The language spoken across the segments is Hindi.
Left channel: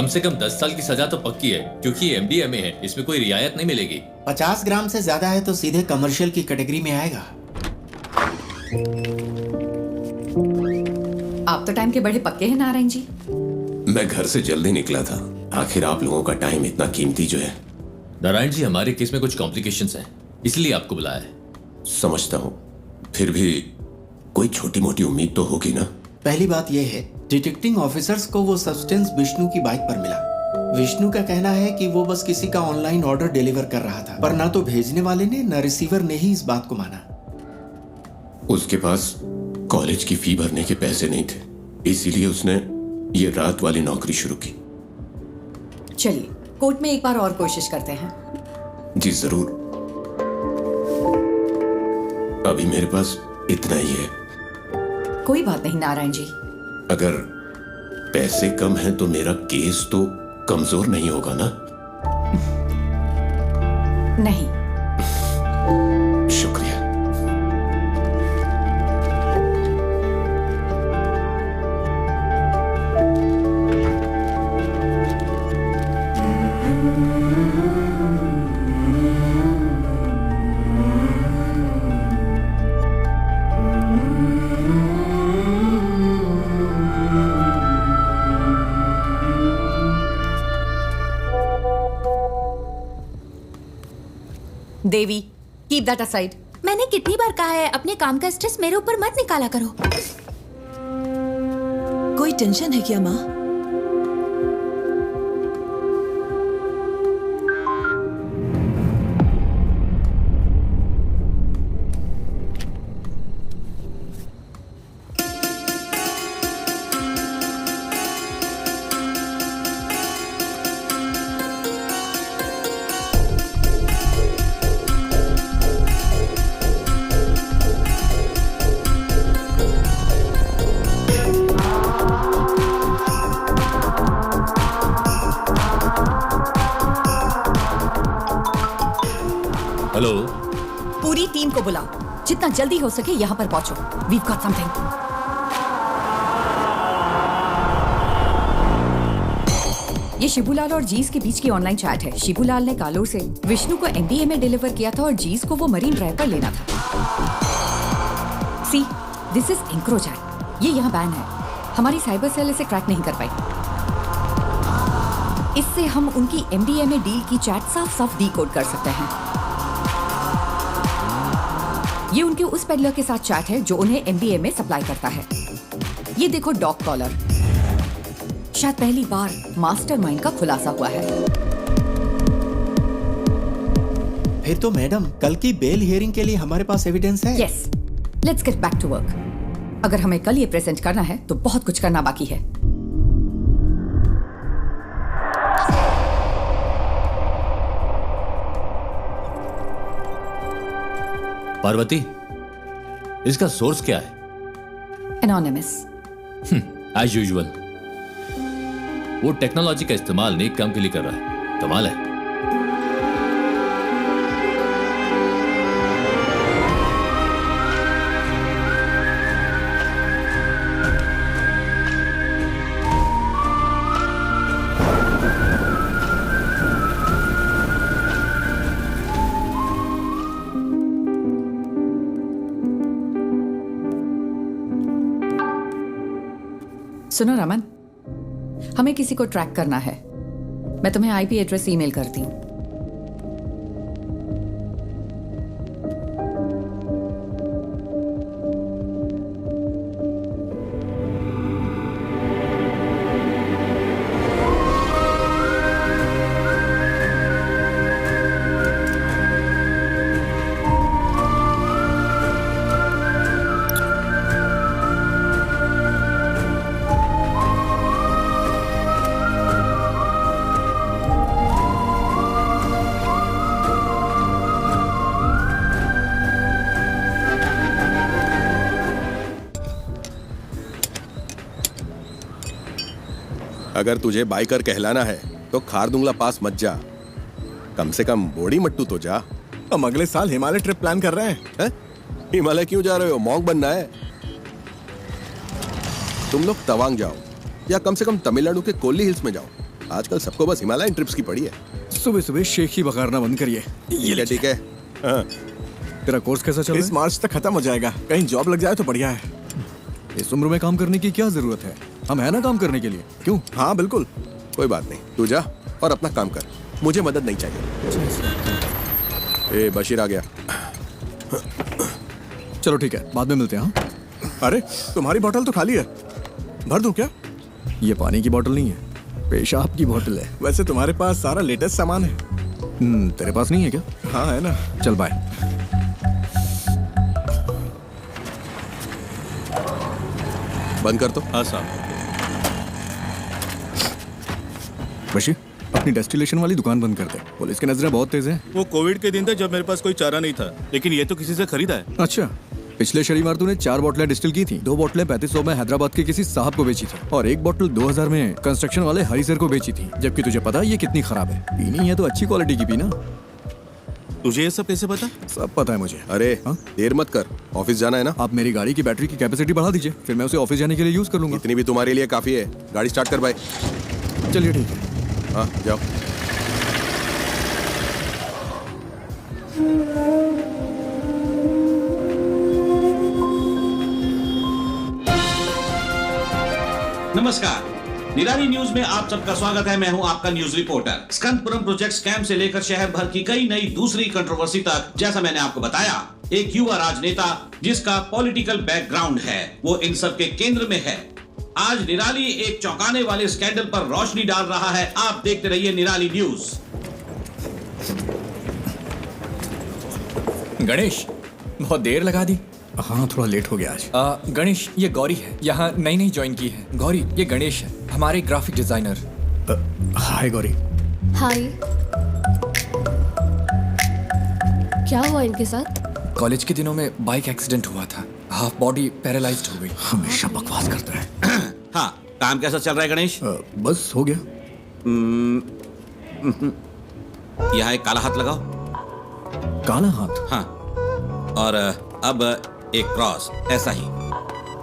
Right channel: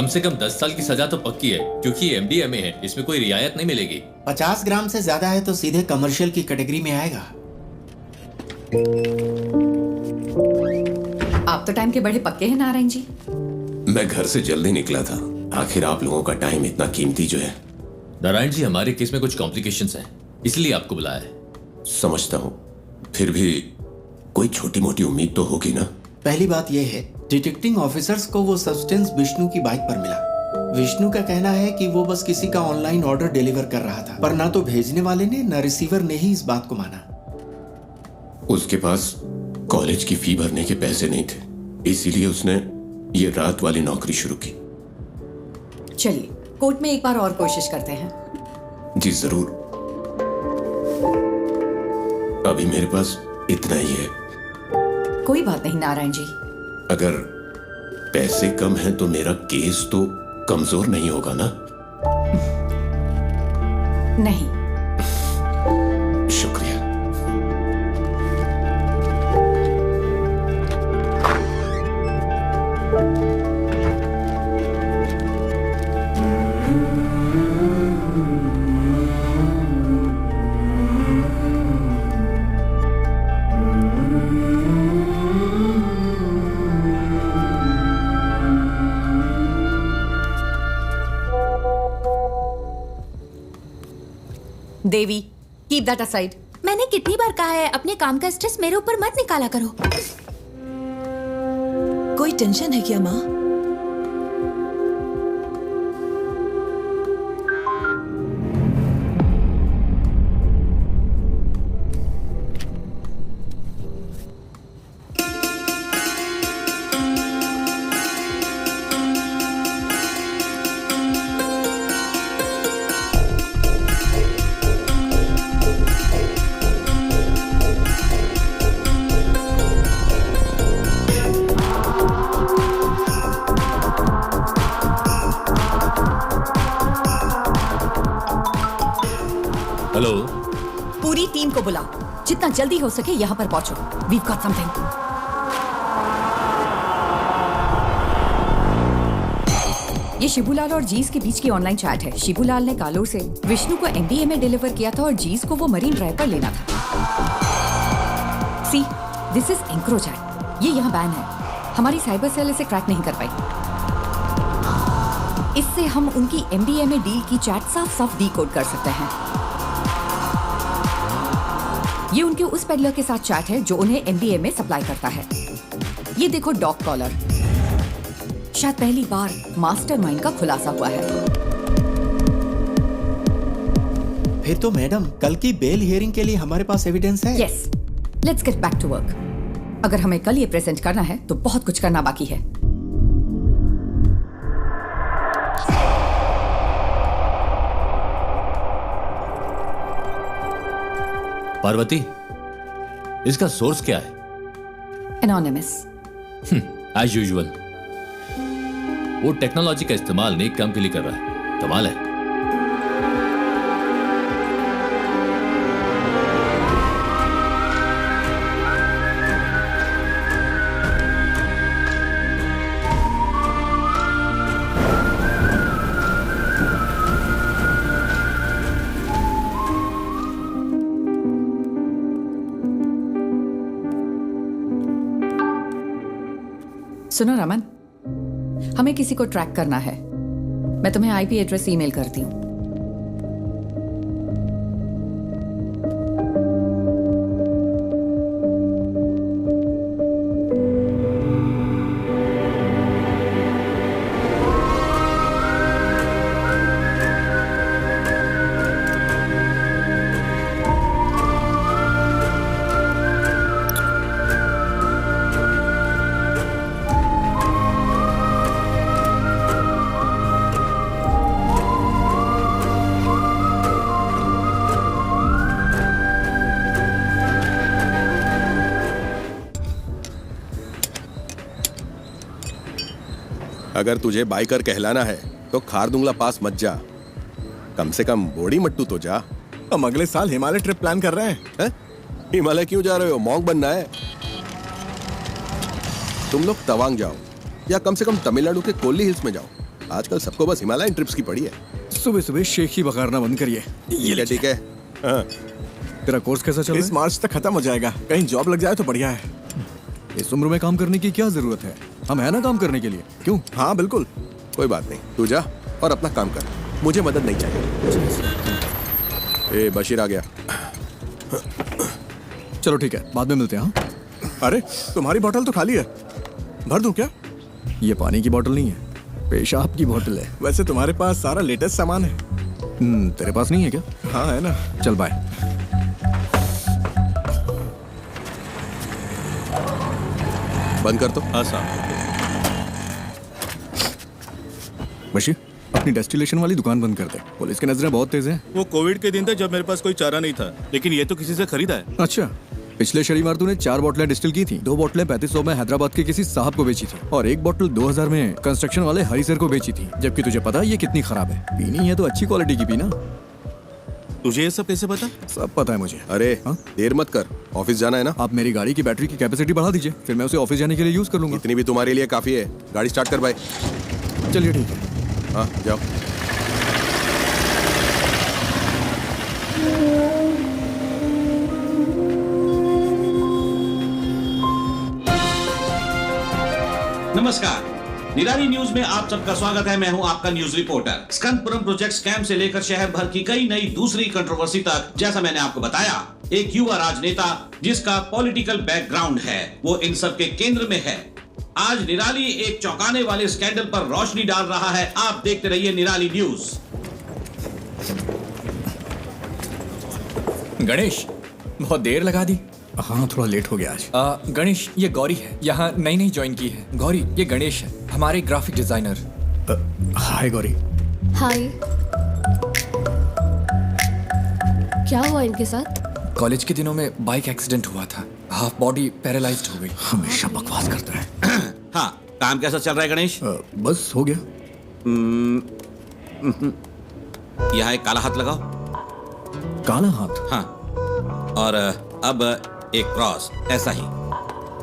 कम से कम 10 साल की सजा तो पक्की है, क्योंकि ये MDMA है, इसमें कोई रियायत नहीं मिलेगी। 50 ग्राम से ज्यादा है तो सीधे कमर्शियल की कैटेगरी में आएगा। आप तो टाइम के बड़े पक्के हैं नारायण जी। मैं घर से जल्दी निकला था, आखिर आप लोगों का टाइम इतना कीमती जो है। नारायण जी, हमारे केस में कुछ कॉम्प्लिकेशंस हैं, इसलिए आपको बुलाया है। समझता हूँ, फिर भी कोई छोटी मोटी उम्मीद तो होगी ना। पहली बात यह है, डिटेक्टिंग ऑफिसर्स को वो सब्सटेंस विष्णु की बाइक पर मिला। विष्णु का कहना है कि वो बस किसी का ऑनलाइन ऑर्डर डिलीवर कर रहा था, पर ना तो भेजने वाले ने न रिसीवर ने ही इस बात को माना। उसके पास कॉलेज की फी भरने के पैसे नहीं थे, इसीलिए उसने ये रात वाली नौकरी शुरू की। चलिए कोर्ट में एक बार और कोशिश करते हैं। जी जरूर, अभी मेरे पास इतना ही है। कोई बात नहीं नारायण जी। अगर पैसे कम हैं तो मेरा केस तो कमजोर नहीं होगा ना? नहीं। शुक्रिया। देवी, कीप दैट असाइड। मैंने कितनी बार कहा है अपने काम का स्ट्रेस मेरे ऊपर मत निकाला करो। कोई टेंशन है क्या माँ? हेलो, पूरी टीम को बुलाओ, जितना जल्दी हो सके यहाँ पर पहुंचो। We've got something. ये शिबूलाल और जीस के बीच की ऑनलाइन चैट है। शिबूलाल ने कालोर से विष्णु को MDMA डिलीवर किया था और जीस को वो मरीन ड्राइव पर लेना था। सी, दिस इज एंक्रोचैट। ये यहाँ बैन है। हमारी साइबर सेल इसे क्रैक नहीं कर पाई। इससे हम उनकी MDMA डील की चैट साफ साफ डीकोड कर सकते हैं। ये उनके उस पेडलर के साथ चैट है जो उन्हें MDMA सप्लाई करता है। ये देखो डॉग कॉलर। शायद पहली बार मास्टरमाइंड का खुलासा हुआ है। फिर तो मैडम, कल की बेल हियरिंग के लिए हमारे पास एविडेंस है। Yes, let's get back to work. अगर हमें कल ये प्रेजेंट करना है तो बहुत कुछ करना बाकी है। पार्वती, इसका सोर्स क्या है? एनोनिमस। As usual. वो टेक्नोलॉजी का इस्तेमाल नेक काम के लिए कर रहा है। कमाल है। सुनो रमन, हमें किसी को ट्रैक करना है। मैं तुम्हें IP एड्रेस ईमेल करती हूँ। अगर तुझे बाइकर कहलाना है तो खारदुंगला पास मत जा, कम से कम बोड़ी मट्टू तो जा। हम अगले साल हिमालय ट्रिप प्लान कर रहे हैं। हिमालय क्यों जा रहे हो? मॉन्क बनना है? तुम लोग तवांग जाओ या कम से कम तमिलनाडु के कोल्ली हिल्स में जाओ। आजकल सबको बस हिमालयन ट्रिप्स की पड़ी है। सुबह सुबह शेख ही बघारना बंद करिए। ठीक है। हाँ। तेरा कोर्स कैसा चल रहा है? इस मार्च तक खत्म हो जाएगा। कहीं जॉब लग जाए तो बढ़िया है। इस उम्र में काम करने की क्या जरूरत है? हम है ना काम करने के लिए। क्यों? हाँ बिल्कुल, कोई बात नहीं, तू जा और अपना काम कर, मुझे मदद नहीं चाहिए। ए बशीर आ गया। चलो ठीक है, बाद में मिलते हैं। हाँ? अरे तुम्हारी बोतल तो खाली है, भर दूं क्या? ये पानी की बोतल नहीं है, पेशाब की बोतल है। वैसे तुम्हारे पास सारा लेटेस्ट सामान है। तेरे पास नहीं है क्या? हाँ है ना। चल बाय। बंद कर तो। हाँ साहब। बशीर, अपनी डेस्टिलेशन वाली दुकान बंद कर दे, पुलिस की नजरें बहुत तेज हैं। वो कोविड के दिन थे जब मेरे पास कोई चारा नहीं था, लेकिन ये तो किसी से खरीदा है। अच्छा, पिछले शनिवार तूने 4 बोतलें डिस्टिल की थी। 2 बोतलें 3500 में हैदराबाद के किसी साहब को बेची थी और 1 बोतल 2000 में कंस्ट्रक्शन वाले हरी सर को बेची थी। जबकि तुझे पता है ये कितनी खराब है। पीनी है तो अच्छी क्वालिटी की पीना। तुझे ये सब कैसे पता? सब पता है मुझे। अरे हाँ? देर मत कर, ऑफिस जाना है ना। आप मेरी गाड़ी की बैटरी की कैपेसिटी बढ़ा दीजिए, फिर मैं उसे ऑफिस जाने के लिए यूज कर लूंगा। इतनी भी तुम्हारे लिए काफी है। गाड़ी स्टार्ट कर भाई। चलिए ठीक है। हाँ जाओ। नमस्कार, निराली न्यूज में आप सबका स्वागत है। मैं हूं आपका न्यूज रिपोर्टर। स्कंदपुरम प्रोजेक्ट स्कैम से लेकर शहर भर की कई नई दूसरी कंट्रोवर्सी तक, जैसा मैंने आपको बताया, एक युवा राजनेता जिसका पॉलिटिकल बैकग्राउंड है, वो इन सब के केंद्र में है। आज निराली एक चौंकाने वाले स्कैंडल पर रोशनी डाल रहा है। आप देखते रहिए निराली न्यूज। गणेश, बहुत देर लगा दी। हाँ, थोड़ा लेट हो गया आज। गणेश, ये गौरी है, यहाँ नई ज्वाइन की है। गौरी, ये गणेश है, हमारे ग्राफिक डिजाइनर। हाय गौरी। हाय। क्या हुआ इनके साथ? कॉलेज के दिनों में बाइक एक्सीडेंट हुआ था, हाफ बॉडी पैरालाइज्ड हो गई। हमेशा बकवास करता है। हाँ, काम कैसा चल रहा है गणेश? बस हो गया। यहाँ एक काला हाथ लगाओ। काला हाथ? हाँ, और अब एक क्रॉस, ऐसा ही।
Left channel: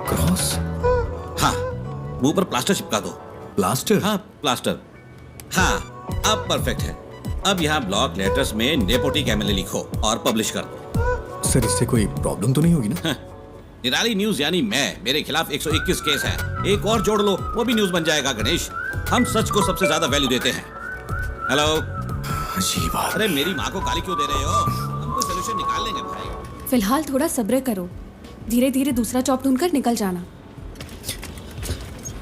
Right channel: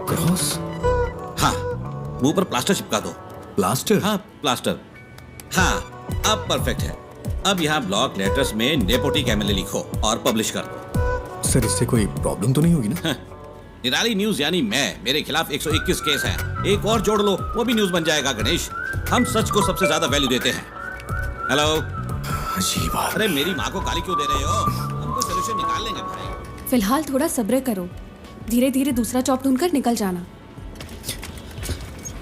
क्रॉस? हाँ, मुंह पर प्लास्टर चिपका दो। प्लास्टर? हाँ, प्लास्टर। हाँ, अब परफेक्ट है। अब यहाँ ब्लॉक लेटर्स में नेपोटिक एमएलए लिखो और पब्लिश कर दो। सर, इससे कोई प्रॉब्लम तो नहीं होगी ना? निराली न्यूज यानी मैं, मेरे खिलाफ 121 केस है। एक और जोड़ लो, वो भी न्यूज बन जाएगा। गणेश, हम सच को सबसे ज्यादा वैल्यू देते हैं। हेलो। अजीब बात। अरे मेरी माँ को गाली क्यों दे रहे हो? हम कोई सोल्यूशन निकाल लेंगे भाई। फिलहाल थोड़ा सब्र करो, धीरे धीरे दूसरा जॉब ढूंढकर निकल जाना।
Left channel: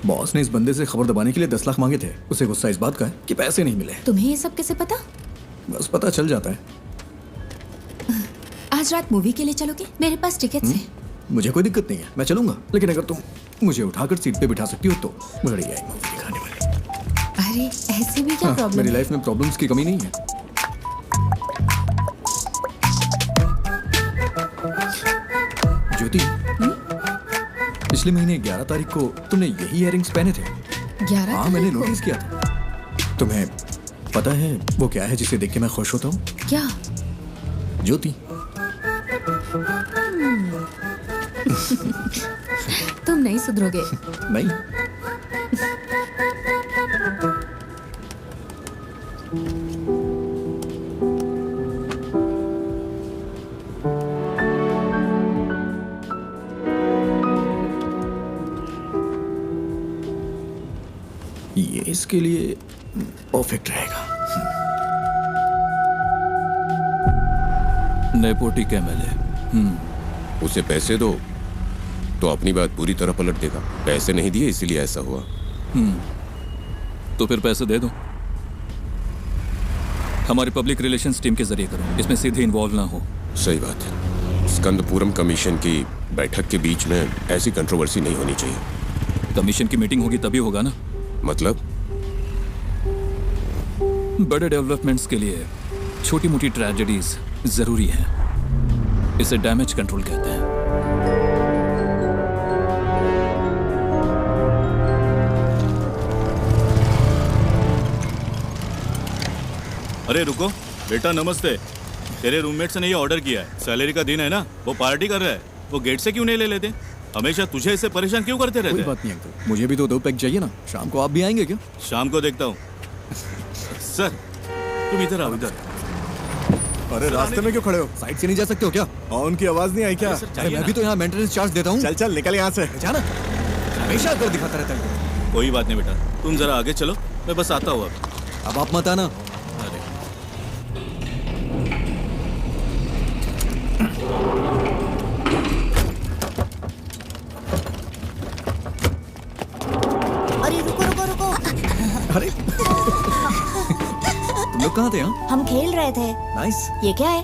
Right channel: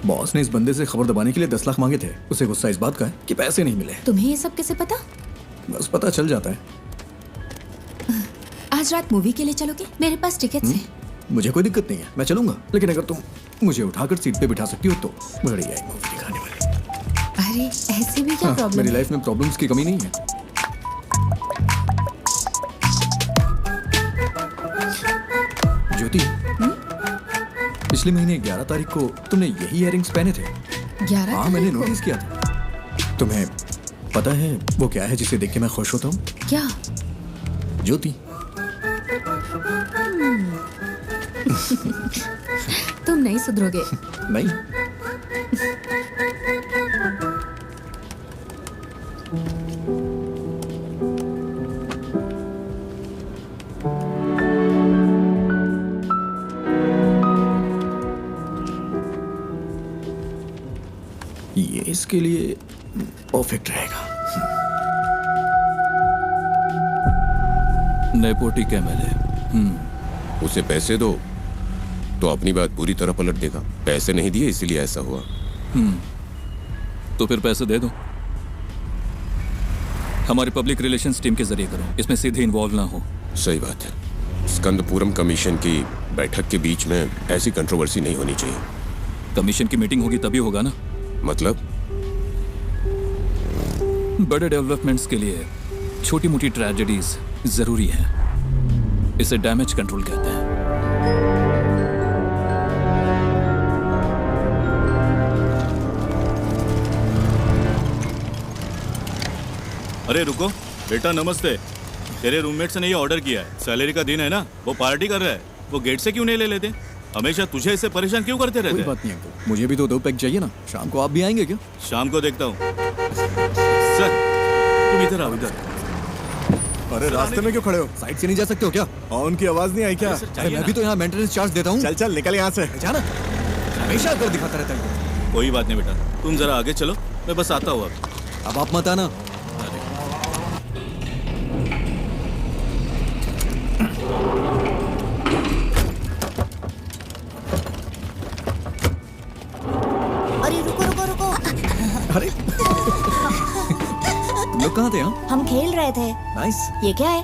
बॉस ने इस बंदे से खबर दबाने के लिए 10 लाख मांगे थे। उसे गुस्सा इस बात का है कि पैसे नहीं मिले। तुम्हें ये सब कैसे पता? बस पता चल जाता है। आज रात मूवी के लिए चलोगे? मेरे पास टिकट्स हैं। मुझे कोई दिक्कत नहीं है, मैं चलूंगा, लेकिन अगर तुम मुझे उठाकर सीट पे बिठा सकती हो तो बढ़िया है मूवी दिखाने वाली। अरे ऐसे भी क्या प्रॉब्लम? मेरी लाइफ में प्रॉब्लम्स की कमी नहीं है। ज्योति, पिछले महीने 11 तारीख को तुमने यही इयररिंग्स पहने थे। 11? हाँ, मैंने नोटिस किया था। तुम्हें पता है वो क्या है जिसे देख के मैं खुश होता हूँ? क्या? ज्योति। तुम नहीं सुधरोगे। नहीं। ये इसके लिए परफेक्ट रहेगा। नेपोटिक एमएलए। उसे पैसे दो तो अपनी बात पूरी तरह पलट देगा। पैसे नहीं दिए इसीलिए ऐसा हुआ। तो फिर पैसे दे दो। हमारी पब्लिक रिलेशंस टीम के जरिए करो, इसमें सीधे इन्वॉल्व ना हो। सही बात है। स्कंदपुरम कमीशन की बैठक के बीच में ऐसी कंट्रोवर्सी नहीं होनी चाहिए। कमीशन की मीटिंग होगी तभी होगा ना। मतलब? बड़े डेवलपमेंट्स के लिए छोटी मोटी ट्रेजेडीज जरूरी हैं। इसे डैमेज कंट्रोल कहते हैं। अरे रुको बेटा, नमस्ते। तेरे रूममेट्स ने ये ऑर्डर किया है, सैलरी का दिन है ना, वो पार्टी कर रहा है। वो गेट से क्यों नहीं ले लेते? हमेशा तुझे इससे परेशान क्यों करते रहते? कोई बात नहीं अंकल, मुझे भी तो 2 पैक चाहिए ना। शाम को आप भी आएंगे क्या? शाम को देखता हूँ। सर तुम इधर आओ इधर। अरे रास्ते में क्यों खड़े हो? साइड से नहीं जा सकते हो क्या? और उनकी आवाज नहीं आई क्या? अरे मैं भी तो यहाँ मेंटेनेंस चार्ज देता हूँ। चल चल निकल यहाँ से। जाना हमेशा कर दिखाता रहता है। कोई बात नहीं बेटा, तुम जरा आगे चलो, मैं बस आता हूँ अब आप मत आना। अरे रुको रुको रुको। अरे तुम लोग कहाँ थे? यहाँ हम खेल रहे थे। नाइस। ये क्या है?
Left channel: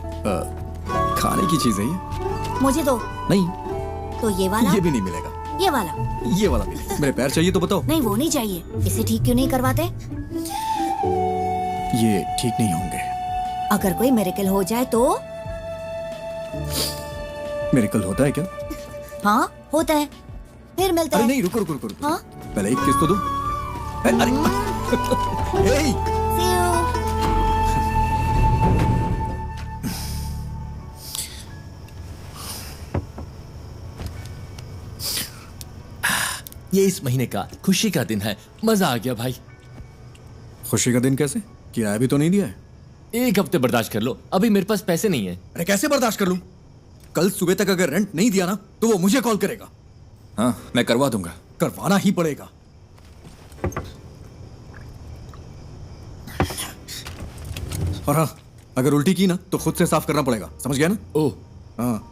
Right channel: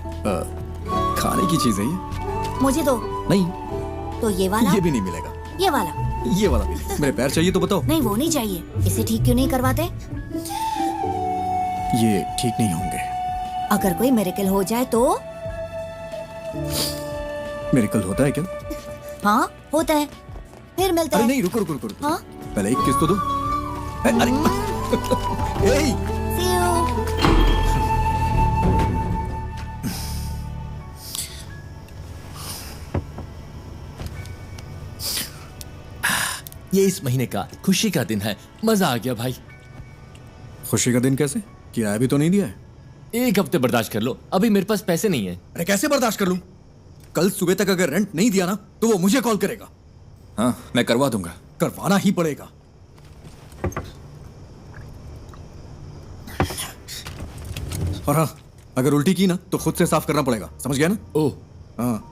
खाने की चीज है ये। मुझे दो। नहीं तो ये वाला? ये भी नहीं मिलेगा। ये वाला? ये वाला भी नहीं। मेरे पैर चाहिए तो बताओ। नहीं वो नहीं चाहिए। इसे ठीक क्यों नहीं करवाते? ये ठीक नहीं होंगे। अगर कोई मिरेकल हो जाए तो? मिरेकल होता है क्या? हाँ होता है। फिर मिलते हैं। अरे नहीं रुको रुको रुको। हाँ? पहले एक किस तो दो। अरे ए See you. ये इस महीने का खुशी का दिन है। मजा आ गया भाई। खुशी का दिन कैसे? किराया भी तो नहीं दिया है। एक हफ्ते बर्दाश्त कर लो, अभी मेरे पास पैसे नहीं है। अरे कैसे बर्दाश्त कर लूं? कल सुबह तक अगर रेंट नहीं दिया ना तो वो मुझे कॉल करेगा। हाँ मैं करवा दूंगा। करवाना ही पड़ेगा। और हाँ अगर उल्टी की ना तो खुद से साफ करना पड़ेगा, समझ गया ना? ओह हाँ।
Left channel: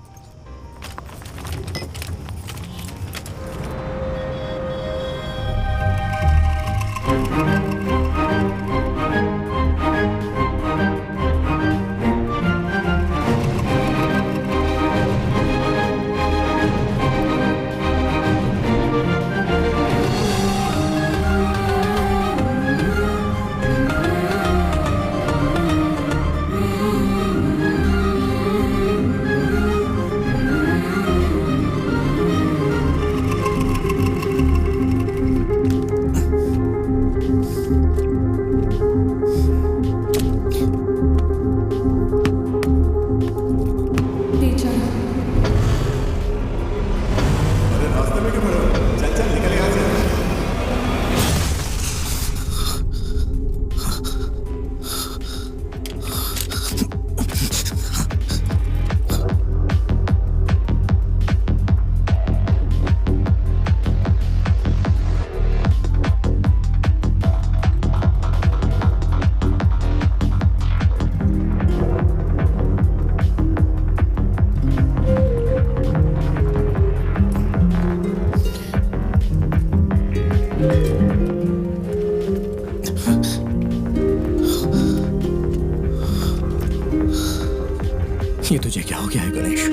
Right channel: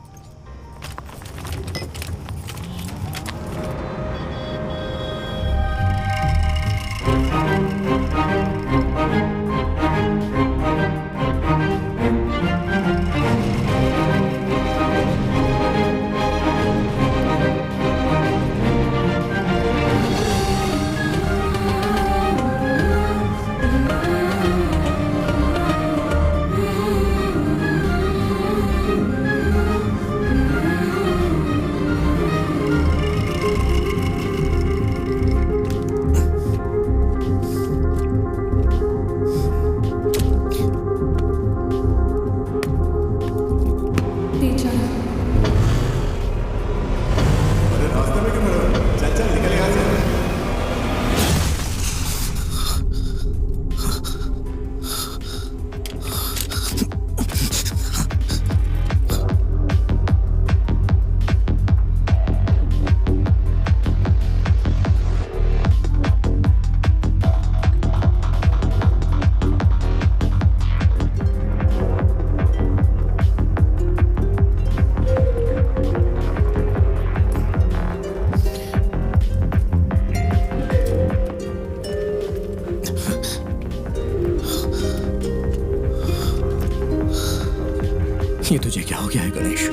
ये तुझे क्या हो गया है गणेश?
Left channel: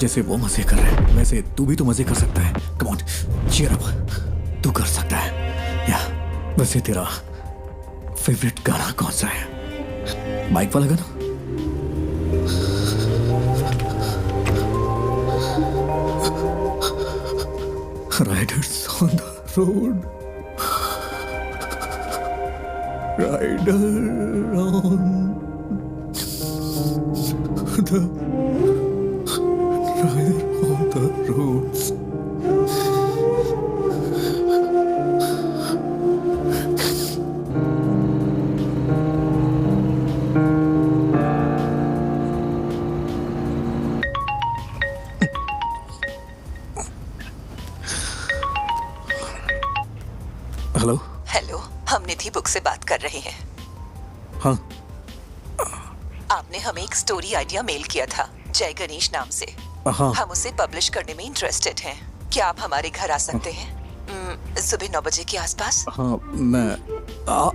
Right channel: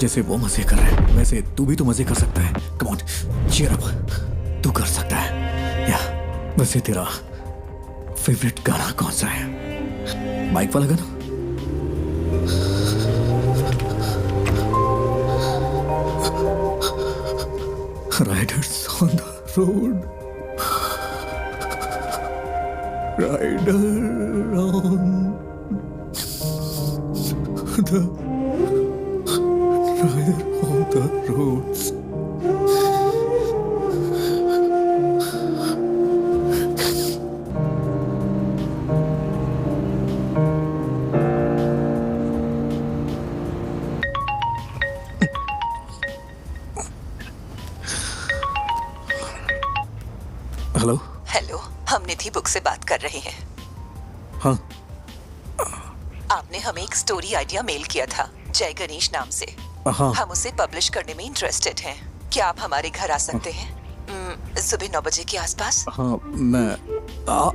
जैसे वो मजे कर रहे हैं वैसे तू भी तो मजे कर सकता है। कम ऑन चीयर अप, तू कर सकता है। या वैसे तेरा फेवरेट गाना कौन सा है? बाइक वाला गाना? Riders on the road, rider on the roads. Hello hello, हम निधि बुक से बात कर रहे हैं। हाँ आपने हमें एक स्टोरी आइडिया मेल किया था जय गणेश नाम से। हाँ। हम उसे पब्लिश करने में इंटरेस्टेड हैं। क्या आप हमारे घर आ सकते हैं सुबह 9 बजे के आसपास? हाँ मैं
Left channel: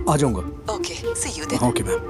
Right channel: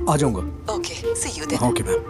आ जाऊंगा। Okay see you then. Okay ma'am.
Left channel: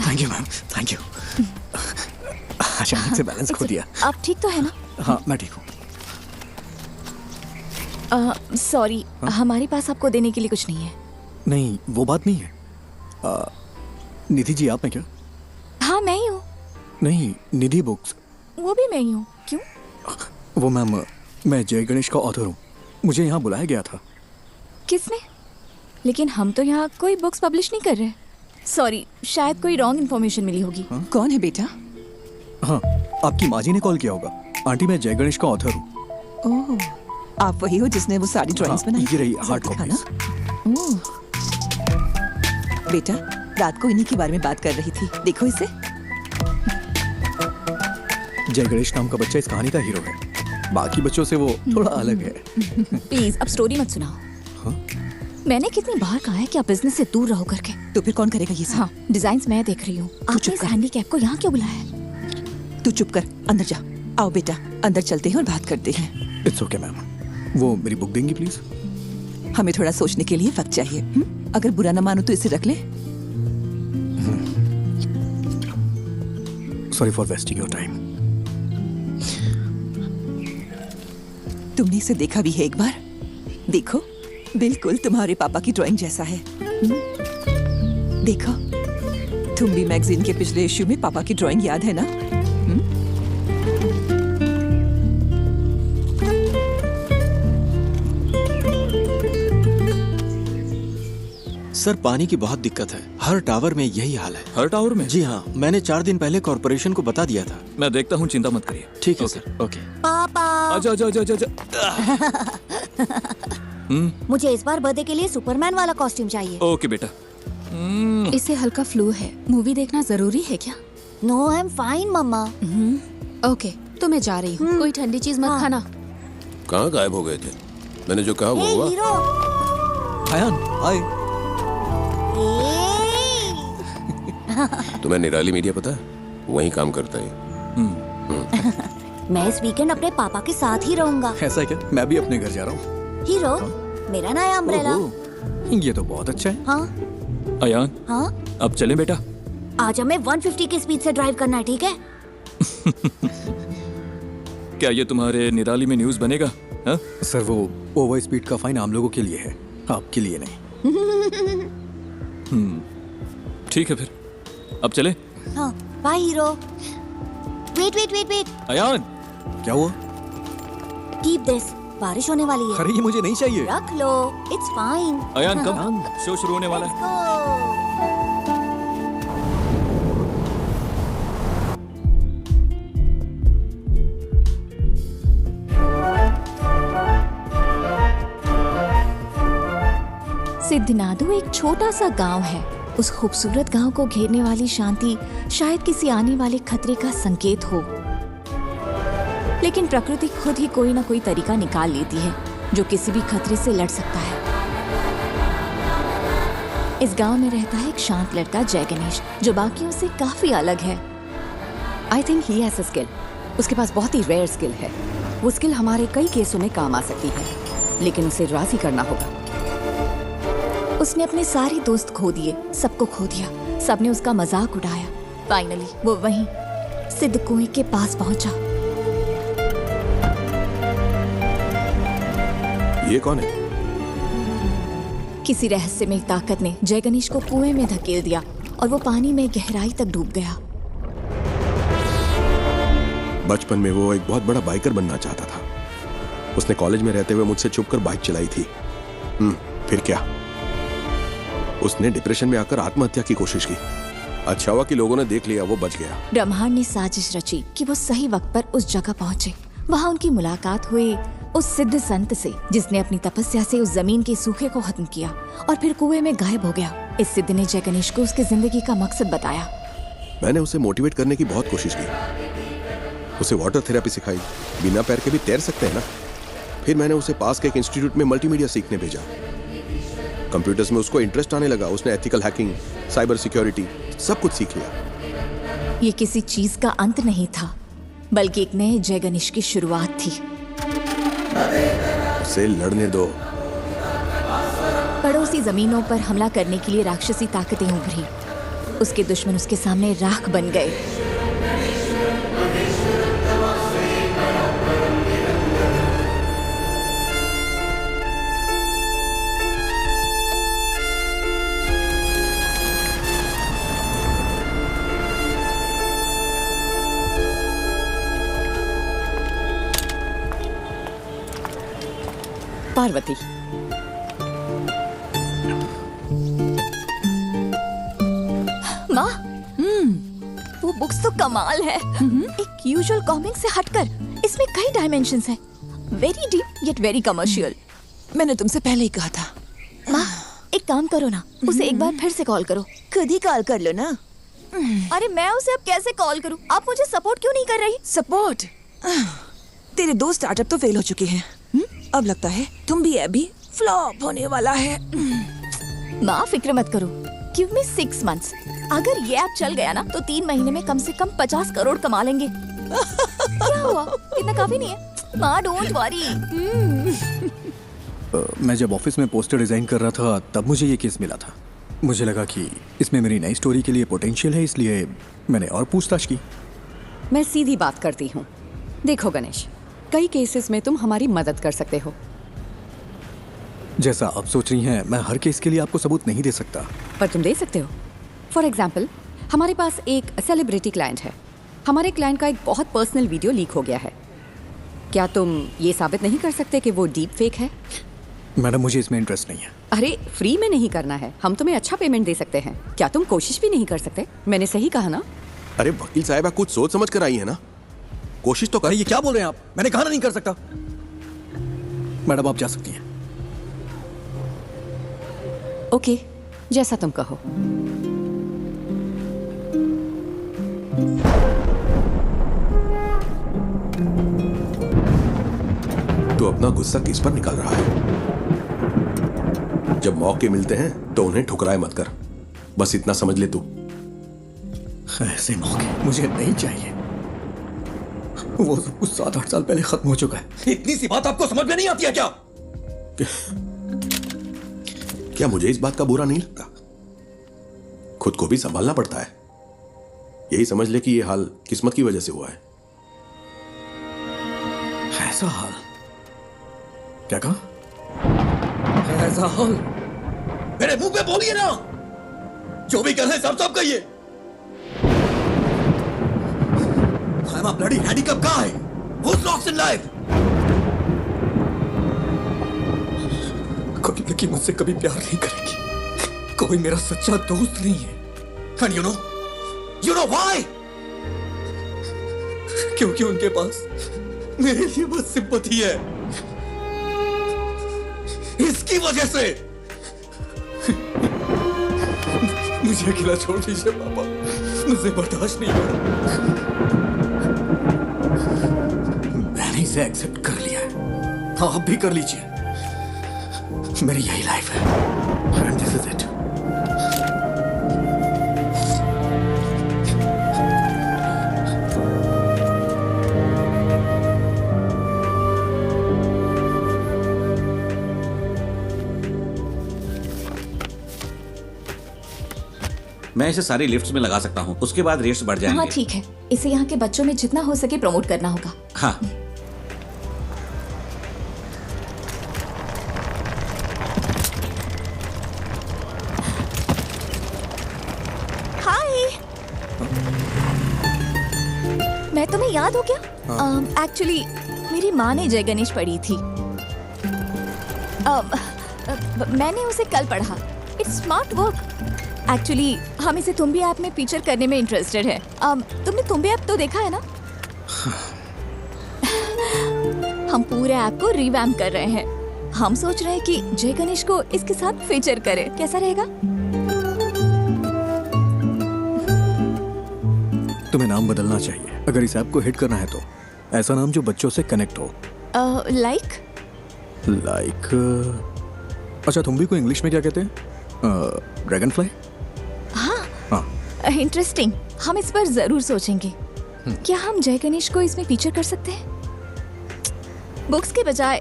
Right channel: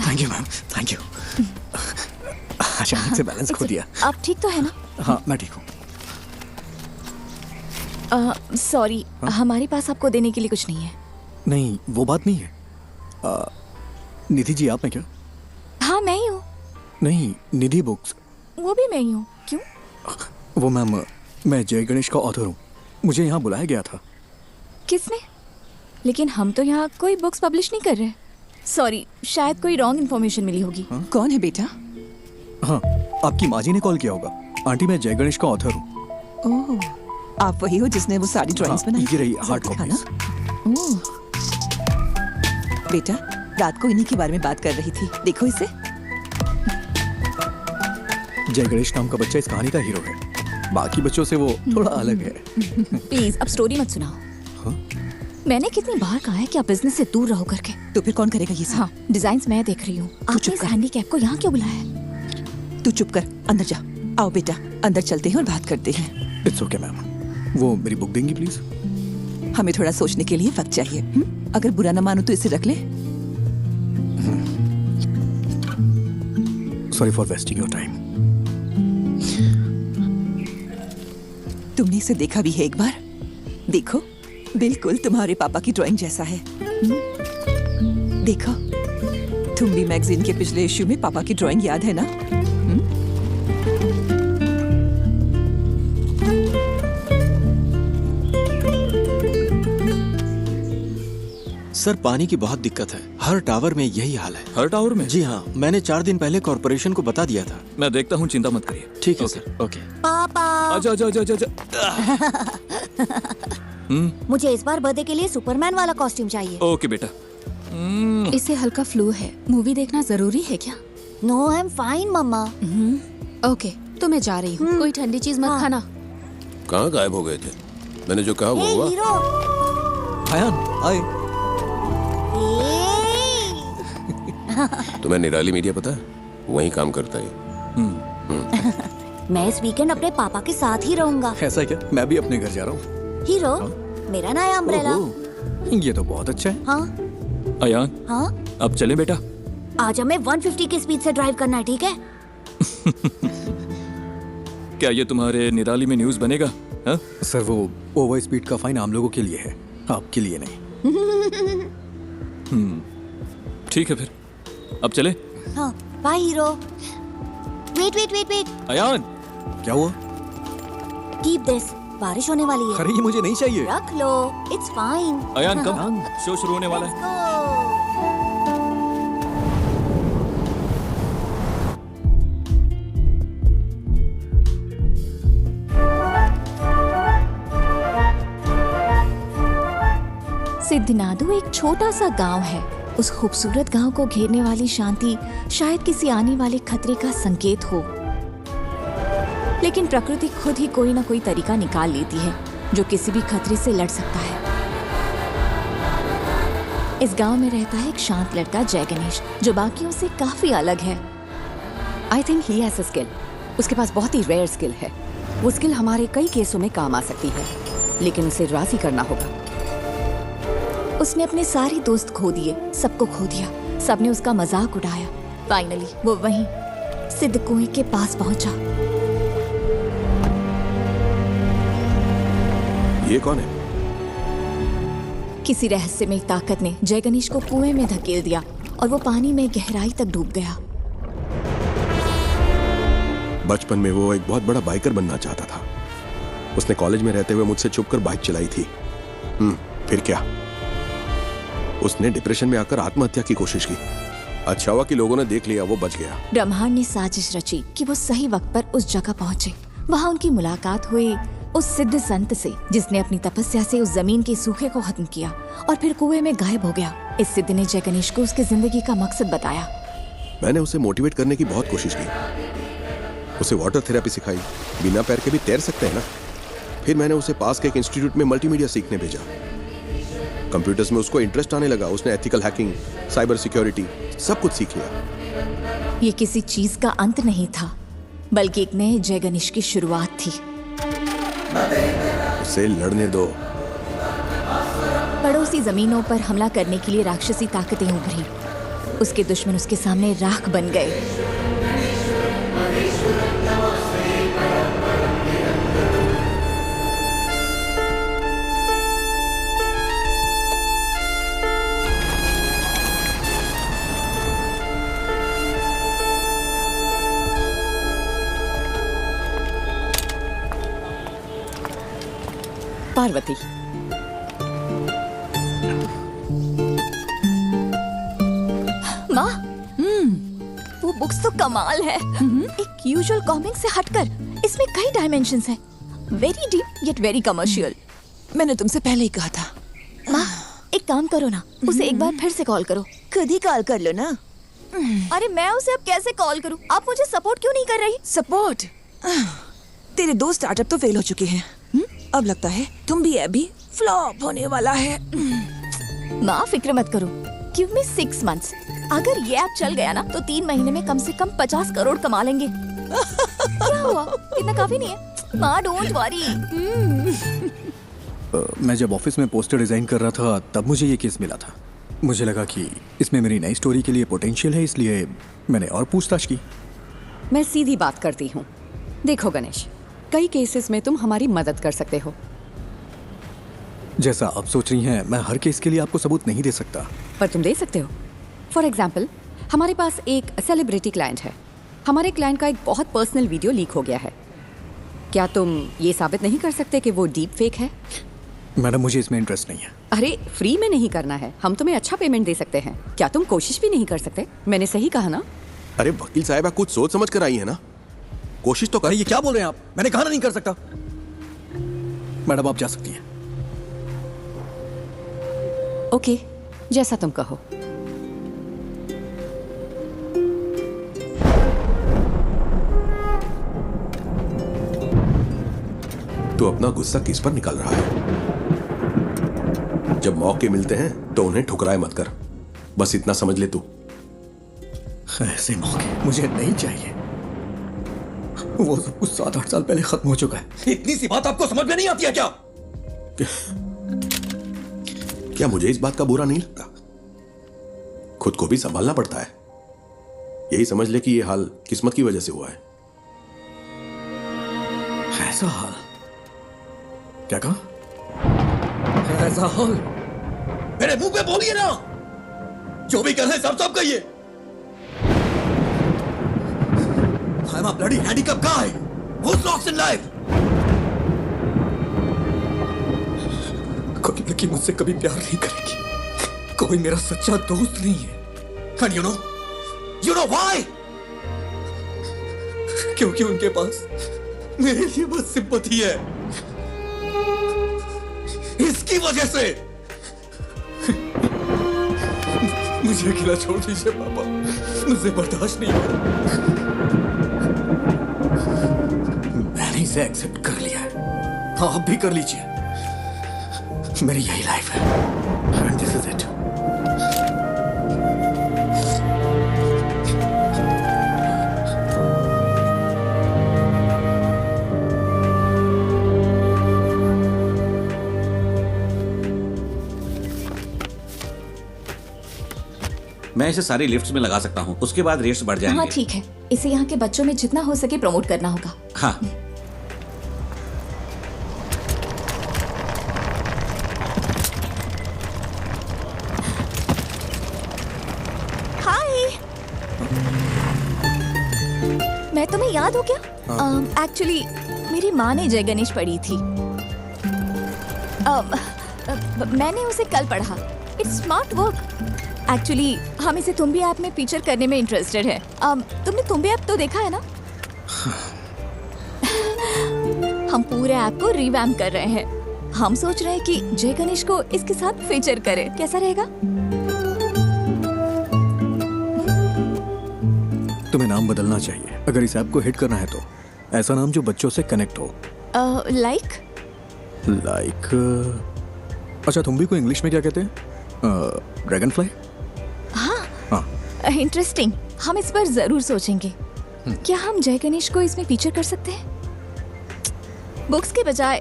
Thank you ma'am, thank you. अचानक से बैलेंस खो दिया। आप ठीक तो है ना? हाँ मैं ठीक हूँ। सॉरी, हमारे पास आपको देने के लिए कुछ नहीं है। नहीं, वो बात नहीं है। निधि जी, आप हैं क्या? हाँ, मैं ही हूँ। नहीं, निधि बुक्स। वो भी मैं ही हूँ। क्यों? वो मैम, मैं जय गणेश का ऑथर हूँ। मुझे यहाँ बुलाया गया था। किसने? लेकिन हम तो यहाँ कोई बुक्स पब्लिश नहीं कर रहे। सॉरी, शायद कोई रॉन्ग इन्फॉर्मेशन मिली होगी। कौन है बेटा? हाँ, आपकी माँ जी ने कॉल किया होगा। आंटी, मैं जय गणेश का ऑथर हूँ। ओह, आप वही हो जिसने वो सारी ड्राइंग्स बनाई? ये रही हार्ड कॉपी। बेटा, रात को इन्हीं के बारे में बात कर रही थी। देखो इसे। जय गणेश नाम का बच्चा इस कहानी का हीरो है। बाकी बच्चों से वो थोड़ा अलग है। प्लीज अब स्टोरी मत सुनाओ। मैंने कितनी बार कहा है कि आप बिजनेस से दूर रहो करके। तो फिर कौन करेगा ये सब? हाँ, डिजाइन्स मैं देख रही हूँ। आपने इस हैंडीकैप को यहाँ क्यों बुलाया है? तू चुप कर, अंदर जा। आओ बेटा, अंदर चलते हैं और बात करते हैं। It's okay ma'am. वो मेरी बुक देंगी प्लीज? हमें थोड़ा सोचने के लिए वक्त चाहिए। अगर बुरा न मानो तो इसे रख ले। Sorry for wasting your time. तुमने इसे देखा भी है एक बार? देखो, बिल्कुल तुम्हारे पापा की ड्राइंग जैसा है। देखो, तुम भी मैगजीन के पिछले इश्यू में पापा की ड्राइंग याद है ना? सर, पानी की बहुत दिक्कत है। हर टावर में यही हाल है। हर टावर में? जी हाँ, मैंने 4 दिन पहले कॉर्पोरेशन को बता दिया था। मैं देखता हूँ, चिंता मत करिए। ठीक है सर। ओके। पापा, आजा आजा आजा आजा। मुझे इस बार बर्थडे के लिए सुपरमैन वाला कॉस्ट्यूम चाहिए। ओके बेटा। इसे हल्का फ्लू है। मूवी देखना जरूरी है क्या? नो, आई एम फाइन मम्मा। ओके, तो मैं जा रही हूँ। कोई ठंडी चीज मत खाना। कहाँ गायब हो गए थे? मैंने जो कहा वो हे हुआ? हीरो। हायान, आए। तुम्हें निराली मीडिया पता है? वहीं काम करता है। मैं इस वीकेंड अपने पापा के साथ ही रहूंगा। ऐसा क्या? मैं भी अपने घर जा रहा हूँ। हीरो, मेरा नया अम्ब्रेला। ये तो बहुत अच्छा है। हाँ अयान, हाँ, अब चलें बेटा? आज हमें 150 की स्पीड से ड्राइव करना है, ठीक है? क्या ये तुम्हारे निराली में न्यूज़ बनेगा? हा? सर, वो ओवर स्पीड का फाइन आम लोगों के लिए है, आपके लिए नहीं। ठीक है फिर, अब चले? हाँ, bye hero. Wait wait wait wait. Ayaan, क्या हुआ? कीप दिस, बारिश होने वाली है। अरे ये मुझे नहीं चाहिए। रख लो, इट्स फाइन। अयान कब शो शुरू होने वाला है? सिद्धनादु एक छोटा सा गांव है। उस खूबसूरत गांव को घेरने वाली शांति शायद किसी आने वाले खतरे का संकेत हो, लेकिन प्रकृति खुद ही कोई ना कोई तरीका निकाल लेती है जो किसी भी खतरे से लड़ सकता है। इस गांव में रहता है एक शांत लड़का जय गणेश, जो बाकियों से काफी अलग है। I think he has a skill. उसके पास बहुत ही रेयर स्किल है। वो स्किल हमारे कई केसों में काम आ सकती है, लेकिन उसे राजी करना होगा। उसने अपने सारे दोस्त खो दिए, सबको खो दिया। सबने उसका मजाक उड़ाया। फाइनली वो वहीं सिद्ध कुएं के पास पहुंचा। ये कौन है? किसी रहस्यमय ताकत ने जय गणेश को कुएं में धकेल दिया और वो पानी में गहराई तक डूब गया। बचपन में वो एक बहुत बड़ा बाइकर बनना चाहता था। उसने कॉलेज में रहते हुए मुझसे छुपकर बाइक चलाई थी। फिर क्या? उसने डिप्रेशन में आकर आत्महत्या की कोशिश की। अच्छा हुआ कि लोगों ने देख लिया, वो बच गया। ब्रह्मांड ने साजिश रची कि वो सही वक्त पर उस जगह पहुंचे। वहां उनकी मुलाकात हुई उस सिद्ध संत से, जिसने अपनी तपस्या से उस जमीन के सूखे को खत्म किया और फिर कुएं में गायब हो गया। इस सिद्ध ने जय गणेश को उसकी जिंदगी का मकसद बताया। मैंने उसे मोटिवेट करने की बहुत कोशिश की। उसे वाटर थेरेपी सिखाई। बिना पैर के भी तैर सकते हैं ना। फिर मैंने उसे पास के एक इंस्टीट्यूट में मल्टीमीडिया सीखने भेजा। कंप्यूटर्स में उसको इंटरेस्ट आने लगा। उसने एथिकल हैकिंग, साइबर सिक्योरिटी सब कुछ सीख लिया। ये किसी चीज का अंत नहीं था, बल्कि एक नए जय गणेश की शुरुआत थी। उसे लड़ने दो। पड़ोसी जमीनों पर हमला करने के लिए राक्षसी ताकतें उभरी। उसके दुश्मन उसके सामने राख बन गए। पार्वती। माँ, वो बुक्स तो कमाल है। एक यूजुअल कॉमिक से हटकर इसमें कई डायमेंशंस हैं। Very deep yet very commercial. मैंने तुमसे पहले ही कहा था। माँ, एक काम करो ना, उसे एक बार फिर से कॉल करो। खुद ही कॉल कर लो ना। अरे मैं उसे अब कैसे कॉल करूं? आप मुझे सपोर्ट क्यों नहीं कर रही? सपोर्ट? तेरे 2 स्टार्टअप तो फेल हो चुके हैं। अब लगता है तुम भी अभी फ्लॉप होने वाला है। माँ, फिक्र मत करो। Give me 6 months। अगर ये ऐप चल गया ना तो 3 महीने में कम से कम 50 करोड़ कमा लेंगे। क्या हुआ? इतना काफी नहीं है? माँ, डोंट वरी। मैं जब ऑफिस में पोस्टर डिजाइन कर रहा था तब मुझे ये केस मिला था। मुझे लगा कि इसमें मेरी नई स्टोरी के लिए पोटेंशियल है, इसलिए मैंने और पूछताछ की। मैं सीधी बात करती हूँ। देखो गणेश, कई केसेस में तुम हमारी मदद कर सकते हो। जैसा आप सोच रही हैं, मैं हर केस के लिए आपको सबूत नहीं दे सकता। पर तुम दे सकते हो। फॉर एग्जाम्पल, हमारे पास एक सेलिब्रिटी क्लाइंट है। हमारे क्लाइंट का एक बहुत पर्सनल वीडियो लीक हो गया है। क्या तुम ये साबित नहीं कर सकते कि वो डीप फेक है? मैडम, मुझे इसमें इंटरेस्ट नहीं है। अरे फ्री में नहीं करना है, हम तुम्हें अच्छा पेमेंट दे सकते हैं। क्या तुम कोशिश भी नहीं कर सकते? मैंने सही कहा ना? अरे वकील साहब, कुछ सोच समझ कर आई है ना, कोशिश तो कर। ये क्या बोल रहे हैं आप? मैंने कहा ना नहीं कर सकता। मैडम, आप जा सकती हैं। ओके, जैसा तुम कहो। तू अपना गुस्सा किस पर निकाल रहा है? जब मौके मिलते हैं तो उन्हें ठुकराए मत कर, बस इतना समझ ले तू। ऐसे मौके मुझे नहीं चाहिए। वो सब कुछ 7-8 साल पहले खत्म हो चुका है। इतनी सी बात आपको समझ में नहीं आती है क्या? क्या मुझे इस बात का बुरा नहीं लगता? खुद को भी संभालना पड़ता है। यही समझ ले कि ये हाल किस्मत की वजह से हुआ है। ऐसा हाल? क्या कहा? ऐसा हाल? मेरे मुंह पे बोलिए ना। जो भी कर रहे हैं सब कहिए। I'm a bloody handicapped guy who's lost in life. कोई लड़की मुझसे कभी प्यार नहीं करेगी। कोई मेरा सच्चा दोस्त नहीं है। And you know why? क्योंकि उनके पास मेरे लिए बस सिंपैथी है। इसकी वजह से मुझे अकेला छोड़ दीजिए पापा, मुझे बर्दाश्त नहीं हो रहा। मैंने इसे एक्सेप्ट कर लिया है, आप भी कर लीजिए। मेरी यही लाइफ है एंड दिस इज इट। मैं इसे सारी लिफ्ट्स में लगा सकता हूँ, उसके बाद रेट्स बढ़ जाएंगे। हाँ ठीक है, इसे यहाँ के बच्चों में जितना हो सके प्रमोट करना होगा। हाँ। हाय, मैं तुम्हें याद हो क्या? एक्चुअली मेरी माँ ने जय गणेश पढ़ी थी। मैंने उसे कल पढ़ा। It's smart work. एक्चुअली हम इसे तुम्बी ऐप में फीचर करने में इंटरेस्टेड है। तुमने तुम्बी ऐप तो देखा है ना? हम पूरे ऐप को रिवैम्प कर रहे हैं। हम सोच रहे हैं कि जय गणेश को इसके साथ फीचर करें। कैसा रहेगा? तुम्हें नाम बदलना चाहिए अगर इस ऐप को हिट करना है तो। ऐसा नाम जो बच्चों से कनेक्ट हो। लाइक अच्छा, तुम भी को इंग्लिश में क्या कहते हैं? Dragon fly? इंटरेस्टिंग। हम इस पर जरूर सोचेंगे। क्या हम जय गणेश को इसमें फीचर कर सकते हैं? बुक्स के बजाय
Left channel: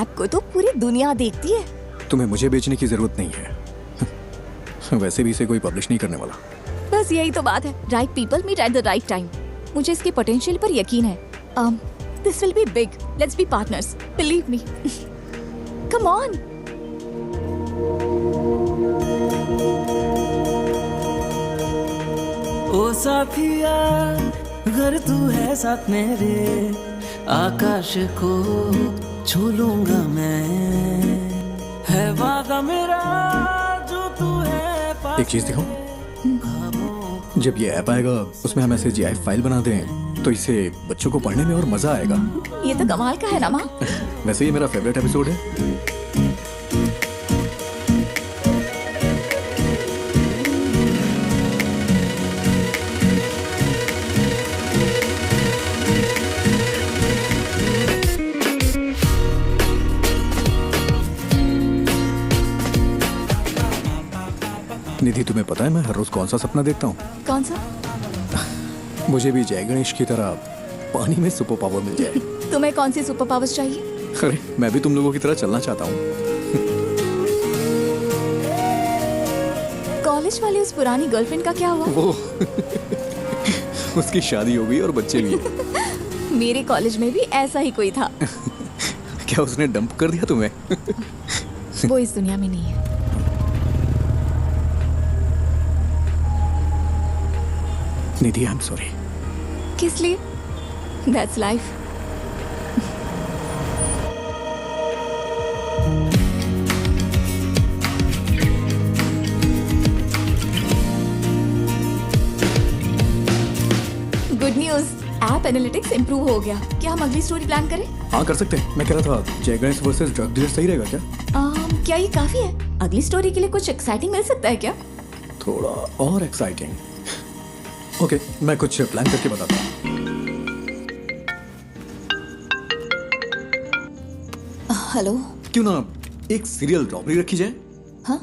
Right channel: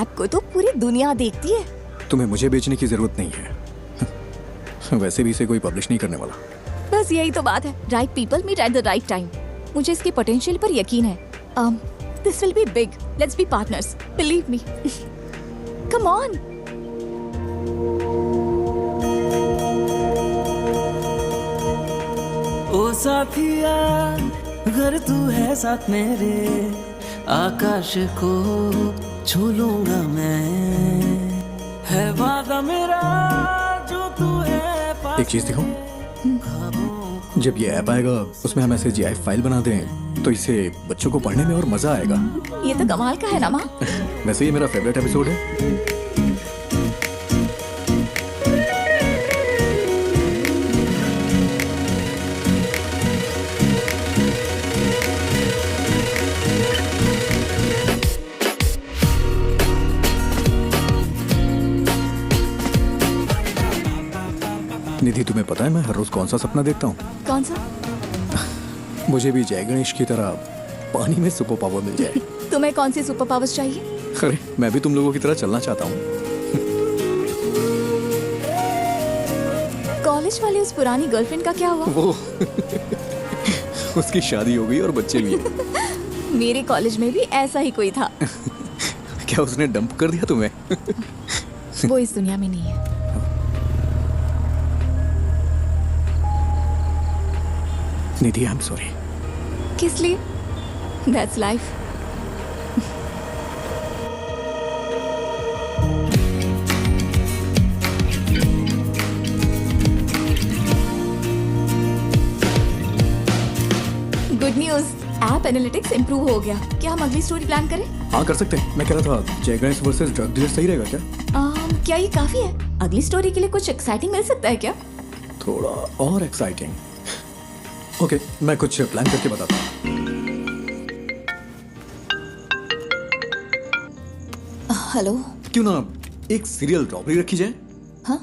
ऐप को तो पूरी दुनिया देखती है। तुम्हें मुझे बेचने की जरूरत नहीं है। वैसे भी इसे कोई पब्लिश नहीं करने वाला। बस यही तो बात है। Right people meet at the right time. मुझे इसके पोटेंशियल पर यकीन है। This will be big. Let's be partners. Believe me. Come on. ओ साथिया, अगर तू है साथ मेरे, आकाश को छू लूंगा मैं। मेरा जो तू है एक चीज दिखाऊं? जब ये ऐप आएगा उसमें हम ऐसे GIF फाइल बना दें तो इससे बच्चों को पढ़ने में और मजा आएगा। ये तो कमाल का है ना माँ। वैसे ये मेरा फेवरेट एपिसोड है। निधि, तुम्हें पता है मैं हर रोज कौन सा सपना देखता हूँ? कौन सा? मुझे भी जय गणेश की तरह पानी में सुपर पावर मिल जाए। तुम्हें कौन सी सुपर पावर्स चाहिए? अरे मैं भी तुम लोगों की तरह चलना चाहता हूँ। कॉलेज वाली उस पुरानी गर्लफ्रेंड का क्या हुआ? वो उसकी शादी हो गई और बच्चे भी हैं। मेरे कॉलेज में भी ऐसा ही कोई था। क्या उसने डंप कर दिया तुम्हें? वो इस दुनिया में नहीं है। निधि, आई एम सॉरी। किस लिए? That's life. Good news, app analytics improve हो गया। क्या हम अगली स्टोरी प्लान करें? हाँ कर सकते हैं। मैं कह रहा था जय गणेश वर्सेस ड्रग डीलर सही रहेगा क्या? क्या ये काफी है? अगली स्टोरी के लिए कुछ एक्साइटिंग मिल सकता है क्या? थोड़ा और एक्साइटिंग। ओके, मैं कुछ प्लान करके बताता हूँ। हेलो। क्यों ना एक सीरियल रॉबरी रखी जाए? हाँ?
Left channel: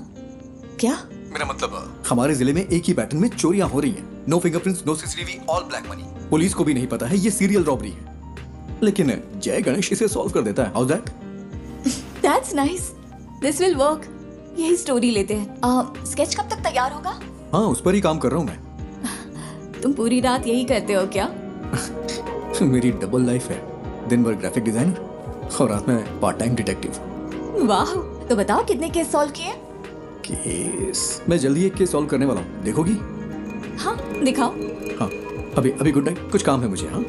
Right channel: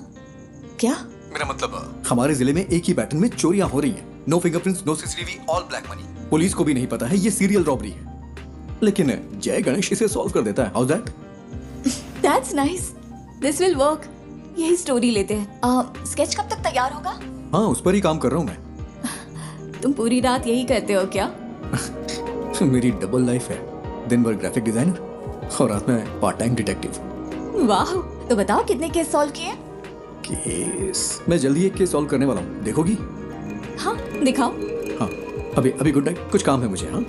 क्या? मेरा मतलब हमारे जिले में एक ही पैटर्न में चोरियां हो रही हैं। No fingerprints, no CCTV, all black money. Police को भी नहीं पता है ये सीरियल रॉबरी है, लेकिन जय गणेश इसे सॉल्व कर देता है। How that? That's nice, this will work. यही स्टोरी लेते हैं। स्केच कब तक तैयार होगा? हाँ, उस पर ही काम कर रहा हूँ मैं। तुम पूरी रात यही करते हो क्या? मेरी डबल लाइफ है। दिन भर ग्राफिक डिजाइनर और रात में पार्ट टाइम डिटेक्टिव। वाह, तो बताओ कितने केस सॉल्व किए? केस मैं जल्दी एक केस सॉल्व करने वाला हूँ, देखोगी? हाँ दिखाओ। हाँ, अभी गुड नाइट, कुछ काम है मुझे। हाँ,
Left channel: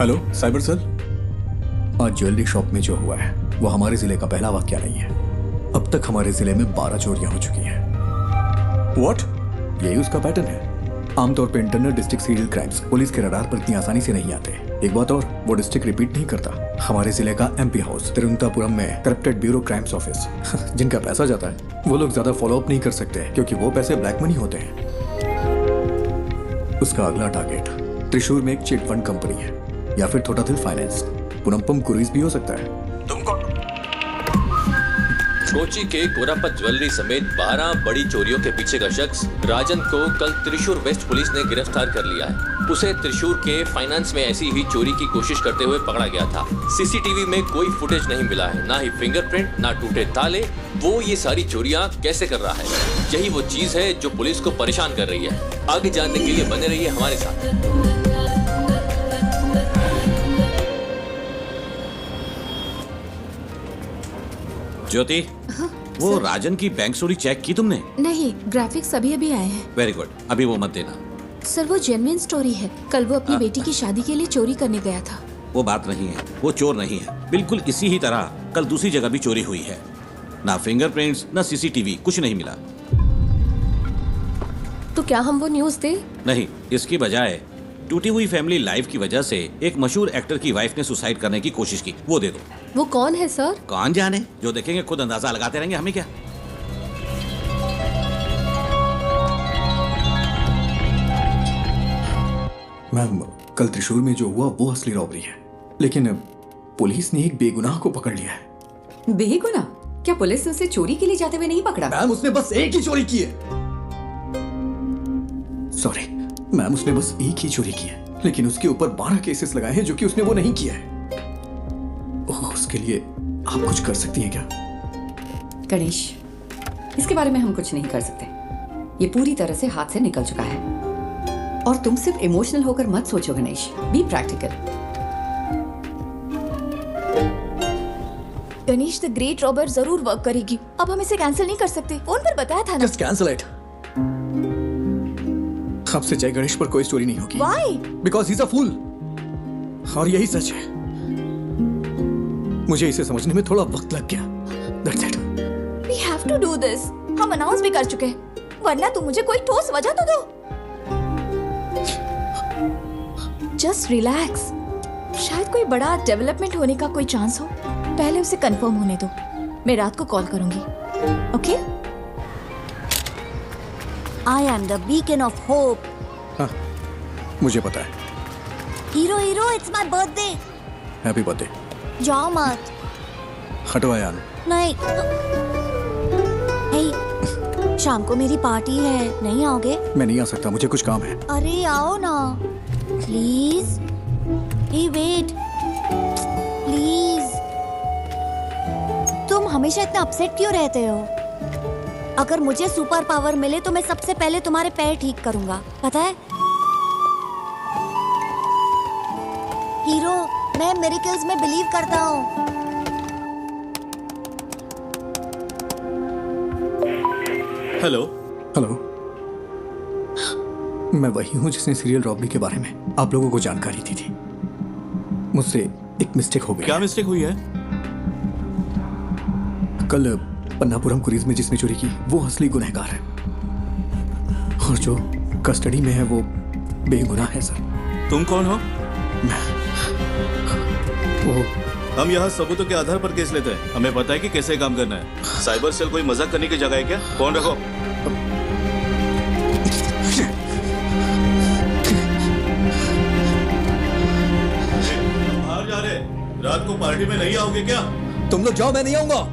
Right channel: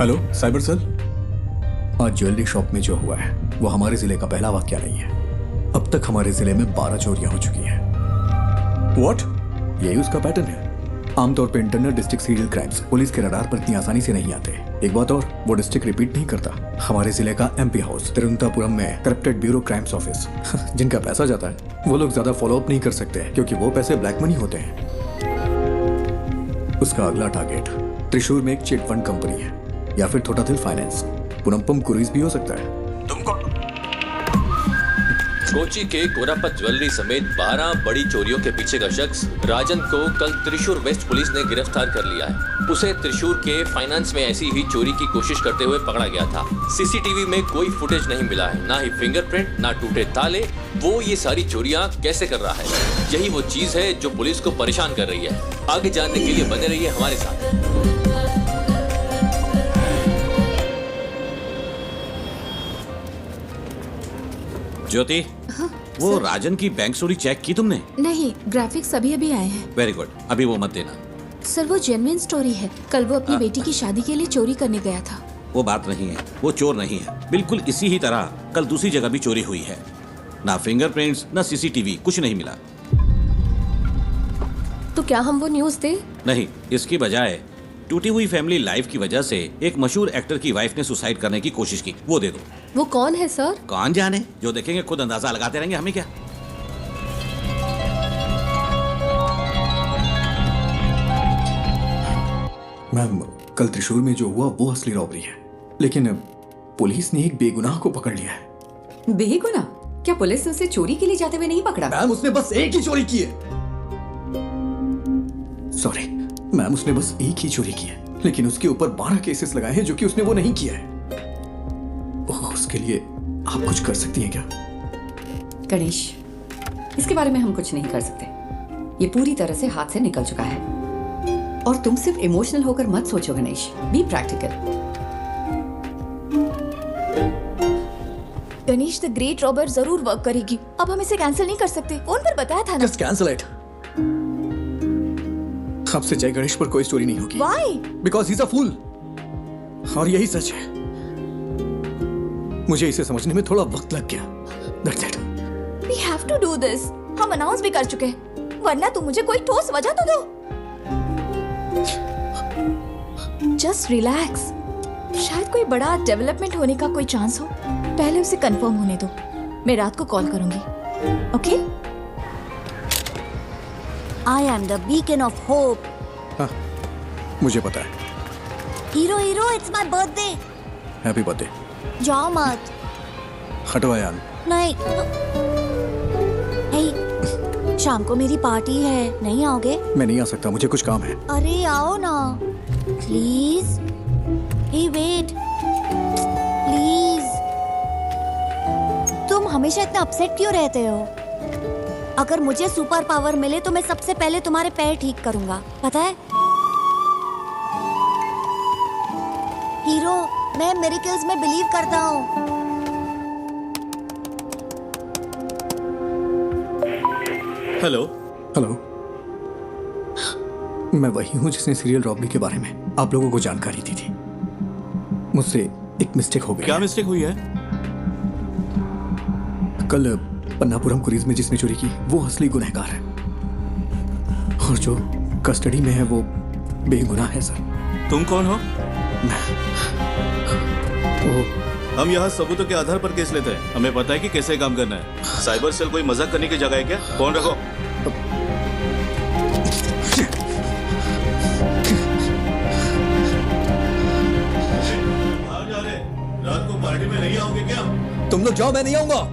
हेलो साइबर सेल। आज ज्वेलरी शॉप में जो हुआ है वो हमारे जिले का पहला वाकया नहीं है। अब तक हमारे जिले में 12 चोरियां हो चुकी हैं। व्हाट? यही उसका पैटर्न है। आमतौर पे internal district serial crimes police के रडार पर इतनी आसानी से नहीं आते। एक बात और, वो डिस्ट्रिक्ट रिपीट नहीं करता। हमारे जिले का MP हाउस तिरुवनंतपुरम में करप्टेड ब्यूरो क्राइम्स ऑफिस जिनका पैसा जाता है वो लोग ज्यादा फॉलो अप नहीं कर सकते क्योंकि वो पैसे ब्लैक मनी होते हैं। उसका अगला टारगेट त्रिशूर में एक चिट फंड कंपनी है या फिर थोटाथिल फाइनेंस, पुनमपम क्रूइज भी हो सकता है। तुम कौन? कोची के कोरापत ज्वेलरी समेत 12 बड़ी चोरियों के पीछे का शख्स राजन को कल त्रिशूर वेस्ट पुलिस ने गिरफ्तार कर लिया है। उसे त्रिशूर के फाइनेंस में ऐसी ही चोरी की कोशिश करते हुए पकड़ा गया था। CCTV में कोई फुटेज नहीं मिला है, ना ही फिंगरप्रिंट, ना टूटे ताले। वो ये सारी चोरियां कैसे कर रहा है, यही वो चीज है जो पुलिस को परेशान कर रही है। आगे जानने के लिए बने रहिए हमारे साथ। ज्योति, वो राजन की बैंक चोरी चेक की तुमने? नहीं, ग्राफिक्स अभी आए हैं। वेरी गुड, अभी वो मत देना। सर वो जेन्युइन स्टोरी है। कल वो अपनी बेटी की शादी के लिए चोरी करने गया था। वो बात नहीं है, वो चोर नहीं है। बिल्कुल इसी ही तरह कल दूसरी जगह भी चोरी हुई है। ना फिंगरप्रिंट्स, ना CCTV, कुछ नहीं मिला। तो क्या हम वो न्यूज़ दें? नहीं, इसकी बजाय टूटी हुई फैमिली लाइफ की वजह से एक मशहूर एक्टर की वाइफ ने सुसाइड करने की कोशिश की, वो दे दो। वो कौन है सर? कौन जाने, जो देखेंगे खुद अंदाजा लगाते रहेंगे, हमें क्या। मैम, कल त्रिशूर में जो हुआ वो असली रॉबरी है, लेकिन पुलिस ने एक बेगुनाह को पकड़ लिया है। बेगुनाह? क्या पुलिस ने उसे चोरी के लिए जाते हुए नहीं पकड़ा? मैम, उसने बस एक ही चोरी की है। सॉरी मैम, उसने बस एक ही चोरी की है, लेकिन उसके ऊपर 12 केसेस लगाए हैं जो कि उसने वो नहीं किया है। उसके लिए आप कुछ कर सकती हैं क्या? गणेश, इसके बारे में हम कुछ नहीं कर सकते। ये पूरी तरह से हाथ से निकल चुका है। और तुम सिर्फ इमोशनल होकर मत सोचो Ganesh, be practical. Ganesh, the great robber जरूर वर्क करेगी। अब हम इसे कैंसिल नहीं कर सकते। फोन पर बताया था ना। Just cancel it. आपसे जय गणेश पर कोई स्टोरी नहीं होगी। Why? Because he's a fool. और यही सच है। मुझे इसे समझने में थोड़ा वक्त लग गया। That's it. We have to do this. हम अनाउंस भी कर चुके हैं, वरना तुम मुझे कोई ठोस वजह तो दो। Just relax. शायद कोई बड़ा डेवलपमेंट होने का कोई चांस हो, पहले उसे कंफर्म होने दो। मैं रात को कॉल करूंगी, okay? I am the beacon of hope. हाँ, मुझे पता है। Hero hero, it's my birthday. Happy birthday. जाओ मत। हटो अयान। नहीं। हे, शाम को मेरी पार्टी है, नहीं आओगे? मैं नहीं आ सकता, मुझे कुछ काम है। अरे आओ ना, प्लीज। Hey wait, please. तुम हमेशा इतना अपसेट क्यों रहते हो? अगर मुझे सुपर पावर मिले तो मैं सबसे पहले तुम्हारे पैर ठीक करूंगा, पता है? हीरो, मैं मिरेकल्स में बिलीव करता हूँ। हेलो। हेलो। मैं वही हूँ जिसने सीरियल रॉबरी के बारे में आप लोगों को जानकारी दी थी। मुझसे एक मिस्टेक हो गई। क्या मिस्टेक हुई है? कल पन्नापुरम क्रूज में जिसने चोरी की वो असली गुनहगार है, और जो कस्टडी में है वो बेगुनाह है सर। तुम कौन हो? वो हम यहाँ सबूतों के आधार पर केस लेते हैं। हमें पता है कि कैसे काम करना है। साइबर सेल कोई मजाक करने की जगह है क्या? फोन रखो। बाहर जा रहे, रात को पार्टी में नहीं आओगे क्या? तुम लोग जाओ, मैं नहीं आऊंगा।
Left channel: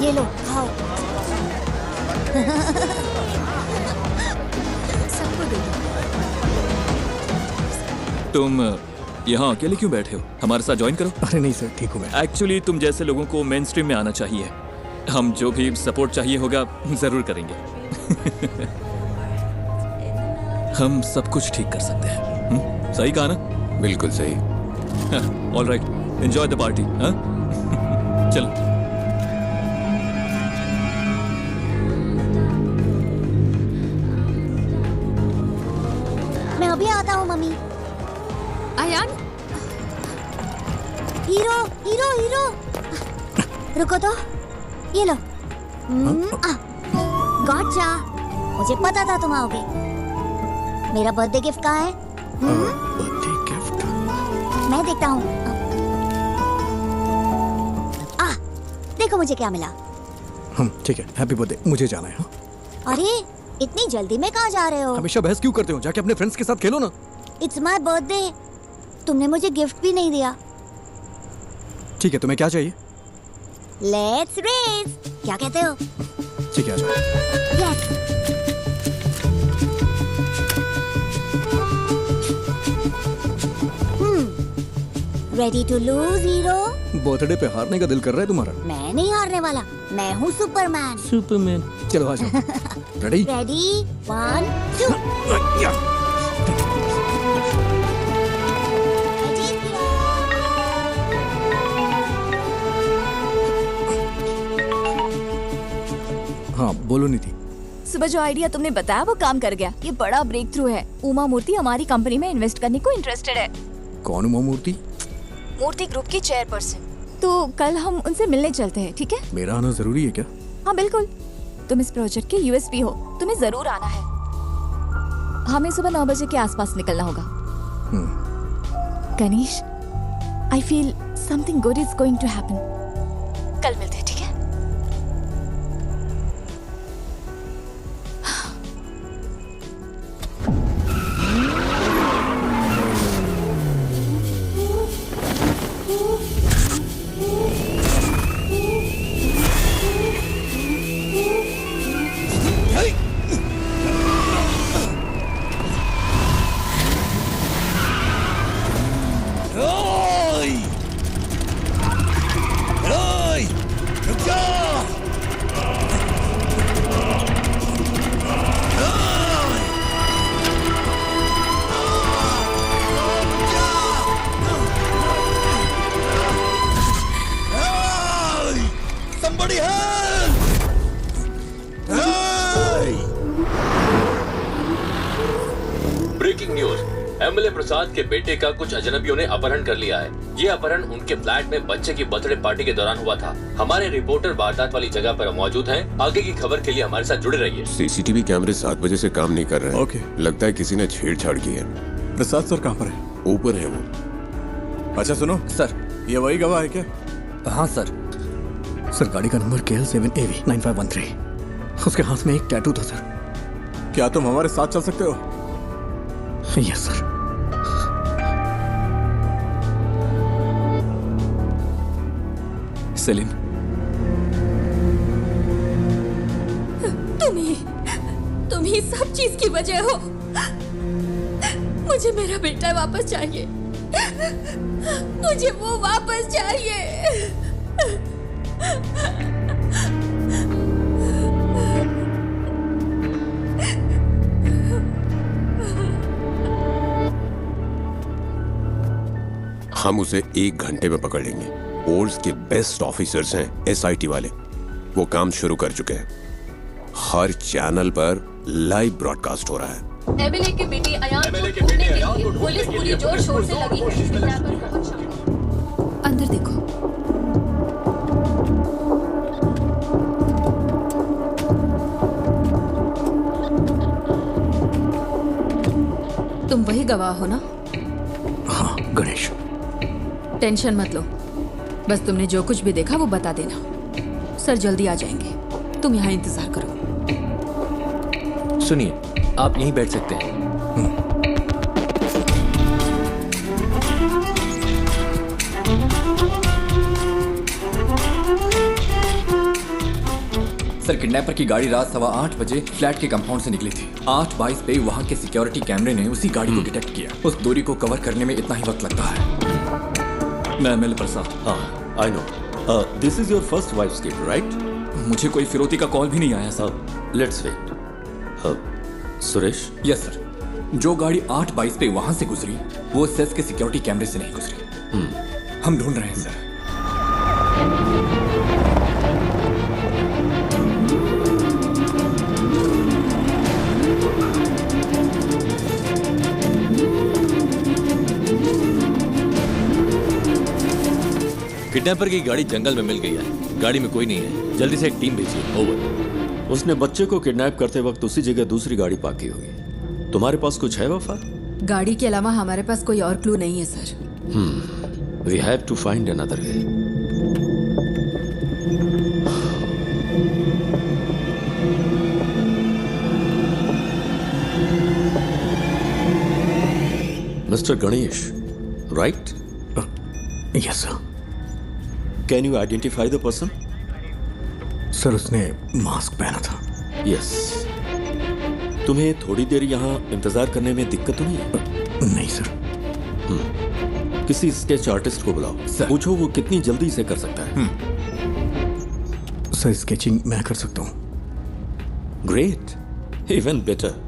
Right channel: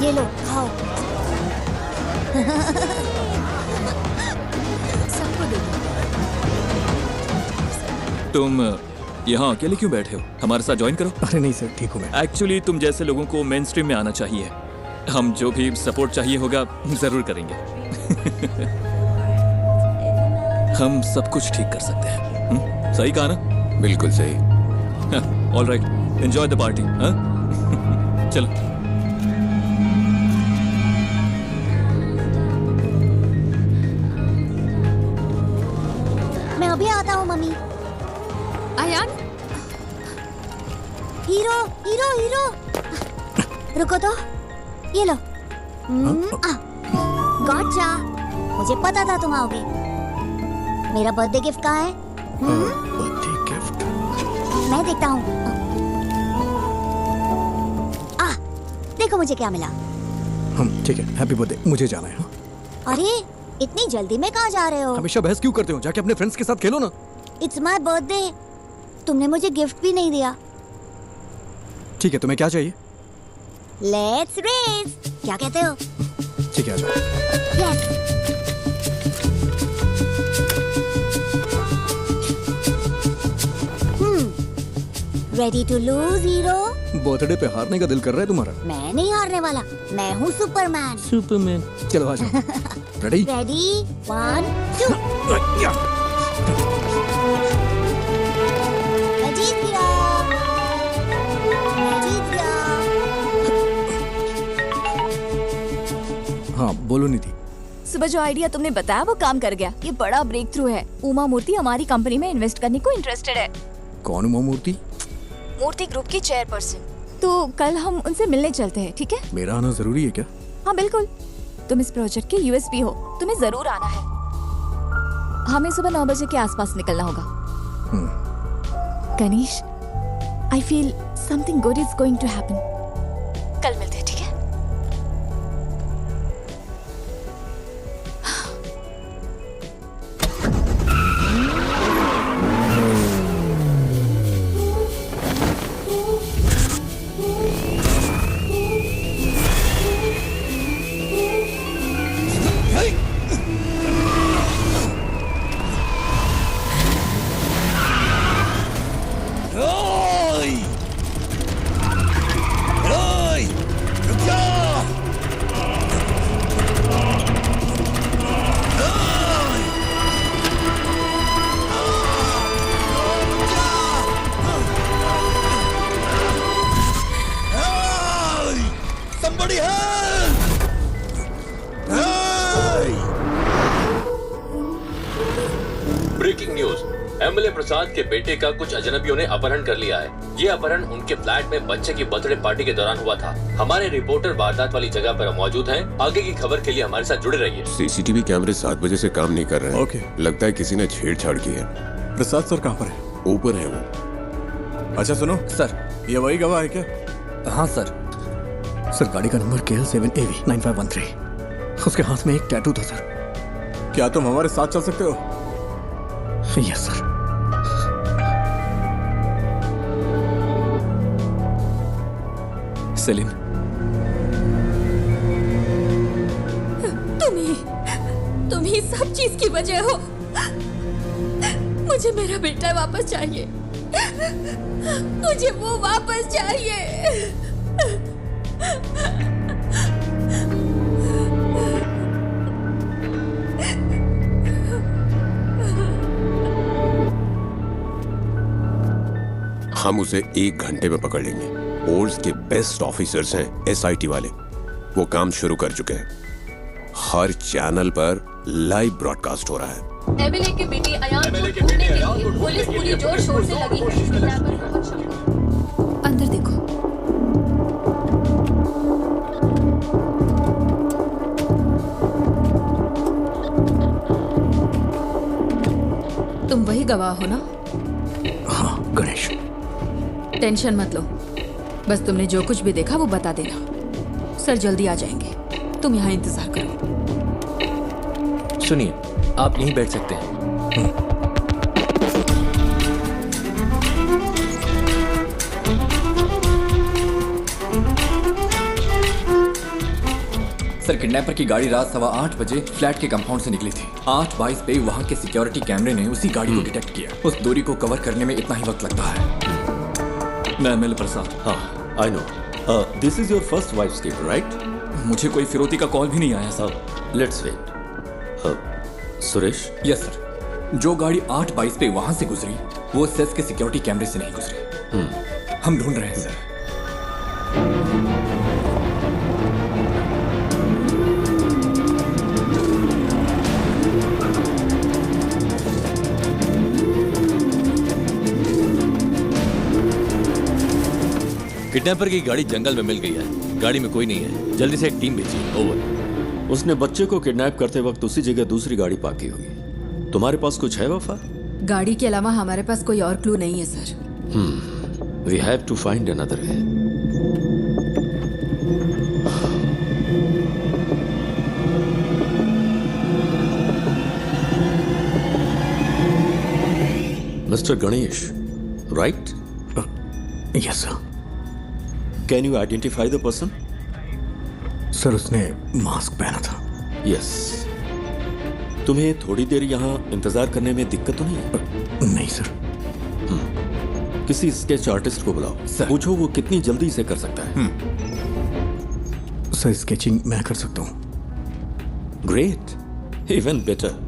ये लो, खाओ। सबको दे दो। तुम यहाँ अकेले क्यों बैठे हो? हमारे साथ ज्वाइन करो। अरे नहीं सर, ठीक हूँ मैं। एक्चुअली तुम जैसे लोगों को मेन स्ट्रीम में आना चाहिए। हम जो भी सपोर्ट चाहिए होगा जरूर करेंगे। हम सब कुछ ठीक कर सकते हैं। सही कहा ना? बिल्कुल सही। All right, enjoy the party. चलो। मैं अभी आता हूँ मम्मी। अयान, हीरो हीरो हीरो, रुको तो, ये लो। गॉटचा, मुझे पता था तुम आओगे। मेरा बर्थडे गिफ्ट कहाँ है? बर्थडे गिफ्ट मैं देखता हूँ। देखो मुझे क्या मिला। ठीक है, हैप्पी बर्थडे। मुझे जाना है। अरे इतनी जल्दी में कहाँ जा रहे हो? हमेशा बहस क्यों करते हो? जाके अपने फ्रेंड्स के साथ खेलो ना। इट्स माय बर्थडे, तुमने मुझे गिफ्ट भी नहीं दिया। ठीक है, तुम्हें क्या चाहिए? लेट्स रेस, क्या कहते हो? ठीक है, आ जाओ। Yes. Ready to lose hero? Birthday पे हारने का दिल कर रहा है तुम्हारा? मैं नहीं हारने वाला, मैं हूँ सुपरमैन। सुपरमैन। चलो आ जाओ। रेडी? रेडी, 1 2। मैं जीत गया। मैं जीत गया। हाँ बोलो निधि। सुबह जो आइडिया तुमने बताया वो काम कर गया। ये बड़ा ब्रेक थ्रू है। उमा मूर्ति हमारी कंपनी में इन्वेस्ट करने को इंटरेस्टेड है। कौन उमा मूर्ति? मूर्ति ग्रुप की चेयरपर्सन। तो कल हम उनसे मिलने चलते हैं, ठीक है? मेरा आना जरूरी है क्या? हाँ बिल्कुल, तुम इस प्रोजेक्ट के यूएसपी हो, तुम्हें जरूर आना है। हमें सुबह 9 बजे के आसपास निकलना होगा। Ganesh, I feel something good is going to happen. कल मिलते हैं, ठीक है? रुक जा। Somebody help! Breaking news, MLA Prasad के बेटे का कुछ अजनबियों ने अपहरण कर लिया है। ये अपहरण उनके फ्लैट में बच्चे की बर्थडे पार्टी के दौरान हुआ था। हमारे रिपोर्टर वारदात वाली जगह पर मौजूद हैं। आगे की खबर के लिए हमारे साथ जुड़े रहिए। सीसीटीवी कैमरे 7 बजे से काम नहीं कर रहे हैं। ओके। लगता है किसी ने छेड़छाड़ की है। प्रसाद सर कहाँ पर है? ऊपर है वो। अच्छा सुनो सर, ये वही गवाह है क्या? हाँ सर। सर गाड़ी का नंबर KL7AV9513। उसके हाथ में एक टैटू था सर। क्या तुम हमारे साथ चल सकते हो? Yes sir. सेलिन, तुम ही सब चीज की वजह हो। मुझे मेरा बेटा वापस चाहिए। मुझे वो वापस चाहिए। हम उसे 1 घंटे में पकड़ लेंगे। फोर्स के बेस्ट ऑफिसर्स हैं SIT वाले। वो काम शुरू कर चुके हैं। हर चैनल पर लाइव ब्रॉडकास्ट हो रहा है। एमएलए की बेटी अयान को ढूंढने के लिए पुलिस पूरी जोर शोर से लगी है। अंदर देखो। तुम वही गवाह हो ना? हाँ गणेश। टेंशन मत लो, बस तुमने जो कुछ भी देखा वो बता देना। सर जल्दी आ जाएंगे, तुम यहाँ इंतजार करो। सुनिए, आप यहीं बैठ सकते हैं। सर किडनैपर की गाड़ी रात 8:15 बजे फ्लैट के कंपाउंड से निकली थी। 8:22 पे वहाँ के सिक्योरिटी कैमरे ने उसी गाड़ी को डिटेक्ट किया। उस दूरी को कवर करने में इतना ही वक्त लगता है। मैं एमएलए प्रसाद। हाँ, I know. This is your first wife's kid, right? मुझे कोई फिरौती का कॉल भी नहीं आया sir. Let's wait. Suresh? Yes sir. जो गाड़ी 8:22 पे वहां से गुजरी वो सेस के सिक्योरिटी कैमरे से नहीं गुजरी। हम ढूंढ रहे हैं सर। किडनैपर की गाड़ी जंगल में मिल गई है। गाड़ी में कोई नहीं है। जल्दी से एक टीम भेजिए। ओवर। उसने बच्चे को किडनैप करते वक्त उसी जगह दूसरी गाड़ी पार्क की होगी। तुम्हारे पास कुछ है वफा? गाड़ी के अलावा हमारे पास कोई और क्लू नहीं है sir. We have to find another way. Mister Ganesh, right? Yes sir. Can you identify the person? Sir उसने मास्क पहना था। यस। तुम्हें थोड़ी देर यहाँ इंतजार करने में दिक्कत तो नहीं है? नहीं सर। किसी स्केच आर्टिस्ट को बुलाओ। पूछो वो कितनी जल्दी से कर सकता है। सर स्केचिंग मैं कर सकता हूँ। Great, even better.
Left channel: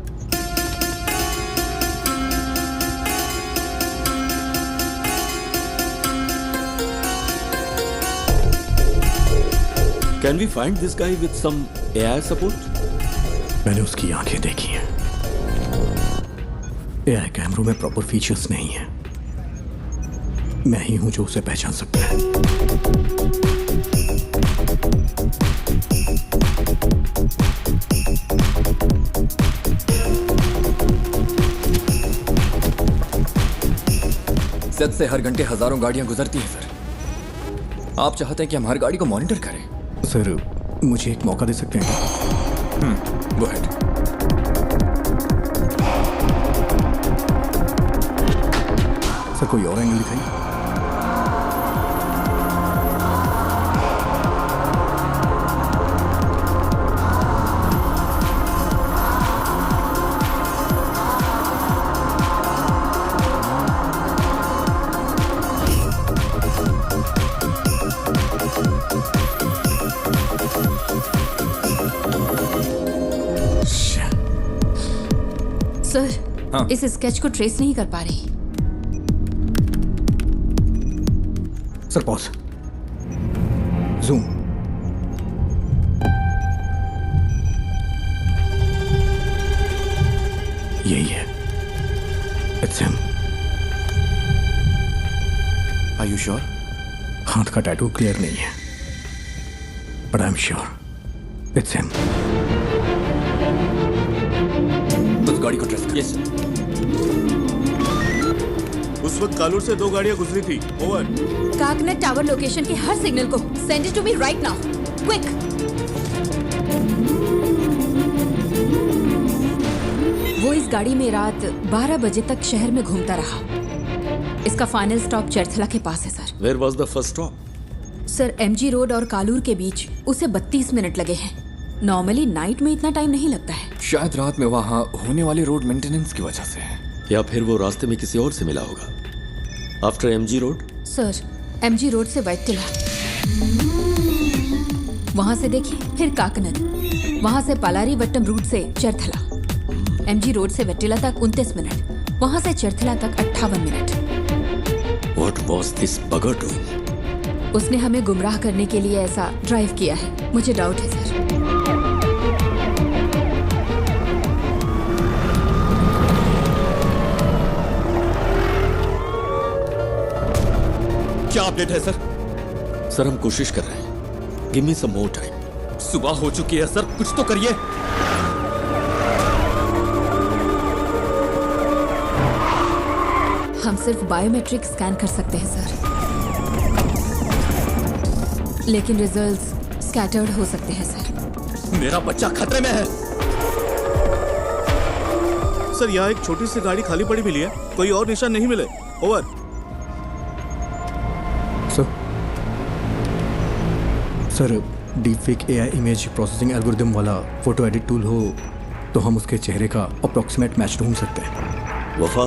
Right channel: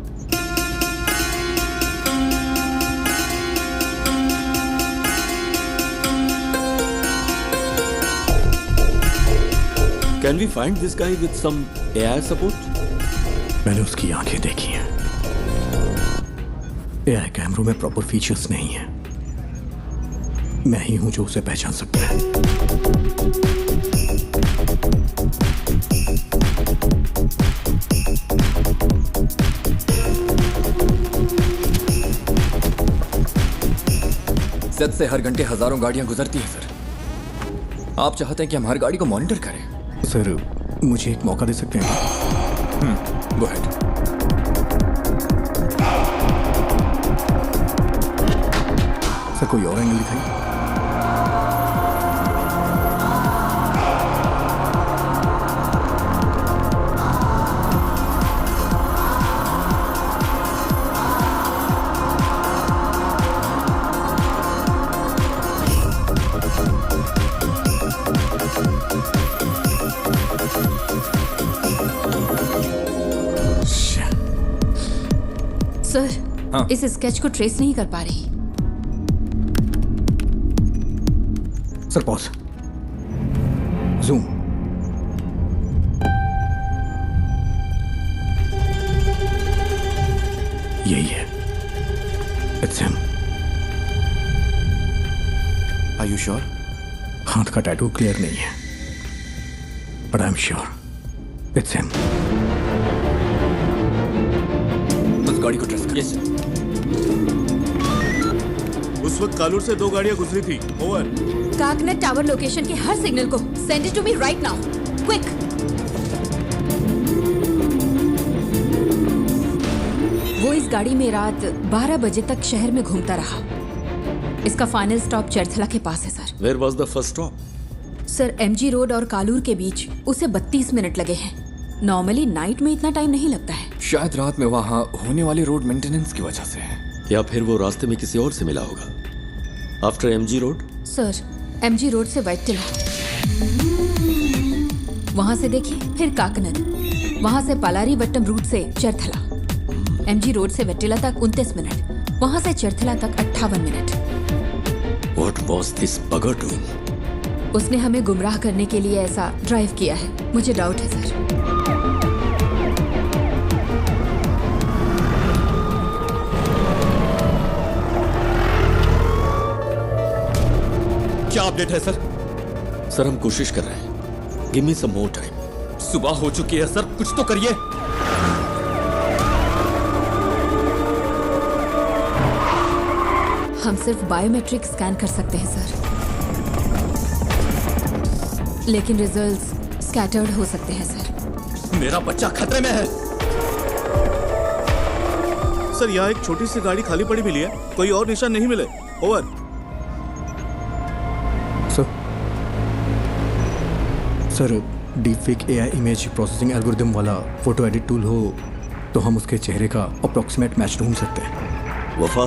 Can we find this guy with some AI support? मैंने उसकी आंखें देखी हैं। AI कैमरों में प्रॉपर फीचर्स नहीं है। मैं ही हूं जो उसे पहचान सकता है। सेट से हर घंटे हजारों गाड़ियां गुजरती हैं सर। आप चाहते हैं कि हम हर गाड़ी को मॉनिटर करें? सर मुझे एक मौका दे सकते हैं क्या? Go ahead. सर कोई और एंगल दिखाइए। हाँ। इस स्केच को ट्रेस नहीं कर पा रही। Sir pause, zoom. यही है, it's him. Are you sure? हाथ का टैटू क्लियर नहीं है, but I am sure it's him. उस गाड़ी को ट्रेस कर। Yes sir. उस वक्त कालूर से 2 गाड़ियां गुजरी थी। ओवर। काकनेट टावर लोकेशन के हर सिग्नल को send it to me right now, quick. वो इस गाड़ी में रात 12 बजे तक शहर में घूमता रहा। इसका फाइनल स्टॉप चरथला के पास है sir. Where was the first stop? Sir MG road और कालूर के बीच उसे 32 मिनट लगे हैं। नॉर्मली नाइट में इतना टाइम नहीं लगता है। शायद रात में वहाँ होने वाले रोड मेंटेनेंस की वजह से है, या फिर वो रास्ते में किसी और से मिला होगा। After MG road? Sir MG road से वैट्टिला, वहां से देखिए, फिर काकनद, वहां से पालारी वट्टम रूट से चरथला। एमजी रोड से वैट्टिला तक 29 मिनट, वहां से चरथला तक 58 minute. What was this bugger doing? उसने हमें गुमराह करने के लिए ऐसा ड्राइव किया है। मुझे डाउट है सर। क्या अपडेट है सर? सर हम कोशिश कर रहे हैं। गिव मी सम मोर टाइम। सुबह हो चुकी है सर, कुछ तो करिए। हम सिर्फ बायोमेट्रिक स्कैन कर सकते हैं सर, लेकिन रिजल्ट्स स्कैटर्ड हो सकते हैं सर। मेरा बच्चा खतरे में है। सर यहाँ एक छोटी सी गाड़ी खाली पड़ी मिली है, कोई और निशान नहीं मिले। Over. Sir deepfake AI image processing algorithm वाला फोटो एडिट टूल हो तो हम उसके चेहरे का अप्रोक्सीमेट मैच ढूंढ सकते हैं। वफा,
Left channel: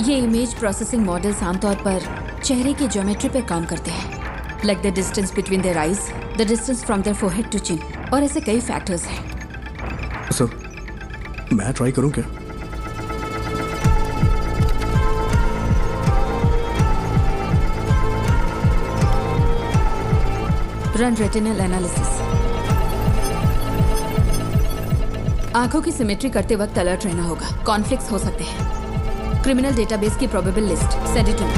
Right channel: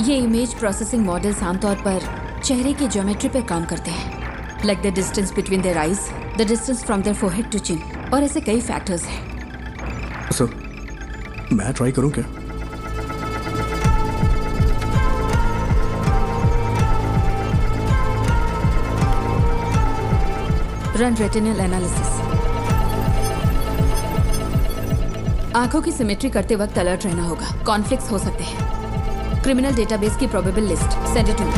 ये इमेज प्रोसेसिंग मॉडल्स आमतौर पर चेहरे की ज्योमेट्री पर काम करते हैं, like the distance between their eyes, the distance from their forehead to chin, और ऐसे कई फैक्टर्स हैं। सर मैं ट्राई करूं क्या? Run retinal analysis. आंखों की सिमेट्री करते वक्त अलर्ट रहना होगा, कॉन्फ्लिक्ट्स हो सकते हैं। क्रिमिनल डेटाबेस की probable list send it to me.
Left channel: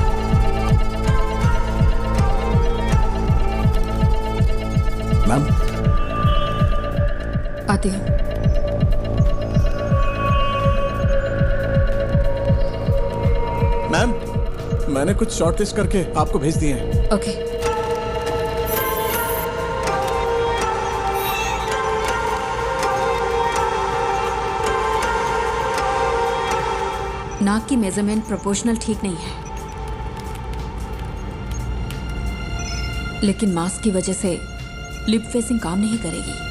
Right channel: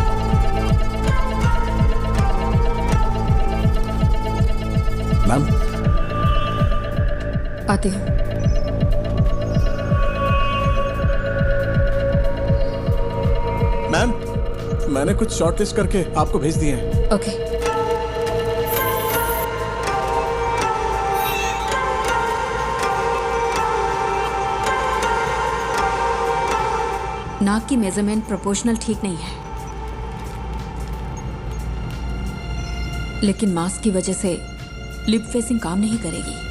Ma'am आते हो? मैम मैंने कुछ शॉर्टलिस्ट करके आपको भेज दिए हैं। ओके। नाक की मेजरमेंट प्रोपोर्शनल ठीक नहीं है, लेकिन मास्क की वजह से लिप फेसिंग काम नहीं करेगी।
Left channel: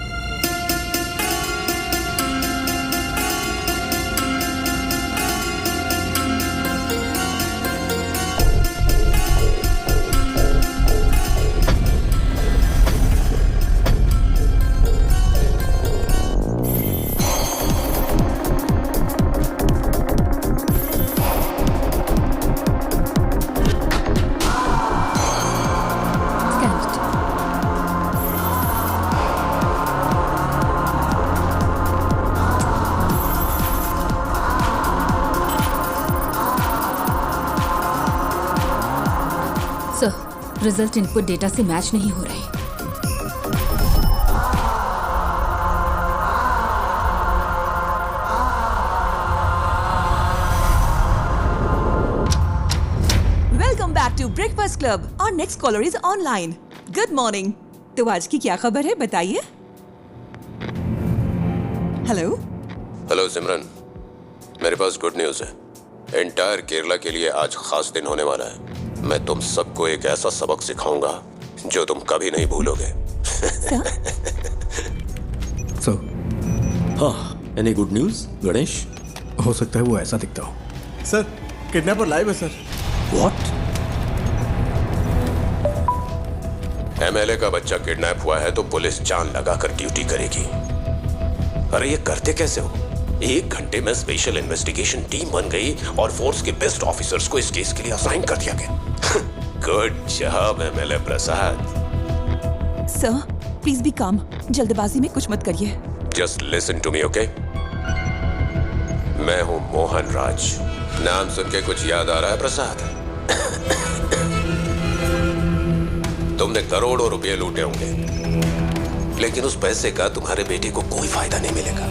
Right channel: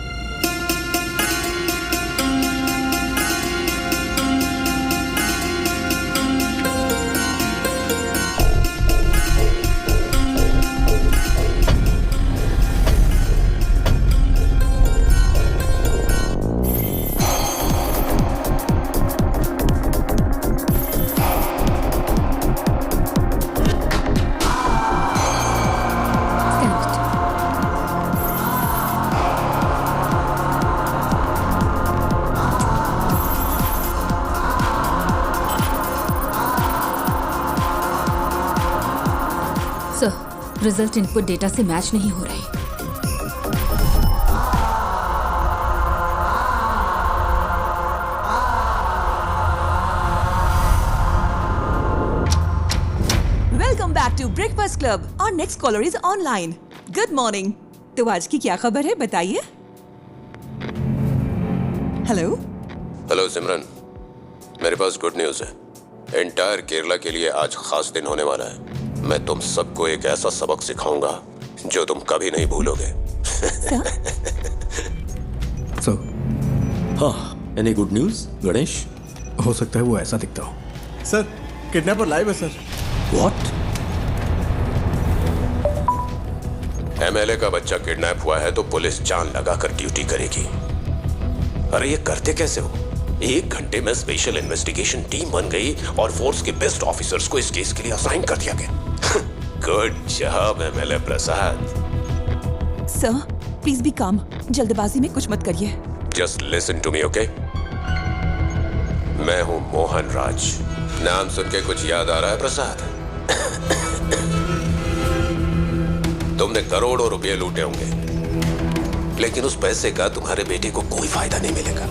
रिजल्ट इनपुट डेटा से मैच नहीं हो रहे। Welcome back to breakfast club. और next caller is online. Good morning. तो आज की क्या खबर है, बताइए। हेलो। हेलो सिमरन, मेरे पास गुड न्यूज है। एंटायर केरला के लिए आज खास दिन होने वाला है। मैं तुम सबको एक ऐसा सबक सिखाऊंगा जो तुम कभी नहीं भूलोगे। सर हाँ, एनी गुड न्यूज गणेश? हो सकता है वो ऐसा दिखता हो। सर किडनैपर लाइव है सर। व्हाट? एमएलए का बच्चा किडनैप हुआ है तो पुलिस जान लगाकर ड्यूटी करेगी। अरे ये करते कैसे हो? 1 घंटे में स्पेशल इन्वेस्टिगेशन टीम बन गई और फोर्स के बेस्ट ऑफिसर्स को इस केस के लिए असाइन कर दिया गया। Good job MLA Prasad. Sir please be calm, जल्दबाजी में कुछ मत करिए। Just listen to me, okay? मैं हूं मोहन राज। नाम सुन के कुछ याद आ रहा है प्रसाद? तुमने करोड़ों रुपए लूटे होंगे, लेकिन उस पैसे का तुम्हारे बेटे को कोई फायदा नहीं मिलेगा।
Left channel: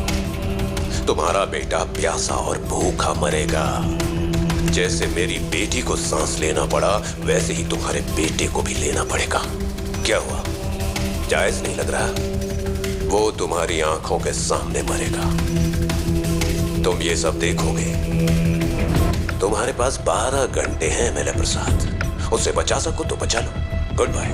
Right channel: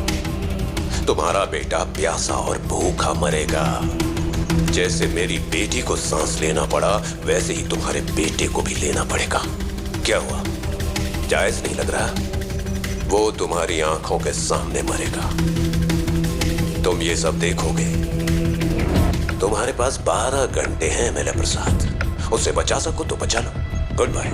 तुम्हारा बेटा प्यासा और भूखा मरेगा। जैसे मेरी बेटी को सांस लेना पड़ा, वैसे ही तुम्हारे बेटे को भी लेना पड़ेगा। क्या हुआ, जायज नहीं लग रहा? वो तुम्हारी आंखों के सामने मरेगा, तुम ये सब देखोगे। तुम्हारे पास 12 घंटे हैं एमएलए प्रसाद, उसे बचा सको तो बचा लो। Good bye.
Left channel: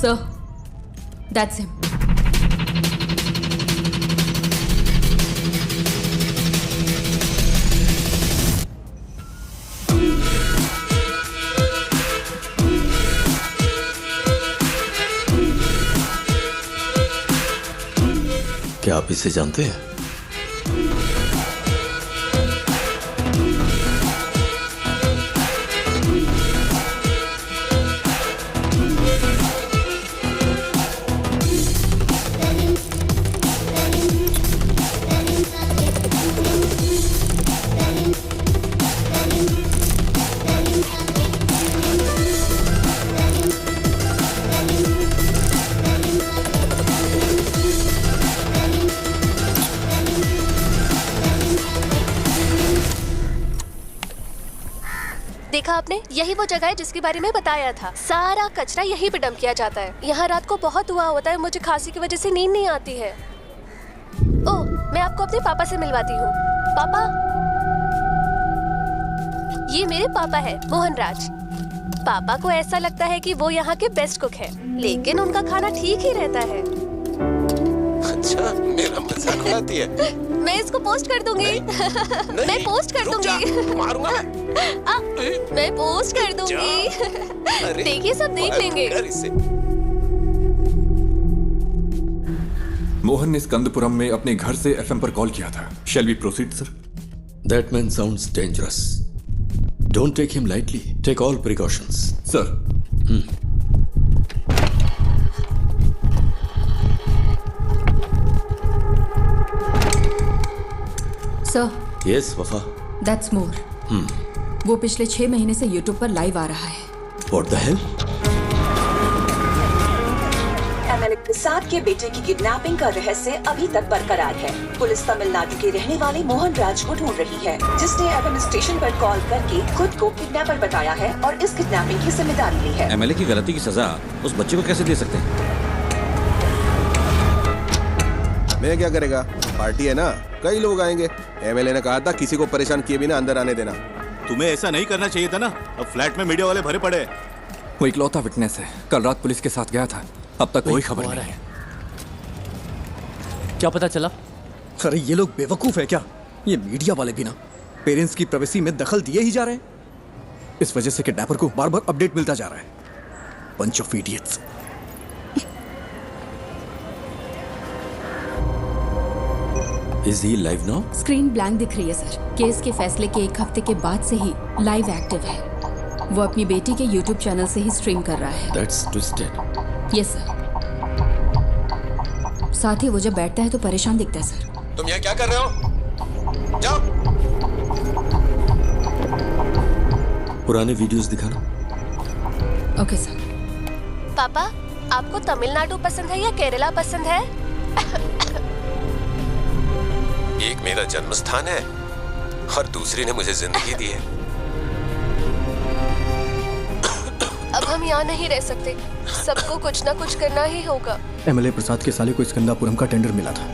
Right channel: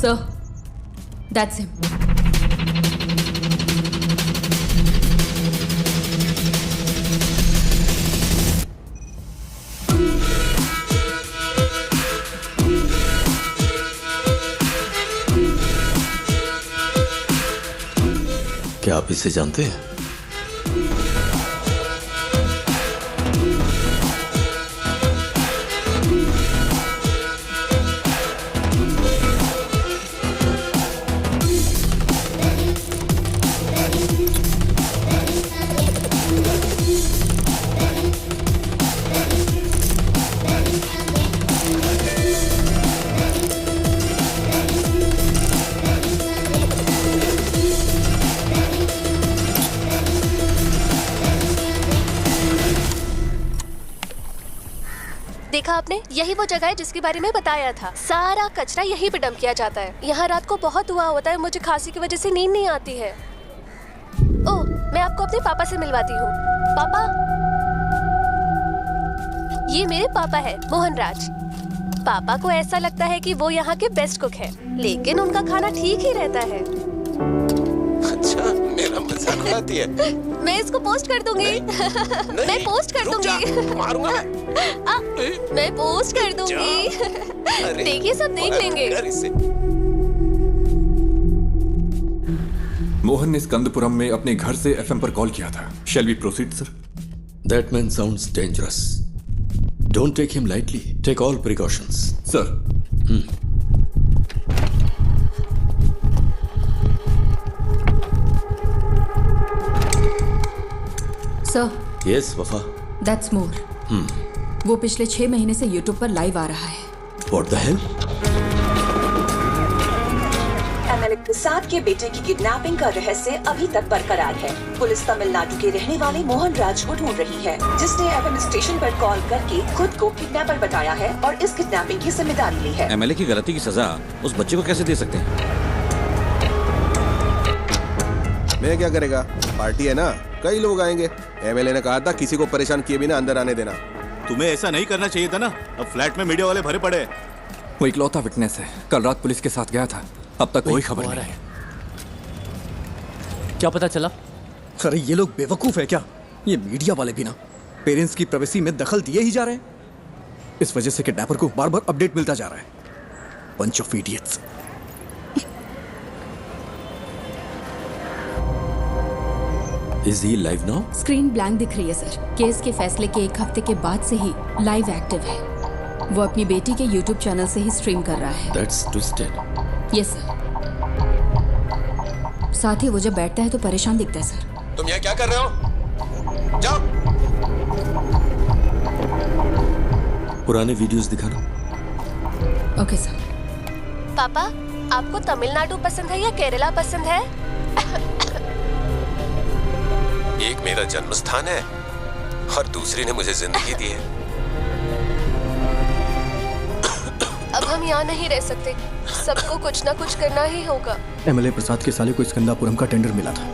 Sir, that's him. क्या आप इसे जानते हैं? देखा आपने, यही वो जगह है जिसके बारे में बताया था। सारा कचरा यहीं पे डंप किया जाता है। यहाँ रात को बहुत धुआं होता है, मुझे खांसी की वजह से नींद नहीं आती है। ओह, मैं आपको अपने पापा से मिलवाती हूँ। पापा, ये मेरे पापा है, मोहन राज। पापा को ऐसा लगता है कि वो यहाँ के बेस्ट कुक है, लेकिन उनका खाना ठीक ही रहता है। अच्छा, मेरा मजाक उड़ाती है। मैं इसको पोस्ट कर दूंगी। मैं पोस्ट कर दूंगी। मारूंगा मैं पोस्ट कर दूंगी। देखिए, सब देख लेंगे। मोहन ने स्कंदपुरम में अपने घर से एफएम पर कॉल किया था। Shall we proceed sir? That man sounds dangerous. Don't take him lightly. Take all precautions. Sir. Sir. Yes, वफा. That's more. वो पिछले 6 महीने से YouTube पर लाइव आ रहा है। What the hell? MLA Prasad के बेटे की किडनैपिंग का रहस्य अभी तक बरकरार है। पुलिस तमिलनाडु के रहने वाले मोहन राज को ढूंढ रही है, जिसने एफएम स्टेशन पर कॉल करके खुद को किडनैपर बताया है और इस किडनैपिंग की जिम्मेदारी ली है। एमएलए की गलती की सजा उस बच्चे को कैसे दे सकते हैं? मैं क्या करेगा, पार्टी है ना, कई लोग आएंगे। एमएलए ने कहा था किसी को परेशान किए बिना अंदर आने देना। तुम्हें ऐसा नहीं करना चाहिए था ना। अब फ्लैट में मीडिया वाले भरे पड़े। वो इकलौता विटनेस है, कल रात पुलिस के साथ गया था, अब तक कोई खबर नहीं है। क्या पता चला? अरे ये लोग बेवकूफ है क्या? ये मीडिया वाले भी ना पेरेंट्स की प्राइवेसी में दखल दिए ही जा रहे हैं। इस वजह से किडनैपर को बार बार अपडेट मिलता जा रहा है। Bunch of idiots. Is he live now? Screen blank दिख रही है सर। केस के फैसले के 1 हफ्ते के बाद से ही लाइव एक्टिव है। वो अपनी बेटी के YouTube चैनल से ही स्ट्रीम कर रहा है। That's twisted. Yes sir. साथ ही वो जब बैठता है तो परेशान दिखता है सर। तुम यहाँ क्या कर रहे हो? जाओ। पुराने वीडियोस दिखाना। Okay sir. पापा, आपको तमिलनाडु पसंद है या केरला पसंद है? एक मेरा जन्म स्थान है और दूसरी ने मुझे जिंदगी दी है। अब हम यहाँ नहीं रह सकते, सबको कुछ ना कुछ करना ही होगा। एमएलए प्रसाद के साले को स्कंदापुरम का टेंडर मिला था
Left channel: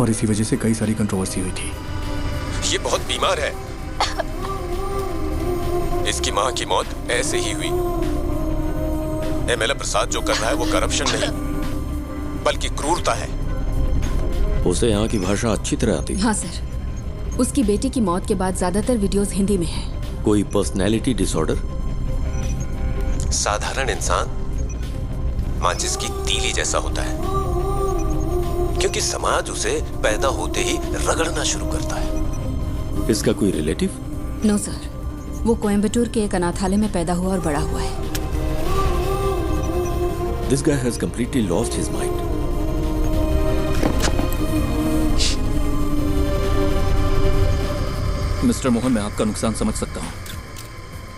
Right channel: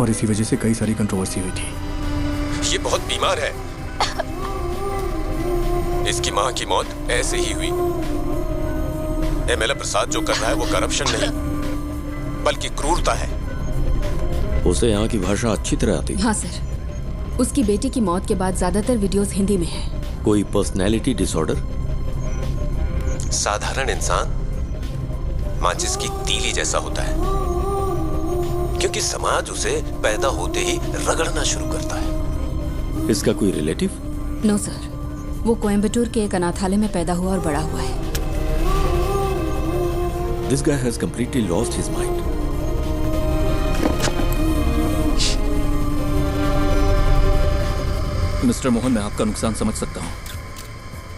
और इसी वजह से कई सारी कंट्रोवर्सी हुई थी। ये बहुत बीमार है। इसकी मां की मौत ऐसे ही हुई। एमएलए प्रसाद जो कर रहा है वो करप्शन नहीं बल्कि क्रूरता है। उसे यहाँ की भाषा अच्छी तरह आती है। हाँ सर। उसकी बेटी की मौत के बाद ज्यादातर वीडियोस हिंदी में हैं। कोई पर्सनैलिटी डिसऑर्डर? साधारण इंसान माचिस की तीली जैसा होता है, क्योंकि समाज उसे पैदा होते ही रगड़ना शुरू करता है। इसका कोई रिलेटिव? नो सर, वो कोयम्बटूर के एक अनाथालय में पैदा हुआ और बड़ा हुआ है। This guy has completely lost his mind. Mister Mohan, मैं आपका नुकसान समझ सकता हूं।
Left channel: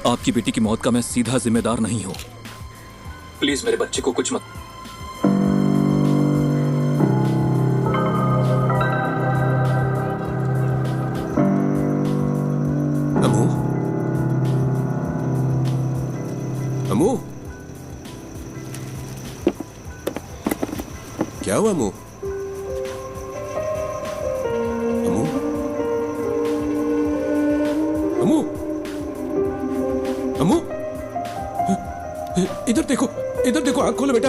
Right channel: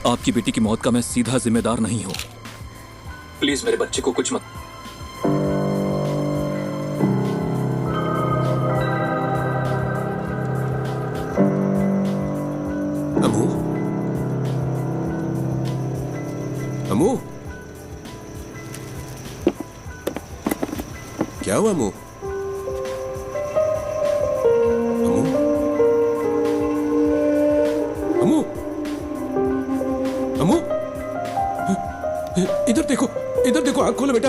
आपकी बेटी की मौत का मैं सीधा जिम्मेदार नहीं हूं। प्लीज मेरे बच्चे को कुछ मत। अमू, अमू, क्या हुआ अमू? अमू, अमू, अमू, इधर देखो, इधर देखो, आंख खोलो बेटा।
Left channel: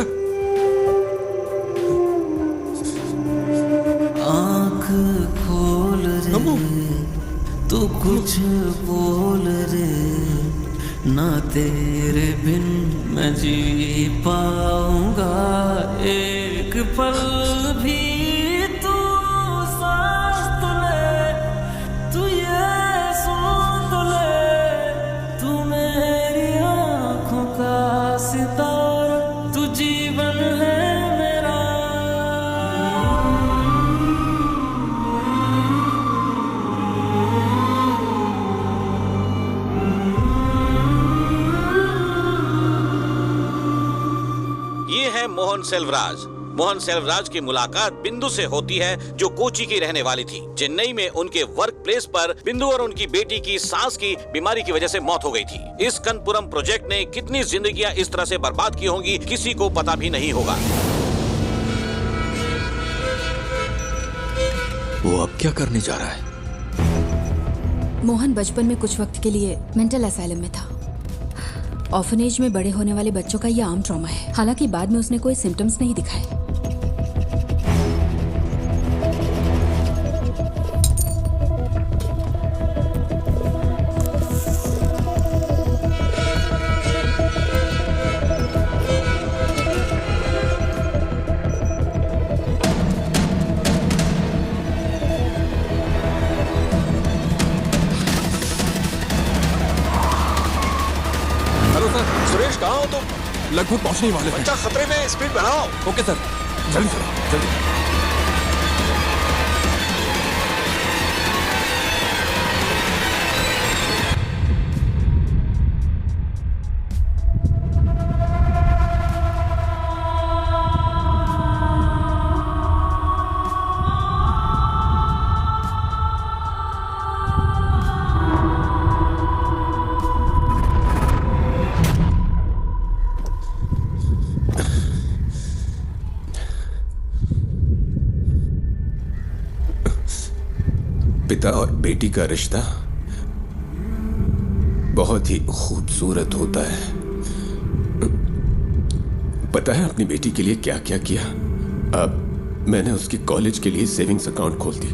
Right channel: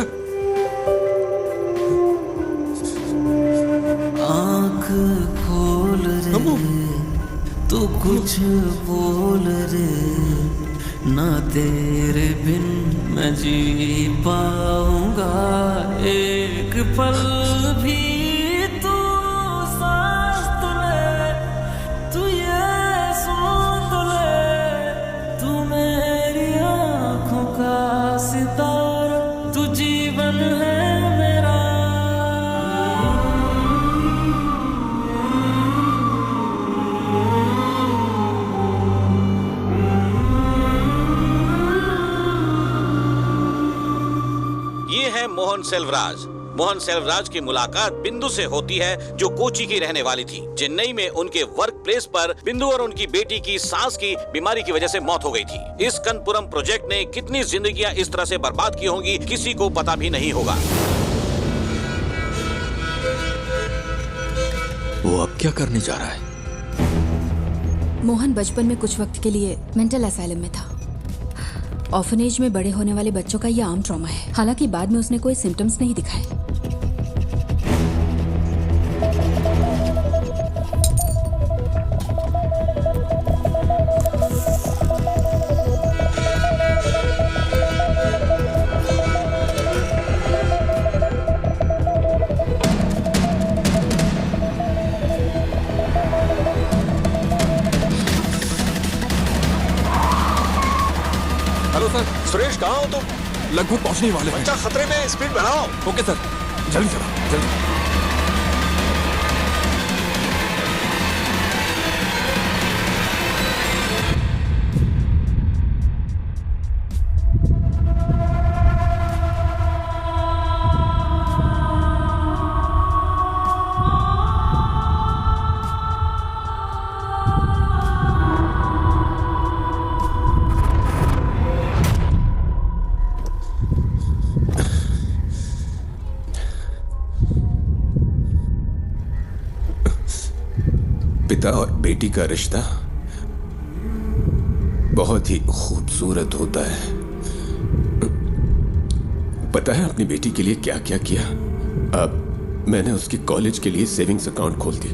आंख खोल रे, तू कुछ बोल रे, ना तेरे बिन मैं जी पाऊंगा एक पल भी। तू सांस तो ले, तू ये सुन तो ले, तू मेरी आंखों का सितारा, तू जीवन है मेरा। ये है मोहन सेल्वराज। मोहन सेल्वराज की मुलाकात बिंदु से होती है, जो कोची की रहने वाली थी। चेन्नई में उनके वर्क प्लेस पर बिंदु और उनकी बेटी की सांस की बीमारी की वजह से मौत हो गई थी। इस कनपुरम प्रोजेक्ट ने कितनी जिंदगियां इस तरह से बर्बाद की होंगी, किसी को पता भी नहीं होगा। वो अब क्या करने जा रहा है? मोहन बचपन में कुछ वक्त के लिए मेंटल असाइलम में था। ऑर्फनेज में बड़े होने वाले बच्चों का यह आम ट्रॉमा है। हालांकि बाद में उसने कोई सिम्टम्स नहीं दिखाए। Hello sir. सुरेश, कहाँ हो तुम? लगभग पहुंचने ही वाले हैं। बच्चा खतरे में, स्पीड बढ़ाओ। ओके सर, जल्दी चलाओ, जल्दी। पिता और बेटी का रिश्ता बहुत ही खूबसूरत होता है। पता है अपनी बेटी के लिए क्या क्या किया? अब मैंने उसकी कॉलेज के लिए सेविंग्स अकाउंट खोल दी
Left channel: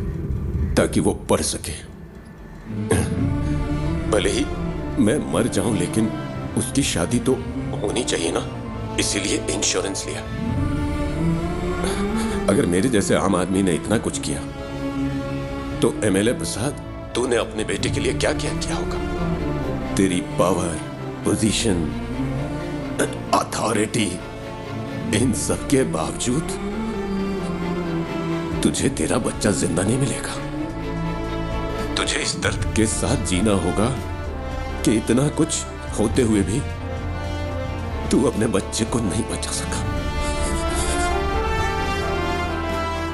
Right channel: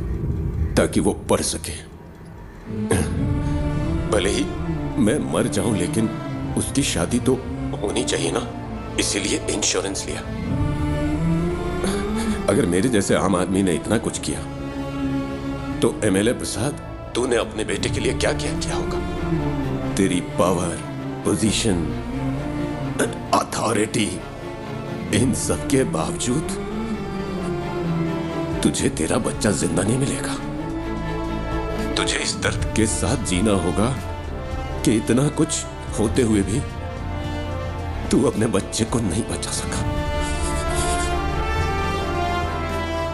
ताकि वो पढ़ सके। भले ही मैं मर जाऊं, लेकिन उसकी शादी तो होनी चाहिए ना, इसीलिए इंश्योरेंस लिया। अगर मेरे जैसे आम आदमी ने इतना कुछ किया तो एमएलए प्रसाद, तूने अपने बेटे के लिए क्या क्या किया होगा? तेरी पावर, पोजीशन, अथॉरिटी, इन सब के बावजूद तुझे तेरा बच्चा जिंदा नहीं मिलेगा। तुझे इस दर्द के साथ जीना होगा कि इतना कुछ होते हुए भी तू अपने बच्चे को नहीं बचा सका।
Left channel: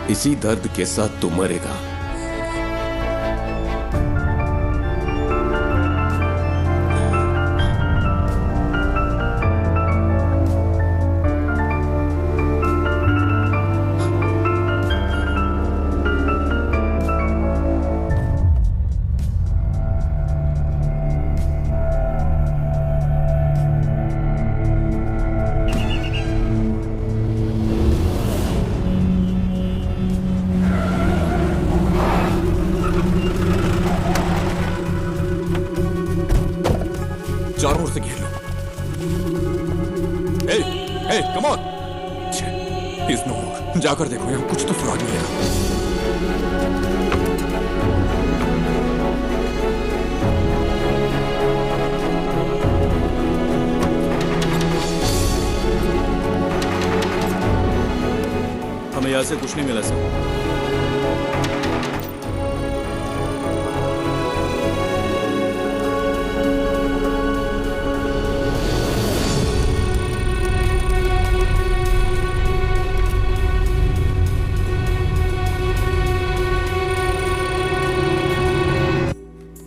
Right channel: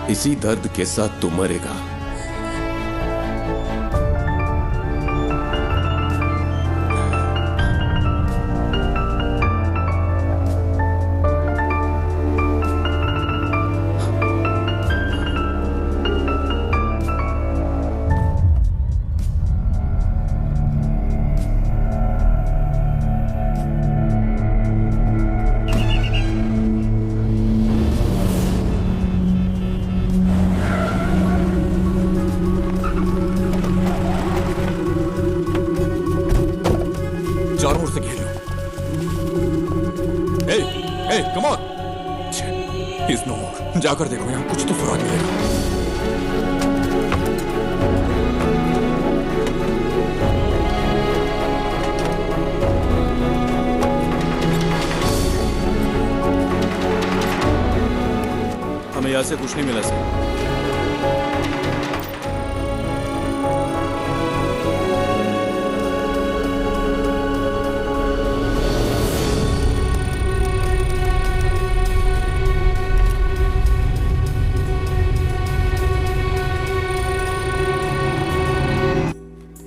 इसी दर्द के साथ तू मरेगा। चारों ओर से घेर लो। हे, हे, कम ऑन। इज नो मोर। जाकर देखो, यहाँ कुछ तो सुराग मिलेगा। हमें यहाँ से कुछ नहीं मिला सर।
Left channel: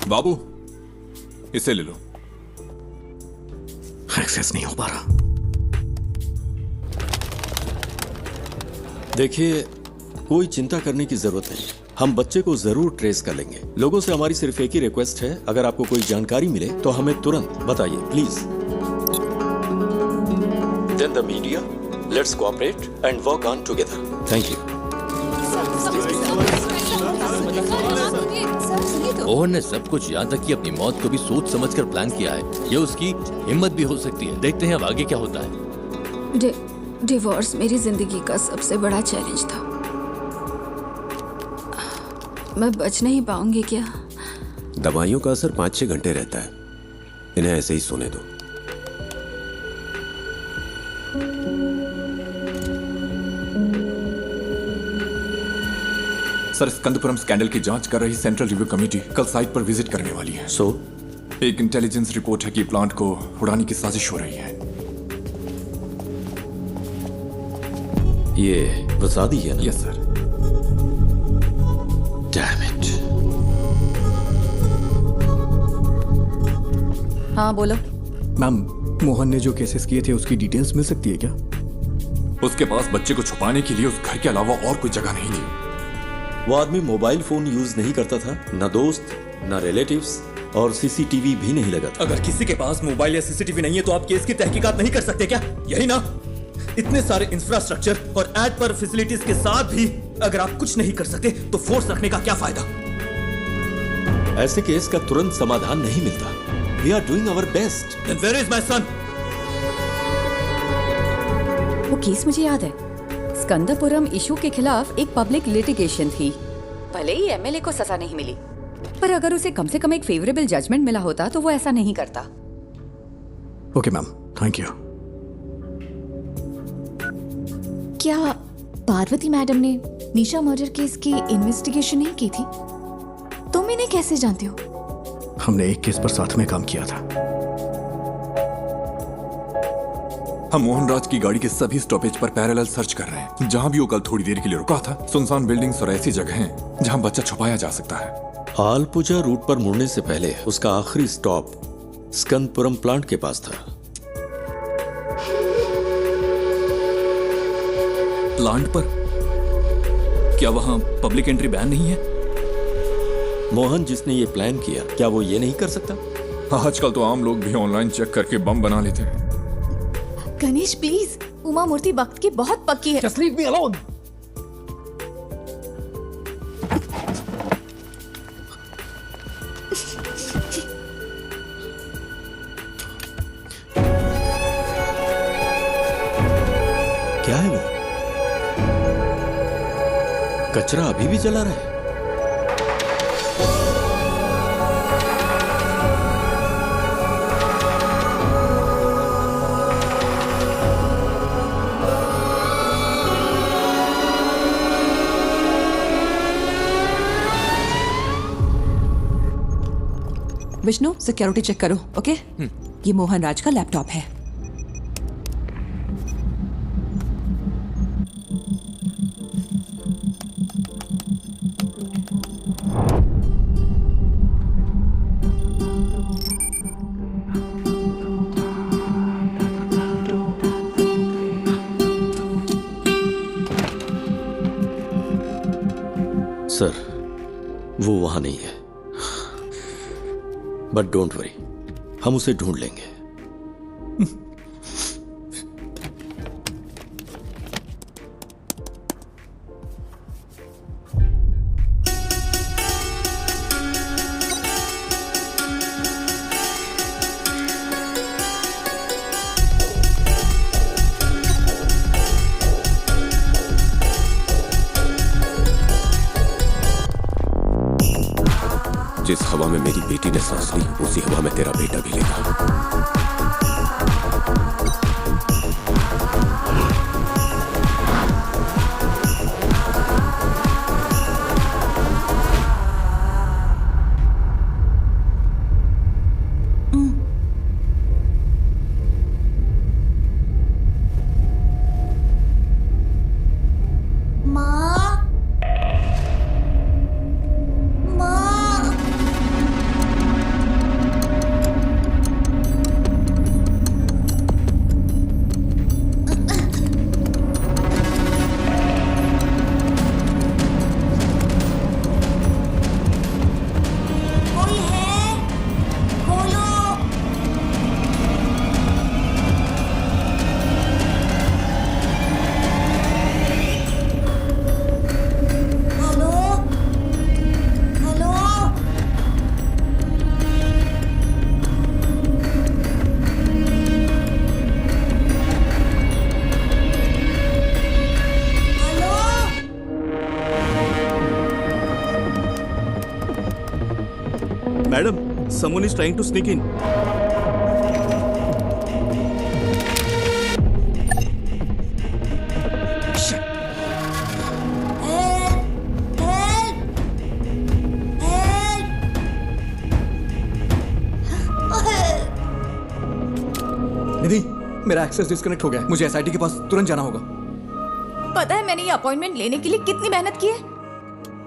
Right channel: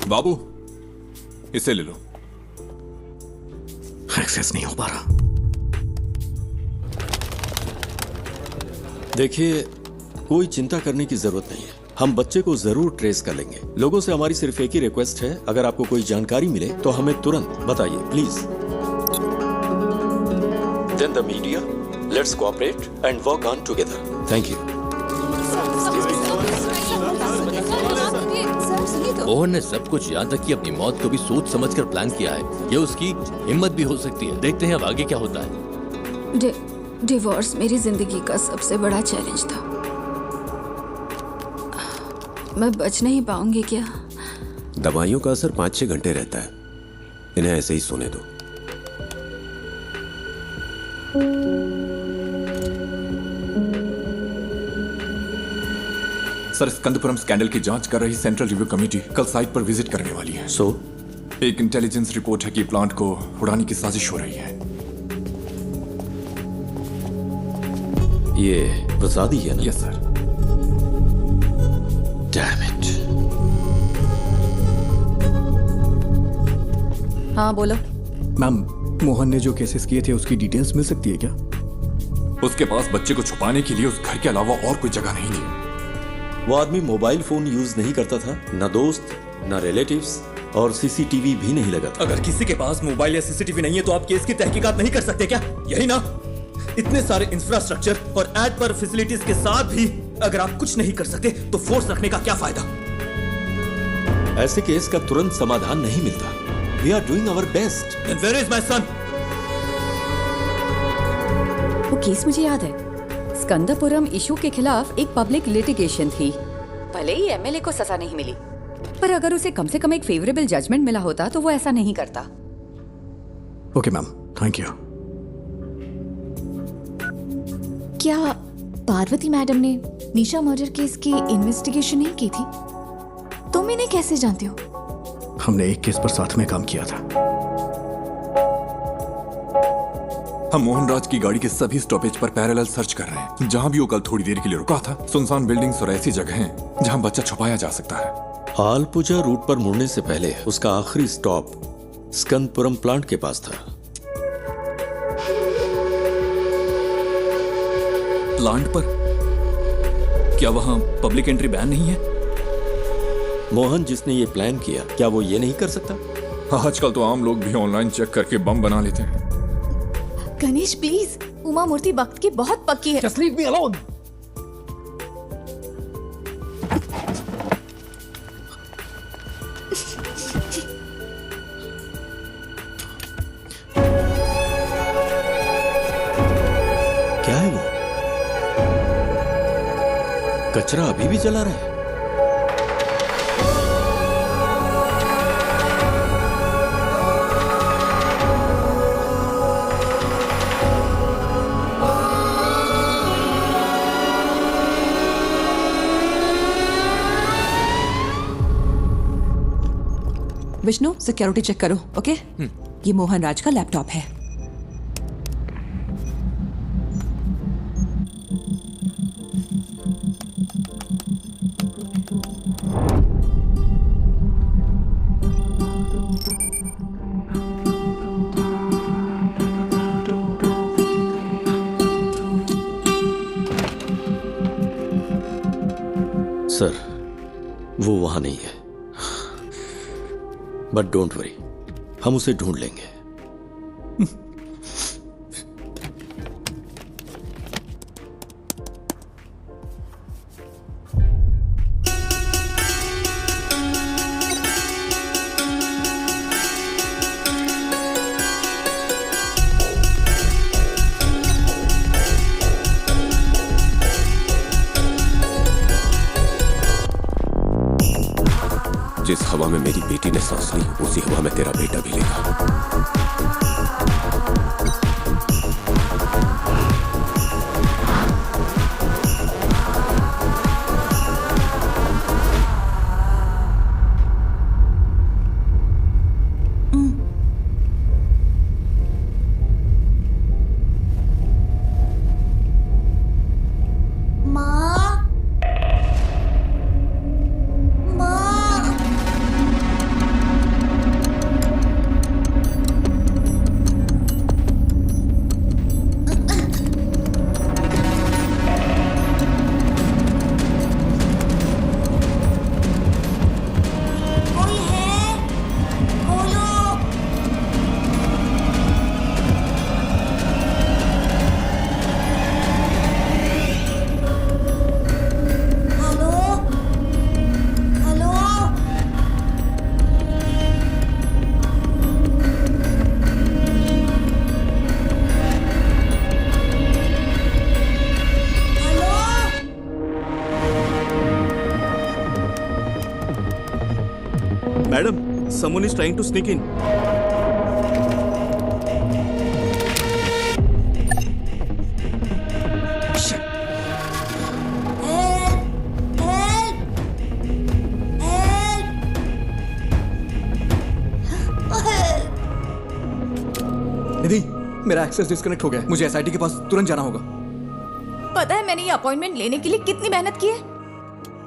बाबू, इसे ले लो। एक्सेस नहीं हो पा रहा। देखिए, कोई चिंता करने की जरूरत नहीं है। हम बच्चे को जरूर ट्रेस कर लेंगे। लोगों से हमारी सिर्फ एक ही रिक्वेस्ट है, अगर आपको कोई जानकारी मिले तो हमें तुरंत बताइए, please. Then the media, let's cooperate and work on together. Thank you. Mohan ने सब कुछ यहाँ तक कि अपनी मौत को भी सोच समझकर प्लान किया है। ये उसकी हिम्मत भी हो सकती है। देखते हैं अब आगे क्या होता है। डिवोर्स मेरी जिंदगी का सबसे बड़ा चैलेंज था। मैं बच नहीं पाऊंगी क्या? दवाइयों का असर 5-6 घंटे रहता है। इन्हें ऐसे ही सोने दो। सर, स्कंदपुरम स्कैंडल की जांच कर रही सेंट्रल रिव्यू कमेटी कल साइट पर विजिट करने वाली है। एक इंटेलिजेंस रिपोर्ट है कि प्लांट को उड़ाने की साजिश हो रही है। ये प्रसादी है ना? Yes sir. Damn it. हाँ बोलो। मैम, मोहन ने जो केसेस किए थे उसकी डिटेल्स मिल सकती है क्या? उसके पास बच्चे को छुपाने के लिए उस घर के अलावा और कोई जगह नहीं थी। वो आदमी मोबाइल फोन यूज नहीं करता था, ना दोस्त, ना रिलेटिव्स, और सीसीटीवी भी नहीं लगा था। अगर किसी के पास मोबाइल या सीसीटीवी नहीं है तो आप केस की तहकीकात नहीं कर सकते क्या? यही ना? इतने सारे इंफ्रास्ट्रक्चर और एड पर फैसिलिटीज के साथ भी अगर आप कुछ नहीं कर सकते तो फोर्स रखने का क्या फायदा? ऐसे केस का तुरंत समाधान नहीं मिलता। We are doing our best. Then where is my son? वो केस मुझे याद है। स्कंदपुरम इशू के खिलाफ एक पब्लिक लिटिगेशन थी। भले ही एमएलए को सजा नहीं मिली, पर अगर उसे कम से कम एक फेवरेबल जजमेंट मिला होता तो वो ऐसा नहीं करता। Okay ma'am, thank you. क्या पार्वती मैडम ने निशा मर्डर केस की इन्वेस्टिगेशन नहीं की थी? तुम इन्हें कैसे जानते हो? हमने एक केस पर साथ में काम किया था। हम मोहनराज की गाड़ी के सभी स्टॉपेज पर पैरेलल सर्च कर रहे हैं। जहां भी वो कल थोड़ी देर के लिए रुका था, सुनसान बिल्डिंग्स और ऐसी जगह हैं जहां बच्चा छुपाया जा सकता है। आलपुजा रूट पर मुड़ने से पहले उसका आखिरी स्टॉप स्कंदपुरम प्लांट के पास था। प्लांट पर? क्या वहां पब्लिक एंट्री बैन नहीं है? मोहन जिसने ये प्लान किया, क्या वो ये नहीं कर सकता? आजकल तो आम लोग भी ऑनलाइन चेक करके बम बना लेते हैं। गणेश प्लीज, उमा मूर्ति वक्त की बहुत पक्की है। Just leave me alone. क्या है वो? कचरा अभी भी जला रहा है। विष्णु, सिक्योरिटी चेक करो, ओके? ये मोहन राज का लैपटॉप है। सर, वो वहां नहीं है, बट डोंट वरी, हम उसे ढूंढ लेंगे। जिस हवा में मेरी बेटी ने सांस ली, उसी हवा में तेरा बेटा भी लेगा। Madam, someone is trying to sneak in. निधि, मेरा एक्सेस डिस्कनेक्ट हो गया। मुझे एसआईटी के पास तुरंत जाना होगा। पता है मैंने ये अपॉइंटमेंट लेने के लिए कितनी मेहनत की है?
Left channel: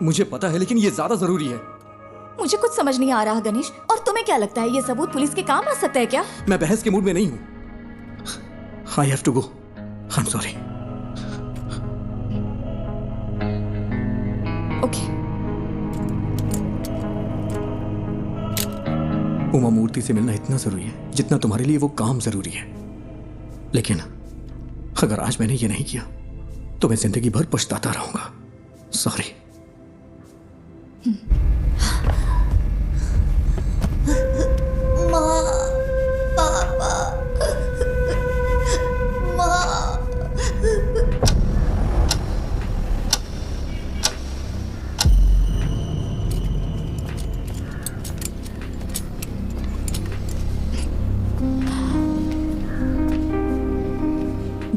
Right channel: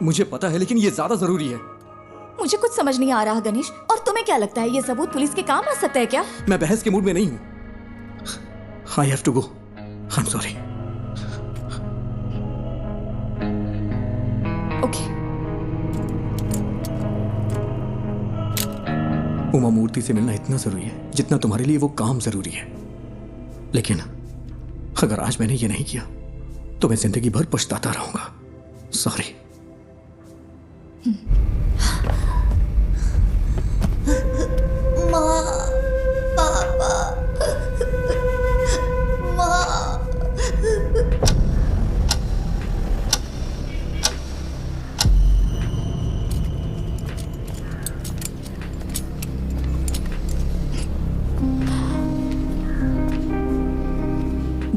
मुझे पता है, लेकिन ये ज्यादा जरूरी है। मुझे कुछ समझ नहीं आ रहा गणेश। और तुम्हें क्या लगता है ये सबूत पुलिस के काम आ सकता है क्या? मैं बहस के मूड में नहीं हूं। I have to go. I am sorry. Okay. Uma Murthy से मिलना इतना जरूरी है जितना तुम्हारे लिए वो काम जरूरी है। लेकिन अगर आज मैंने ये नहीं किया तो मैं जिंदगी भर पछताता रहूंगा। सॉरी। माँ, पापा, माँ।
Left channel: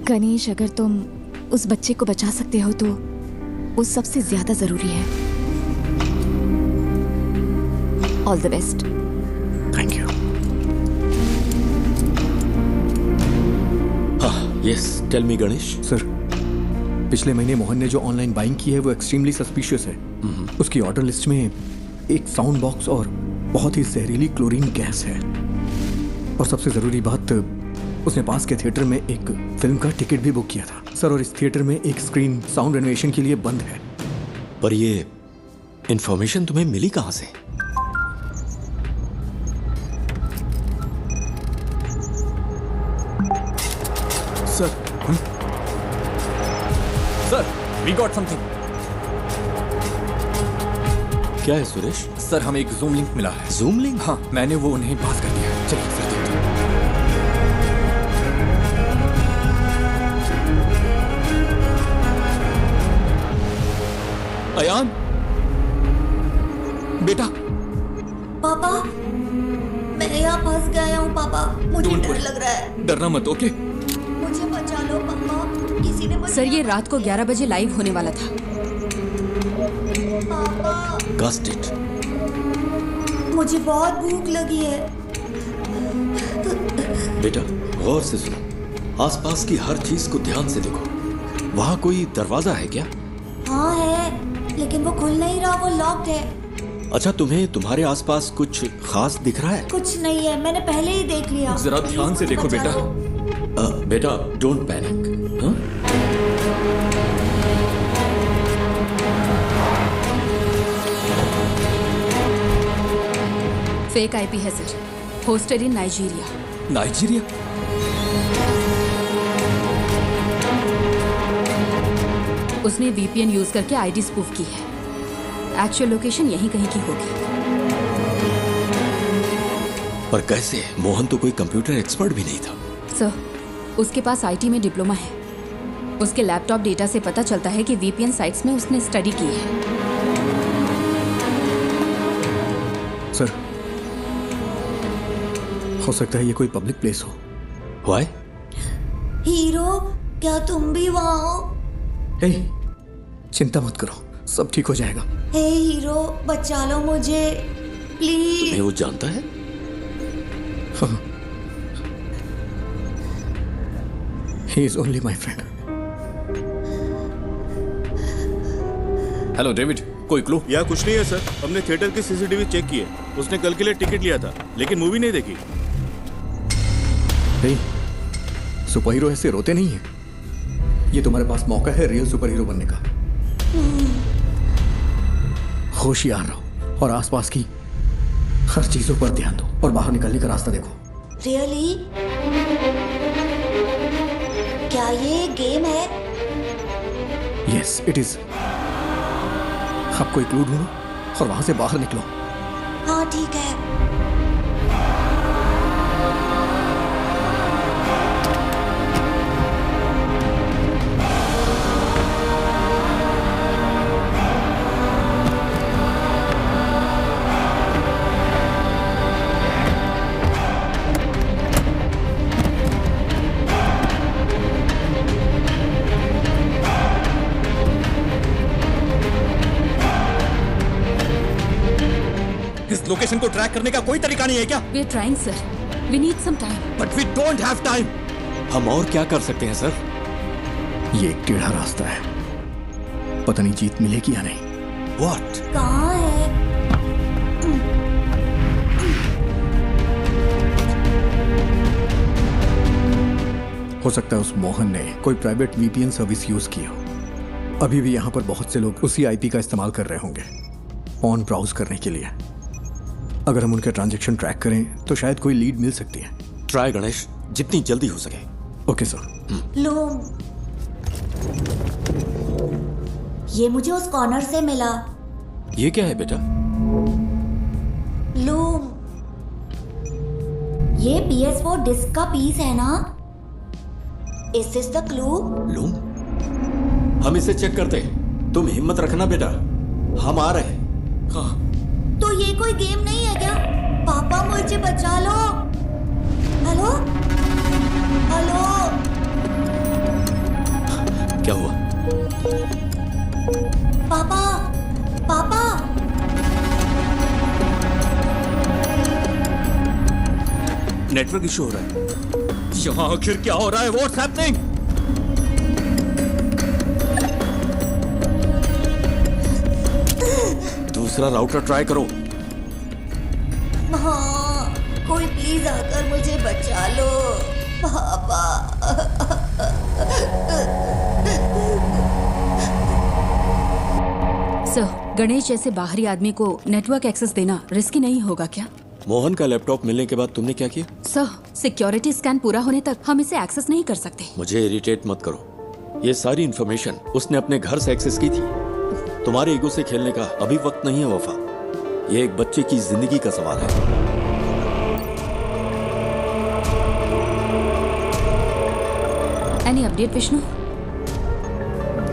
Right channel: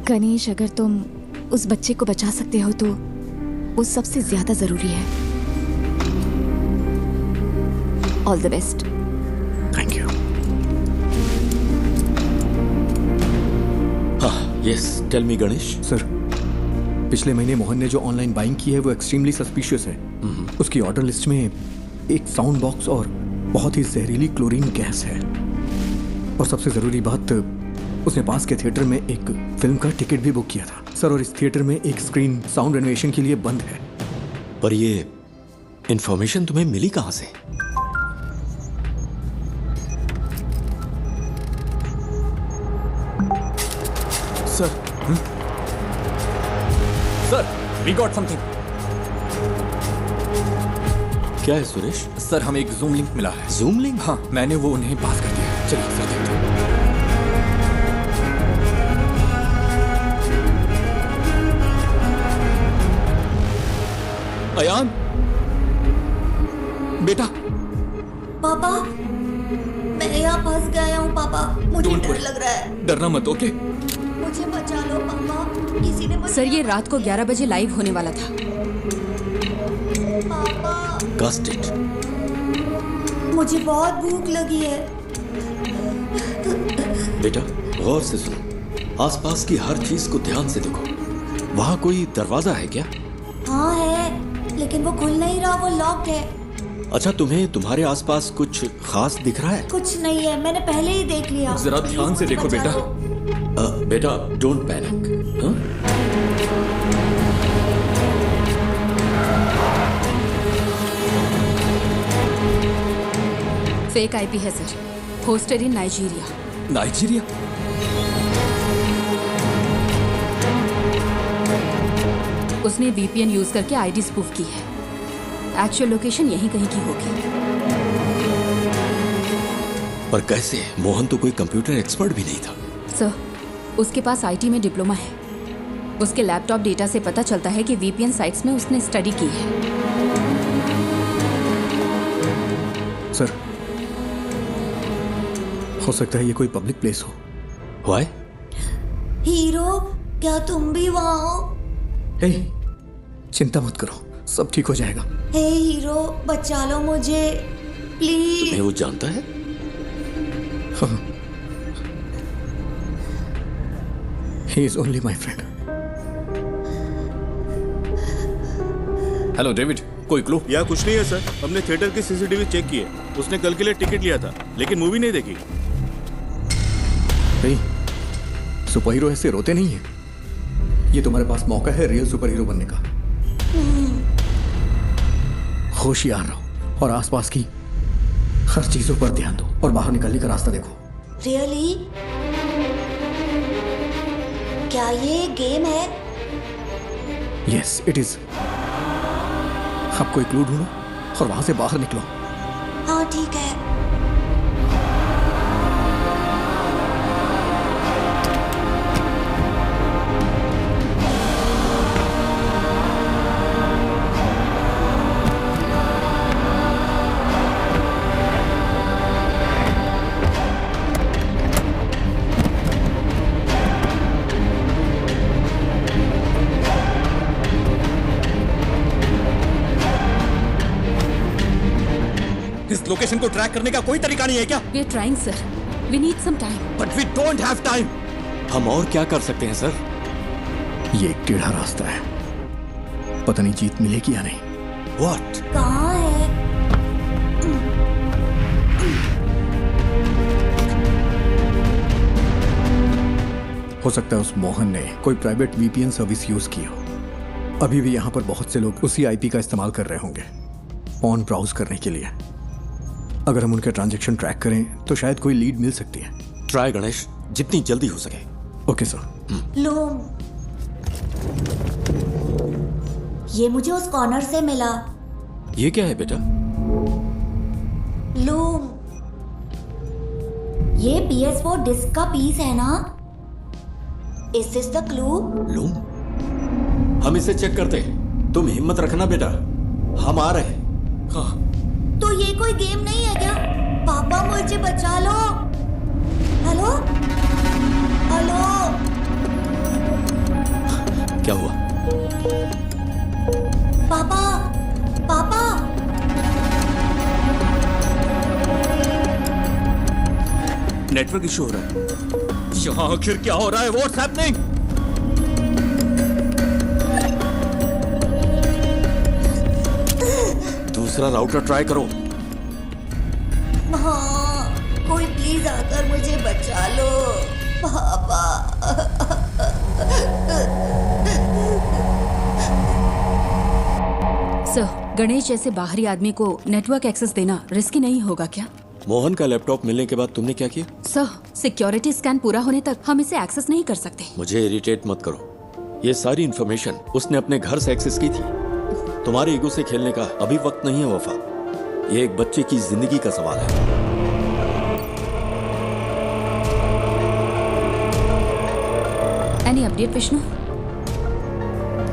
गणेश, अगर तुम उस बच्चे को बचा सकते हो तो वो सबसे ज्यादा जरूरी है। All the best. Thank you. हाँ, yes, tell me Ganesh. Sir, पिछले महीने मोहन ने जो ऑनलाइन बाइंग की है वो एक्सट्रीमली सस्पिशियस है। उसकी ऑर्डर लिस्ट में एक साउंड बॉक्स और बहुत ही जहरीली क्लोरीन गैस है। और सबसे जरूरी बात, उसने पास के थिएटर में एक फिल्म का टिकट भी बुक किया था सर। और इस थिएटर में एक स्क्रीन साउंड रेनोवेशन के लिए बंद है। पर ये इंफॉर्मेशन तुम्हें मिली कहां से? Sir, sir, we got something. क्या है सुरेश? सर, हमें एक जूम लिंक मिला है। Zoom link? हाँ, मैंने वो उन्हें पास कर दिया है। चलिए फिर देखते हैं। अयान, बेटा। पापा, मैं यहाँ फंस गया हूँ पापा। मुझे डर लग रहा है। डरना मत, ओके? मुझे बचा लो पापा। किसी ने मुझे सर, ये रात को 11 बजे लाइव होने वाला था। पापा, Gust it. मुझे बहुत भूख लगी है। बेटा, गौर से सुनो। आसपास की हर चीज को ध्यान से देखो। वहां कोई दरवाजा है क्या? हाँ है, लेकिन वो खुल नहीं रहा, वो लॉक्ड है। अच्छा, तुम्हें तुम्हारे आसपास कुछ खास दिख रहा है? कुछ नहीं है, मैंने पहले ही देख लिया। जरा ध्यान से देखो बेटा। बेटा, डोंट पैनिक। हाँ? फेक आईपी है सर, होस्टेड इन नाइजीरिया। नाइजीरिया? उसने वीपीएन यूज करके आईडी स्पूफ की है। एक्चुअल लोकेशन यहीं कहीं की होगी। पर कैसे? मोहन तो कोई कंप्यूटर एक्सपर्ट भी नहीं था। सर, उसके पास आईटी में डिप्लोमा है। उसके लैपटॉप डेटा से पता चलता है कि वीपीएन साइट्स में उसने स्टडी की है। हो सकता है ये कोई पब्लिक प्लेस हो। Why? हीरो, क्या तुम भी वहाँ हो? हे, चिंता मत करो, सब ठीक हो जाएगा। हे हीरो, बचा लो मुझे प्लीज। तुम्हें वो जानता है? हाँ। He is only my friend. Hello David, कोई क्लू? या कुछ नहीं है सर, हमने थिएटर की सीसीटीवी चेक की है। उसने कल के लिए टिकट लिया था लेकिन मूवी नहीं देखी। नहीं, सुपर हीरो ऐसे रोते नहीं है। ये तुम्हारे पास मौका है रियल सुपर हीरो बनने का। होशियार रहो और आसपास की हर चीजों पर ध्यान दो और बाहर निकलने का रास्ता देखो। रियली? क्या ये गेम है? Yes it is. अब कोई क्लू ढूंढो और वहां से बाहर निकलो। हाँ ठीक है। इस लोकेशन को ट्रैक करने का कोई तरीका नहीं है क्या? We are trying, sir. We need some time. But we don't have time. हम और क्या कर सकते हैं सर? ये एक टेढ़ा रास्ता है, पता नहीं जीत मिलेगी या नहीं। What? कहाँ है? हो सकता है उस मोहन ने कोई प्राइवेट वीपीएन सर्विस यूज की हो। अभी भी यहाँ पर बहुत से लोग उसी आईपी का इस्तेमाल कर रहे होंगे ऑन ब्राउज करने के लिए। अगर हम उनके ट्रांजैक्शन ट्रैक करें तो शायद कोई लीड मिल सकती है। ट्राई गणेश, जितनी जल्दी हो सके। Okay sir. लूम, ये मुझे उस कॉर्नर से मिला। ये क्या है बेटा? लूम, ये PS4 डिस्क का पीस है ना? Is this the clue? Loom, हम इसे चेक करते हैं। तुम हिम्मत रखना बेटा, हम आ रहे हैं। हाँ। तो ये कोई गेम नहीं है क्या? पापा मुझे बचा लो। हेलो हेलो, क्या हुआ? पापा पापा, नेटवर्क इशू हो रहा है। यहाँ आखिर क्या हो रहा है? What's happening? दूसरा राउटर ट्राई करो। हाँ, कोई प्लीज आकर मुझे बचा लो पापा। सर, गणेश जैसे बाहरी आदमी को नेटवर्क एक्सेस देना रिस्की नहीं होगा क्या? मोहन का लैपटॉप मिलने के बाद तुमने क्या किया? सर, सिक्योरिटी स्कैन पूरा होने तक हम इसे एक्सेस नहीं कर सकते। मुझे इरिटेट मत करो। ये सारी इंफॉर्मेशन उसने अपने घर से एक्सेस की थी। तुम्हारे ईगो से खेलने का अभी वक्त नहीं है वफा। ये एक बच्चे की जिंदगी का सवाल है। Any update Vishnu?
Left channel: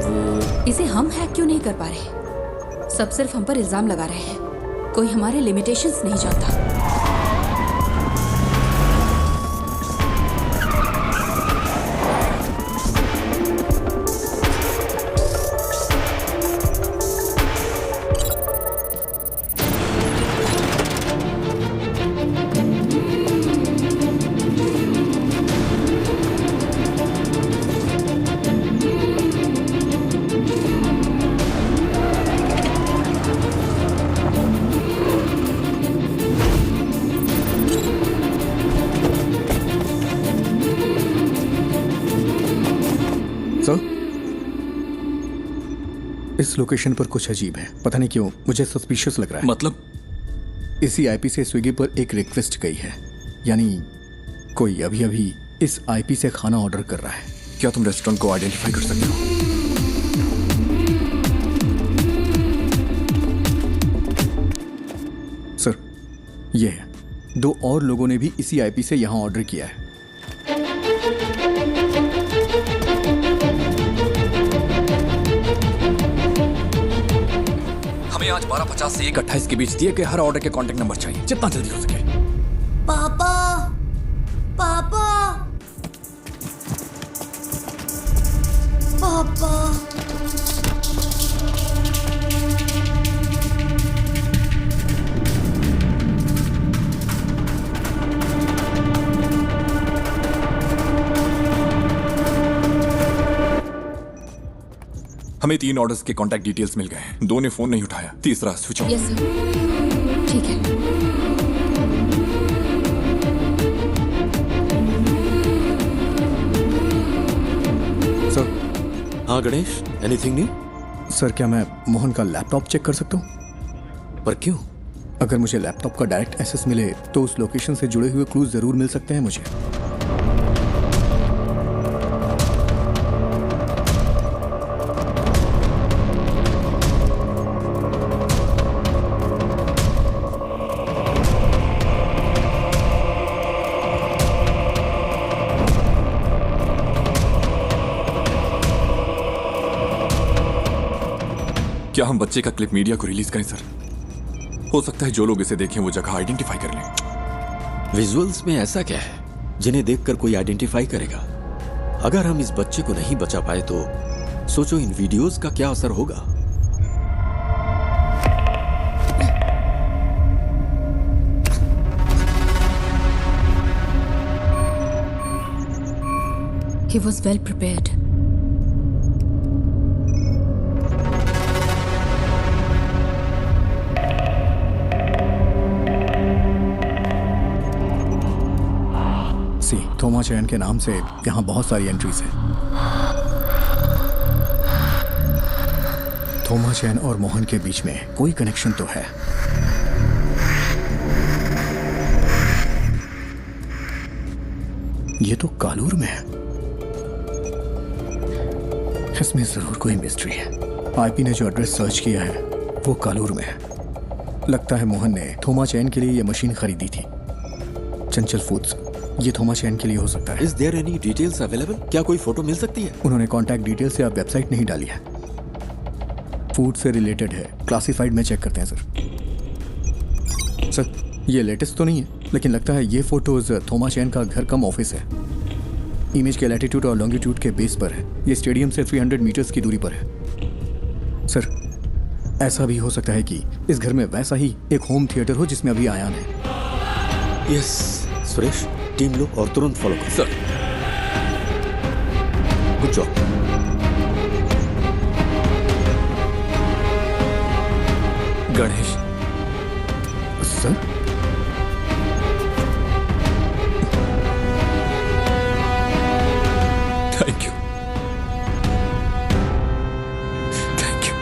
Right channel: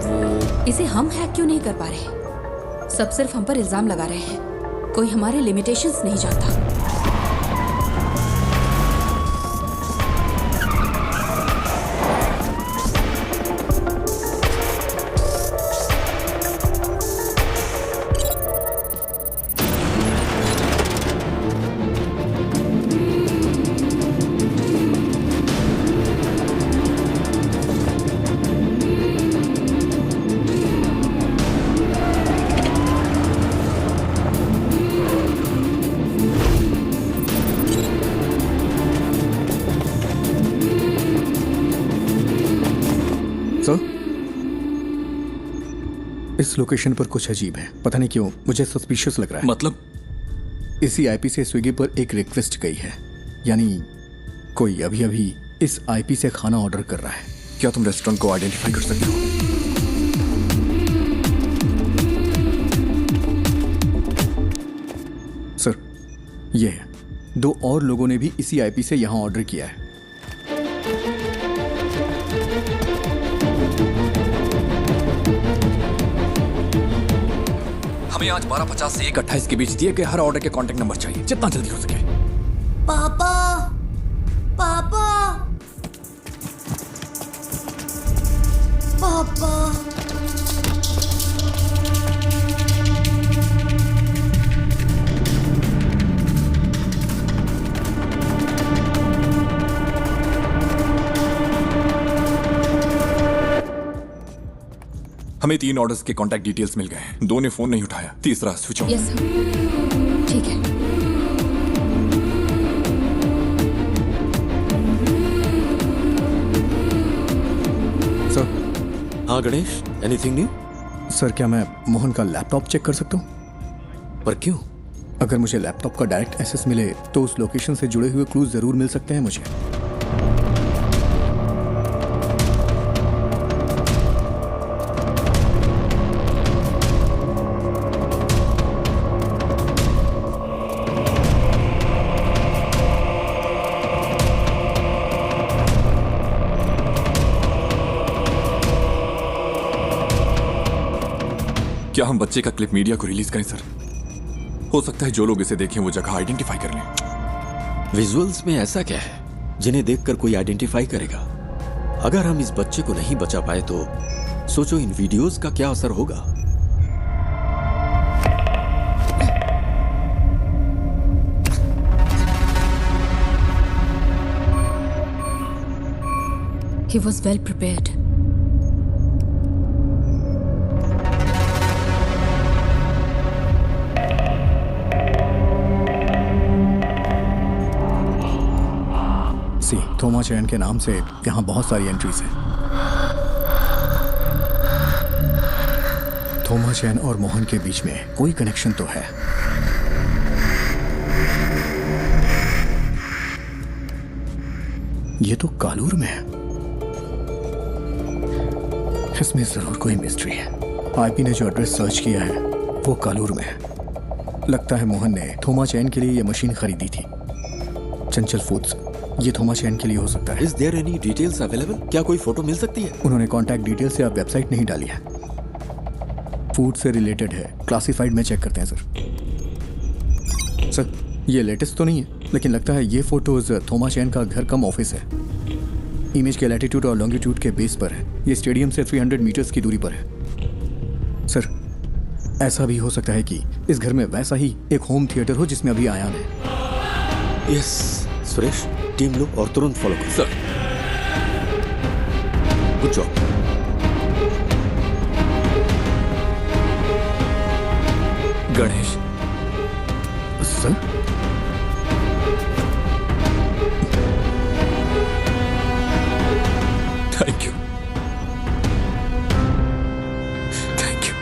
वो इसे हम हैक क्यों नहीं कर पा रहे? सब सिर्फ हम पर इल्जाम लगा रहे हैं। कोई हमारे लिमिटेशंस नहीं जानता। इस लोकेशन पर कुछ अजीब है, पता नहीं क्यों मुझे सस्पिशियस लग रहा है। मतलब? इसी आईपी से स्विगी पर एक रिक्वेस्ट गई है, यानी कोई अभी अभी इस आईपी से खाना ऑर्डर कर रहा है। क्या तुम रेस्टोरेंट को आइडेंटिफाई कर सकते हो? सर, ये है। 2 और लोगों ने भी इसी आईपी से यहां ऑर्डर किया है। हमें आज 12:50 से 1:28 के बीच दिए गए हर ऑर्डर के कांटेक्ट नंबर चाहिए, जितना जल्दी हो सके। पापा पापा पापा हमें 3 ऑर्डर्स के कांटेक्ट डिटेल्स मिल गए हैं। 2 ने फोन नहीं उठाया, तीसरा स्विच ऑफ। यस सर, ठीक है। सर। हाँ गणेश, एनीथिंग न्यू? सर, क्या मैं मोहन का लैपटॉप चेक कर सकता हूँ? पर क्यों? अगर मुझे लैपटॉप का डायरेक्ट एक्सेस मिले तो उस लोकेशन से जुड़े हुए क्लूज जरूर मिल सकते हैं मुझे। क्या हम बच्चे का क्लिप मीडिया को रिलीज करें सर? हो सकता है जो लोग इसे देखें वो जगह आइडेंटिफाई कर लें। विजुअल्स में ऐसा क्या है जिन्हें देखकर कोई आइडेंटिफाई करेगा? अगर हम इस बच्चे को नहीं बचा पाए तो सोचो इन वीडियोस का क्या असर होगा। He was well prepared. थोमा चैन के नाम से यहाँ बहुत सारी एंट्रीज हैं। थोमा चैन और मोहन के बीच में कोई कनेक्शन तो है। ये तो कालूर में है। इसमें जरूर कोई मिस्ट्री है। आईपी ने जो एड्रेस सर्च किया है वो कालूर में है। लगता है मोहन ने थोमा चैन के लिए यह मशीन खरीदी थी। चंचल फूड्स, ये थोमा चैन के लिए हो सकता है। Is there any details available? क्या कोई फोटो मिल सकती है? उन्होंने कॉन्टैक्ट डिटेल से आप वेबसाइट नहीं डाली है। फूड से रिलेटेड है, क्लासिफाइड में चेक करते हैं सर। ये लेटेस्ट तो नहीं है, लेकिन लगता है ये फोटोज थोमा चैन का घर कम ऑफिस है। इमेज के लैटिट्यूड और लॉन्गिट्यूड के बेस पर है। ये स्टेडियम से 300 मीटर्स की दूरी पर है। सर, ऐसा भी हो सकता है कि इस घर में वैसा ही एक होम थिएटर हो जिसमें अभी आयान है। यस सुरेश, टीम लो और तुरंत फॉलो करो। Sir, good job. Ganesh. Sir, thank you. Thank you.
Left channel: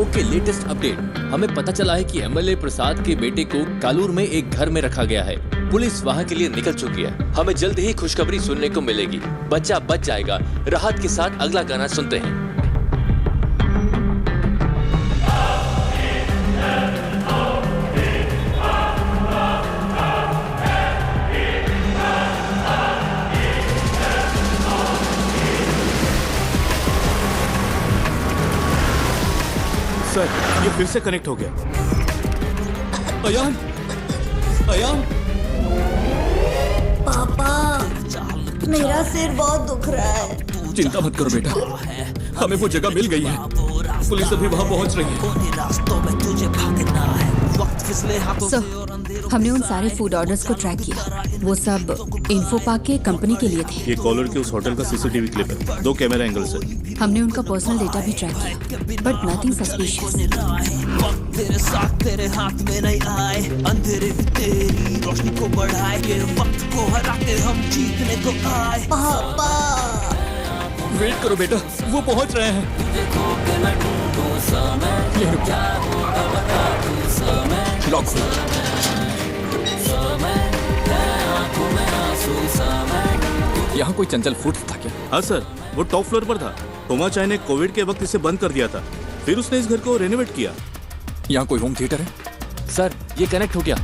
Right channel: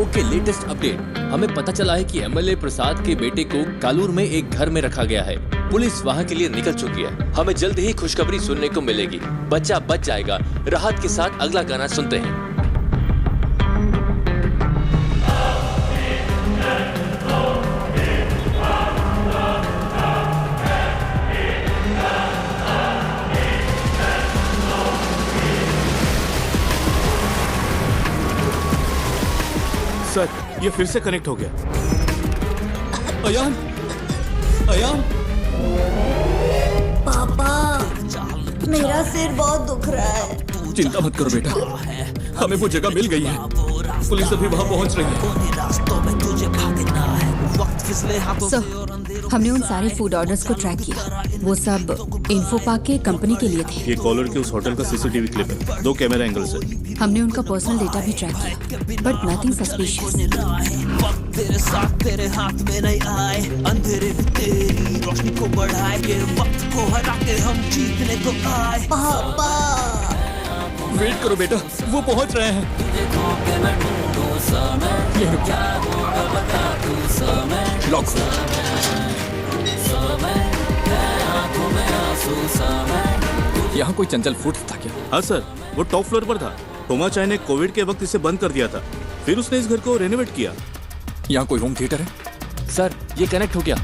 Okay, latest update. हमें पता चला है कि एमएलए प्रसाद के बेटे को कालूर में एक घर में रखा गया है। पुलिस वहां के लिए निकल चुकी है। हमें जल्द ही खुशखबरी सुनने को मिलेगी। बच्चा बच जाएगा। राहत के साथ अगला गाना सुनते हैं। सर, ये फिर से कनेक्ट हो गया। अयान, अयान। पापा, मेरा सिर बहुत दुख रहा है। चिंता मत करो बेटा, हमें वो जगह मिल गई है। पुलिस अभी वहां पहुंच रही है। सर, हमने उन सारे फूड ऑर्डर्स को ट्रैक किया। वो सब इन्फो पार्क के कंपनी के लिए थे। ये कॉलर के उस होटल का सीसीटीवी क्लिप है। 2 कैमरा एंगल से। हमने उनका पर्सनल डेटा भी ट्रैक किया, बट नथिंग सस्पिशियस। तेरे साथ तेरे हाथ में नहीं आए, अंधेरे भी तेरी रोशनी को बढ़ाए, ये वक्त को हरा के हम जीतने को आए। पापा, वेट करो बेटा, वो पहुंच रहे हैं। लॉक हो। यहाँ कोई चंचल फूड्स था क्या? हाँ सर, वो टॉप फ्लोर पर था। थोमा चाय ने कोविड के वक्त इसे बंद कर दिया था, फिर उसने इस घर को रेनोवेट किया। यहाँ कोई होम थिएटर है? सर, ये कनेक्ट हो गया।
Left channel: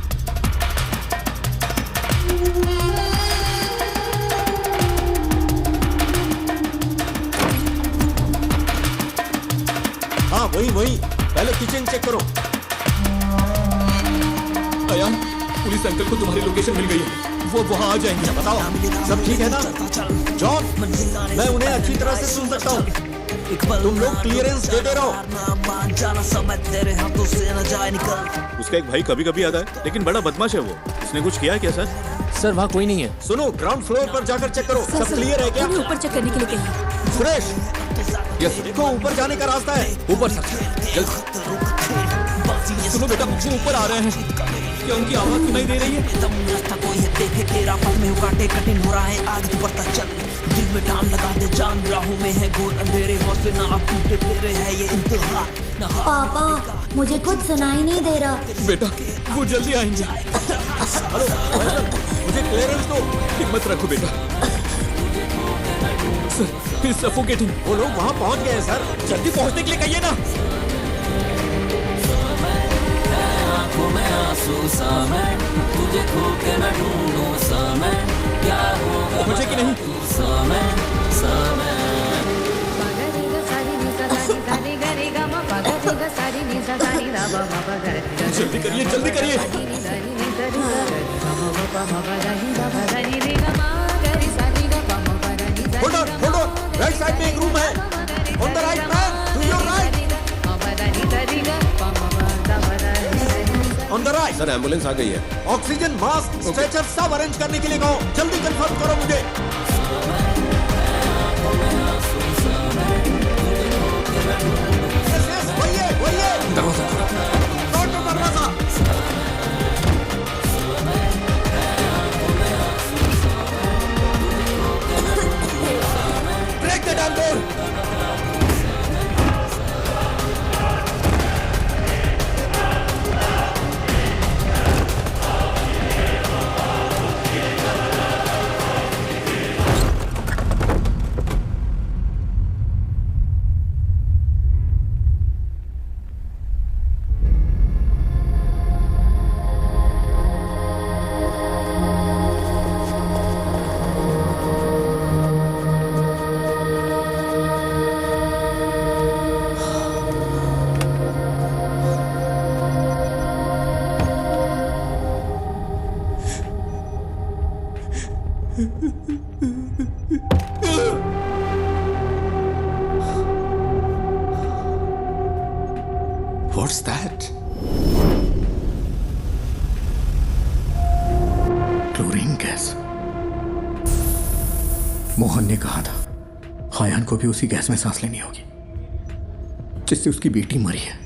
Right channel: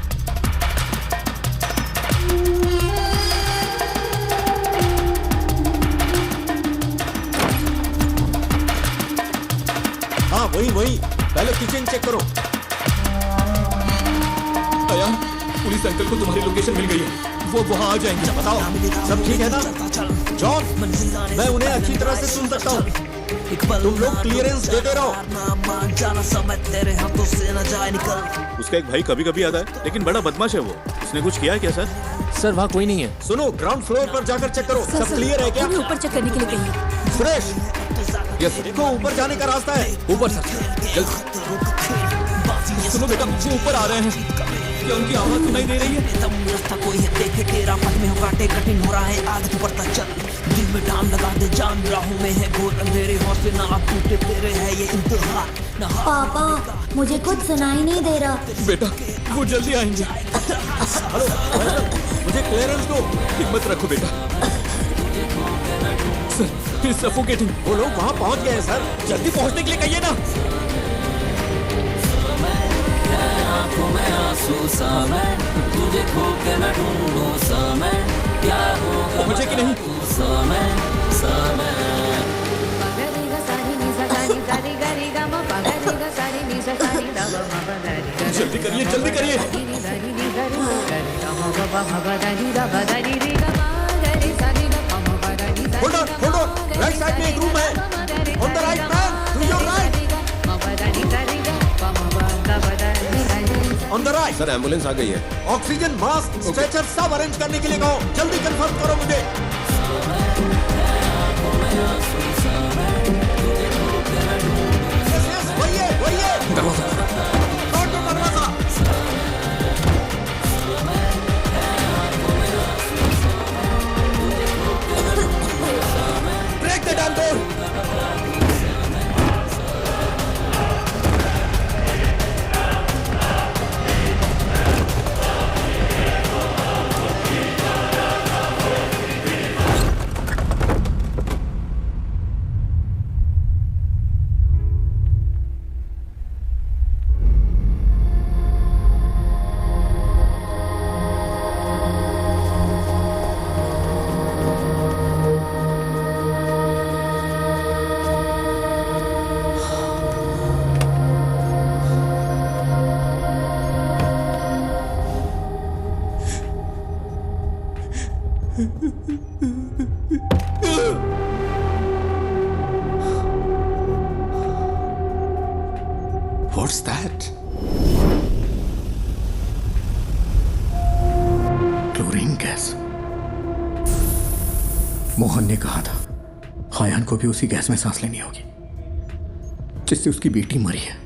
वही वही, पहले किचन चेक करो। अयान, पुलिस अंकल को तुम्हारी लोकेशन मिल गई है, वो वहाँ आ जाएंगे। बताओ सब ठीक है ना? जॉन, मैं उन्हें अच्छी तरह से सुन सकता हूँ, तुम लोग क्लियरेंस देते रहो। उसका एक भाई कभी कभी आता है, लेकिन बड़ा बदमाश है वो। उसने कुछ किया है क्या सर? सर वहाँ कोई नहीं है। सुनो, ग्राउंड फ्लोर पर जाकर चेक करो, सब क्लियर है क्या? ऊपर चेक करने के लिए कहिए। सुरेश, यस देखो ऊपर जाने का रास्ता है। ऊपर सर, जल्दी। सुनो बेटा, वो ऊपर आ रहे हैं। क्या उनकी आवाज सुनाई दे रही है? रास्ता कोई है देखे तेरा पथ में हो काटे कठिन हो रहा है, आगे तू बढ़ता चल, दिल में डाम लगा दे जान, राहों में है घोर अंधेरे, हौसले ना अब टूटे तेरे है ये इंतहा। पापा, मुझे कुछ सुनाई नहीं दे रहा। बेटा, वो जल्दी आएंगे। हेलो, मुझे क्लियरेंस दो। हिम्मत रखो बेटा। Sir, it's suffocating. वो लोग वहाँ पहुँच गए हैं सर, जल्दी पहुँचने के लिए कहिए ना। आंखों में आंसू समय, तुझे खो के मैं ढूंढूं समय, क्या होगा पहुंचे कि नहीं? तू समय समय। जल्दी करिए, जल्दी करिए। होल्ड ऑन, राइट साइड में एक रूम है। On the right man, to your right. On the right. Sir ambulance आ गई है। ऑक्सीजन मास्क, स्ट्रेचर सब अरेंज करने के लिए कहो, जल्दी कंफर्म करो मुझे। यस, वही है। दरवाजा खोलो। दरवाजा। Break the damn door. What's that? Chlorine gas. Mohan ने कहा था हायान को भी उसी गैस में सांस लेनी होगी जिससे उसकी बेटी मरी है।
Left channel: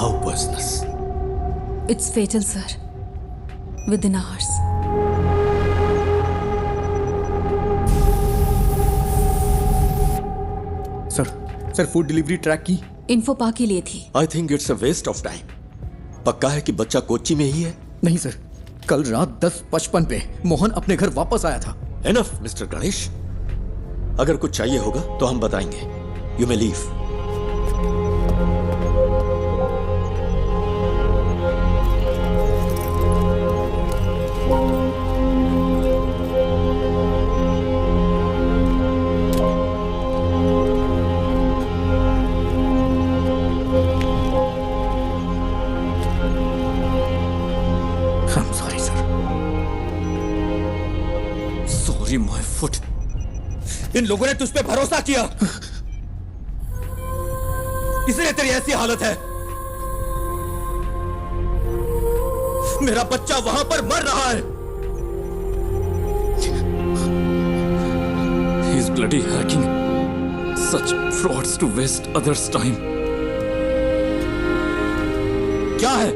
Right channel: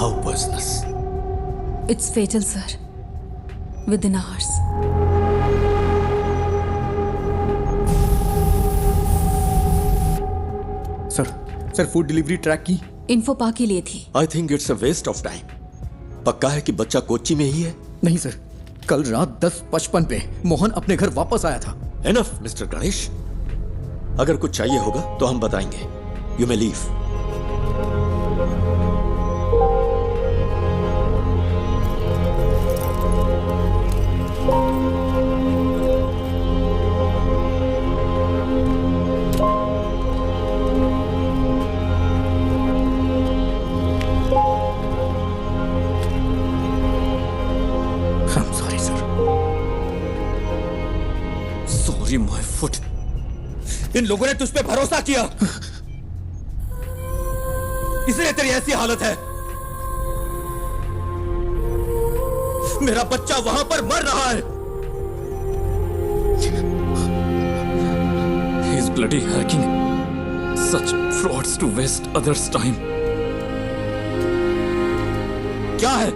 How poisonous? It's fatal, sir. Within hours. Sir food delivery track की इन्फो पा के लिए थी। I think it's a waste of time. पक्का है कि बच्चा कोच्चि में ही है? नहीं सर, कल रात 10:55 पे मोहन अपने घर वापस आया था। एनफ मिस्टर गणेश, अगर कुछ चाहिए होगा तो हम बताएंगे। You may leave. My foot. इन लोगों ने तुझ पे भरोसा किया, इसलिए तेरी ऐसी हालत है। मेरा बच्चा वहां पर मर रहा है। He's bloody hacking such frauds to waste others' time. क्या है?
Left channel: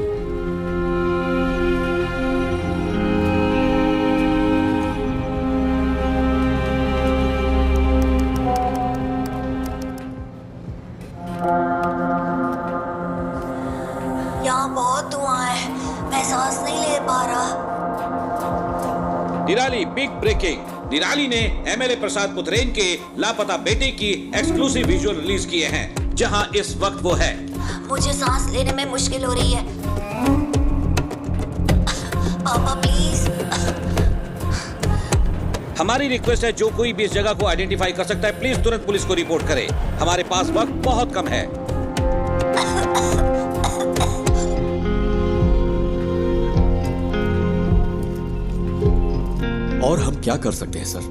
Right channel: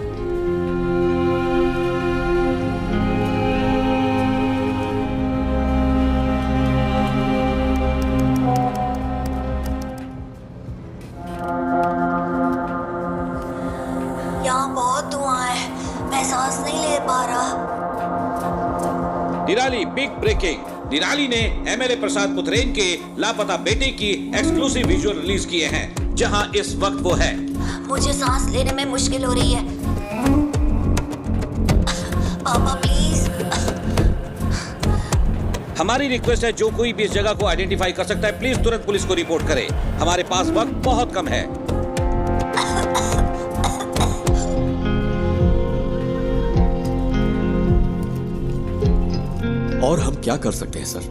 यहाँ बहुत धुआं है, मैं सांस नहीं ले पा रहा। निराली बिग ब्रेकिंग। निराली ने एमएलए प्रसाद पुथरेन के लापता बेटे की एक्सक्लूसिव विजुअल रिलीज किए हैं, जहां इस वक्त वो है। मुझे सांस लेने में मुश्किल हो रही है। पापा प्लीज। हमारी रिक्वेस्ट है, जो कोई भी इस जगह को आइडेंटिफाई कर सकता है प्लीज तुरंत पुलिस को रिपोर्ट करे। हमारे पास वक्त बहुत कम है। और हम क्या कर सकते हैं सर?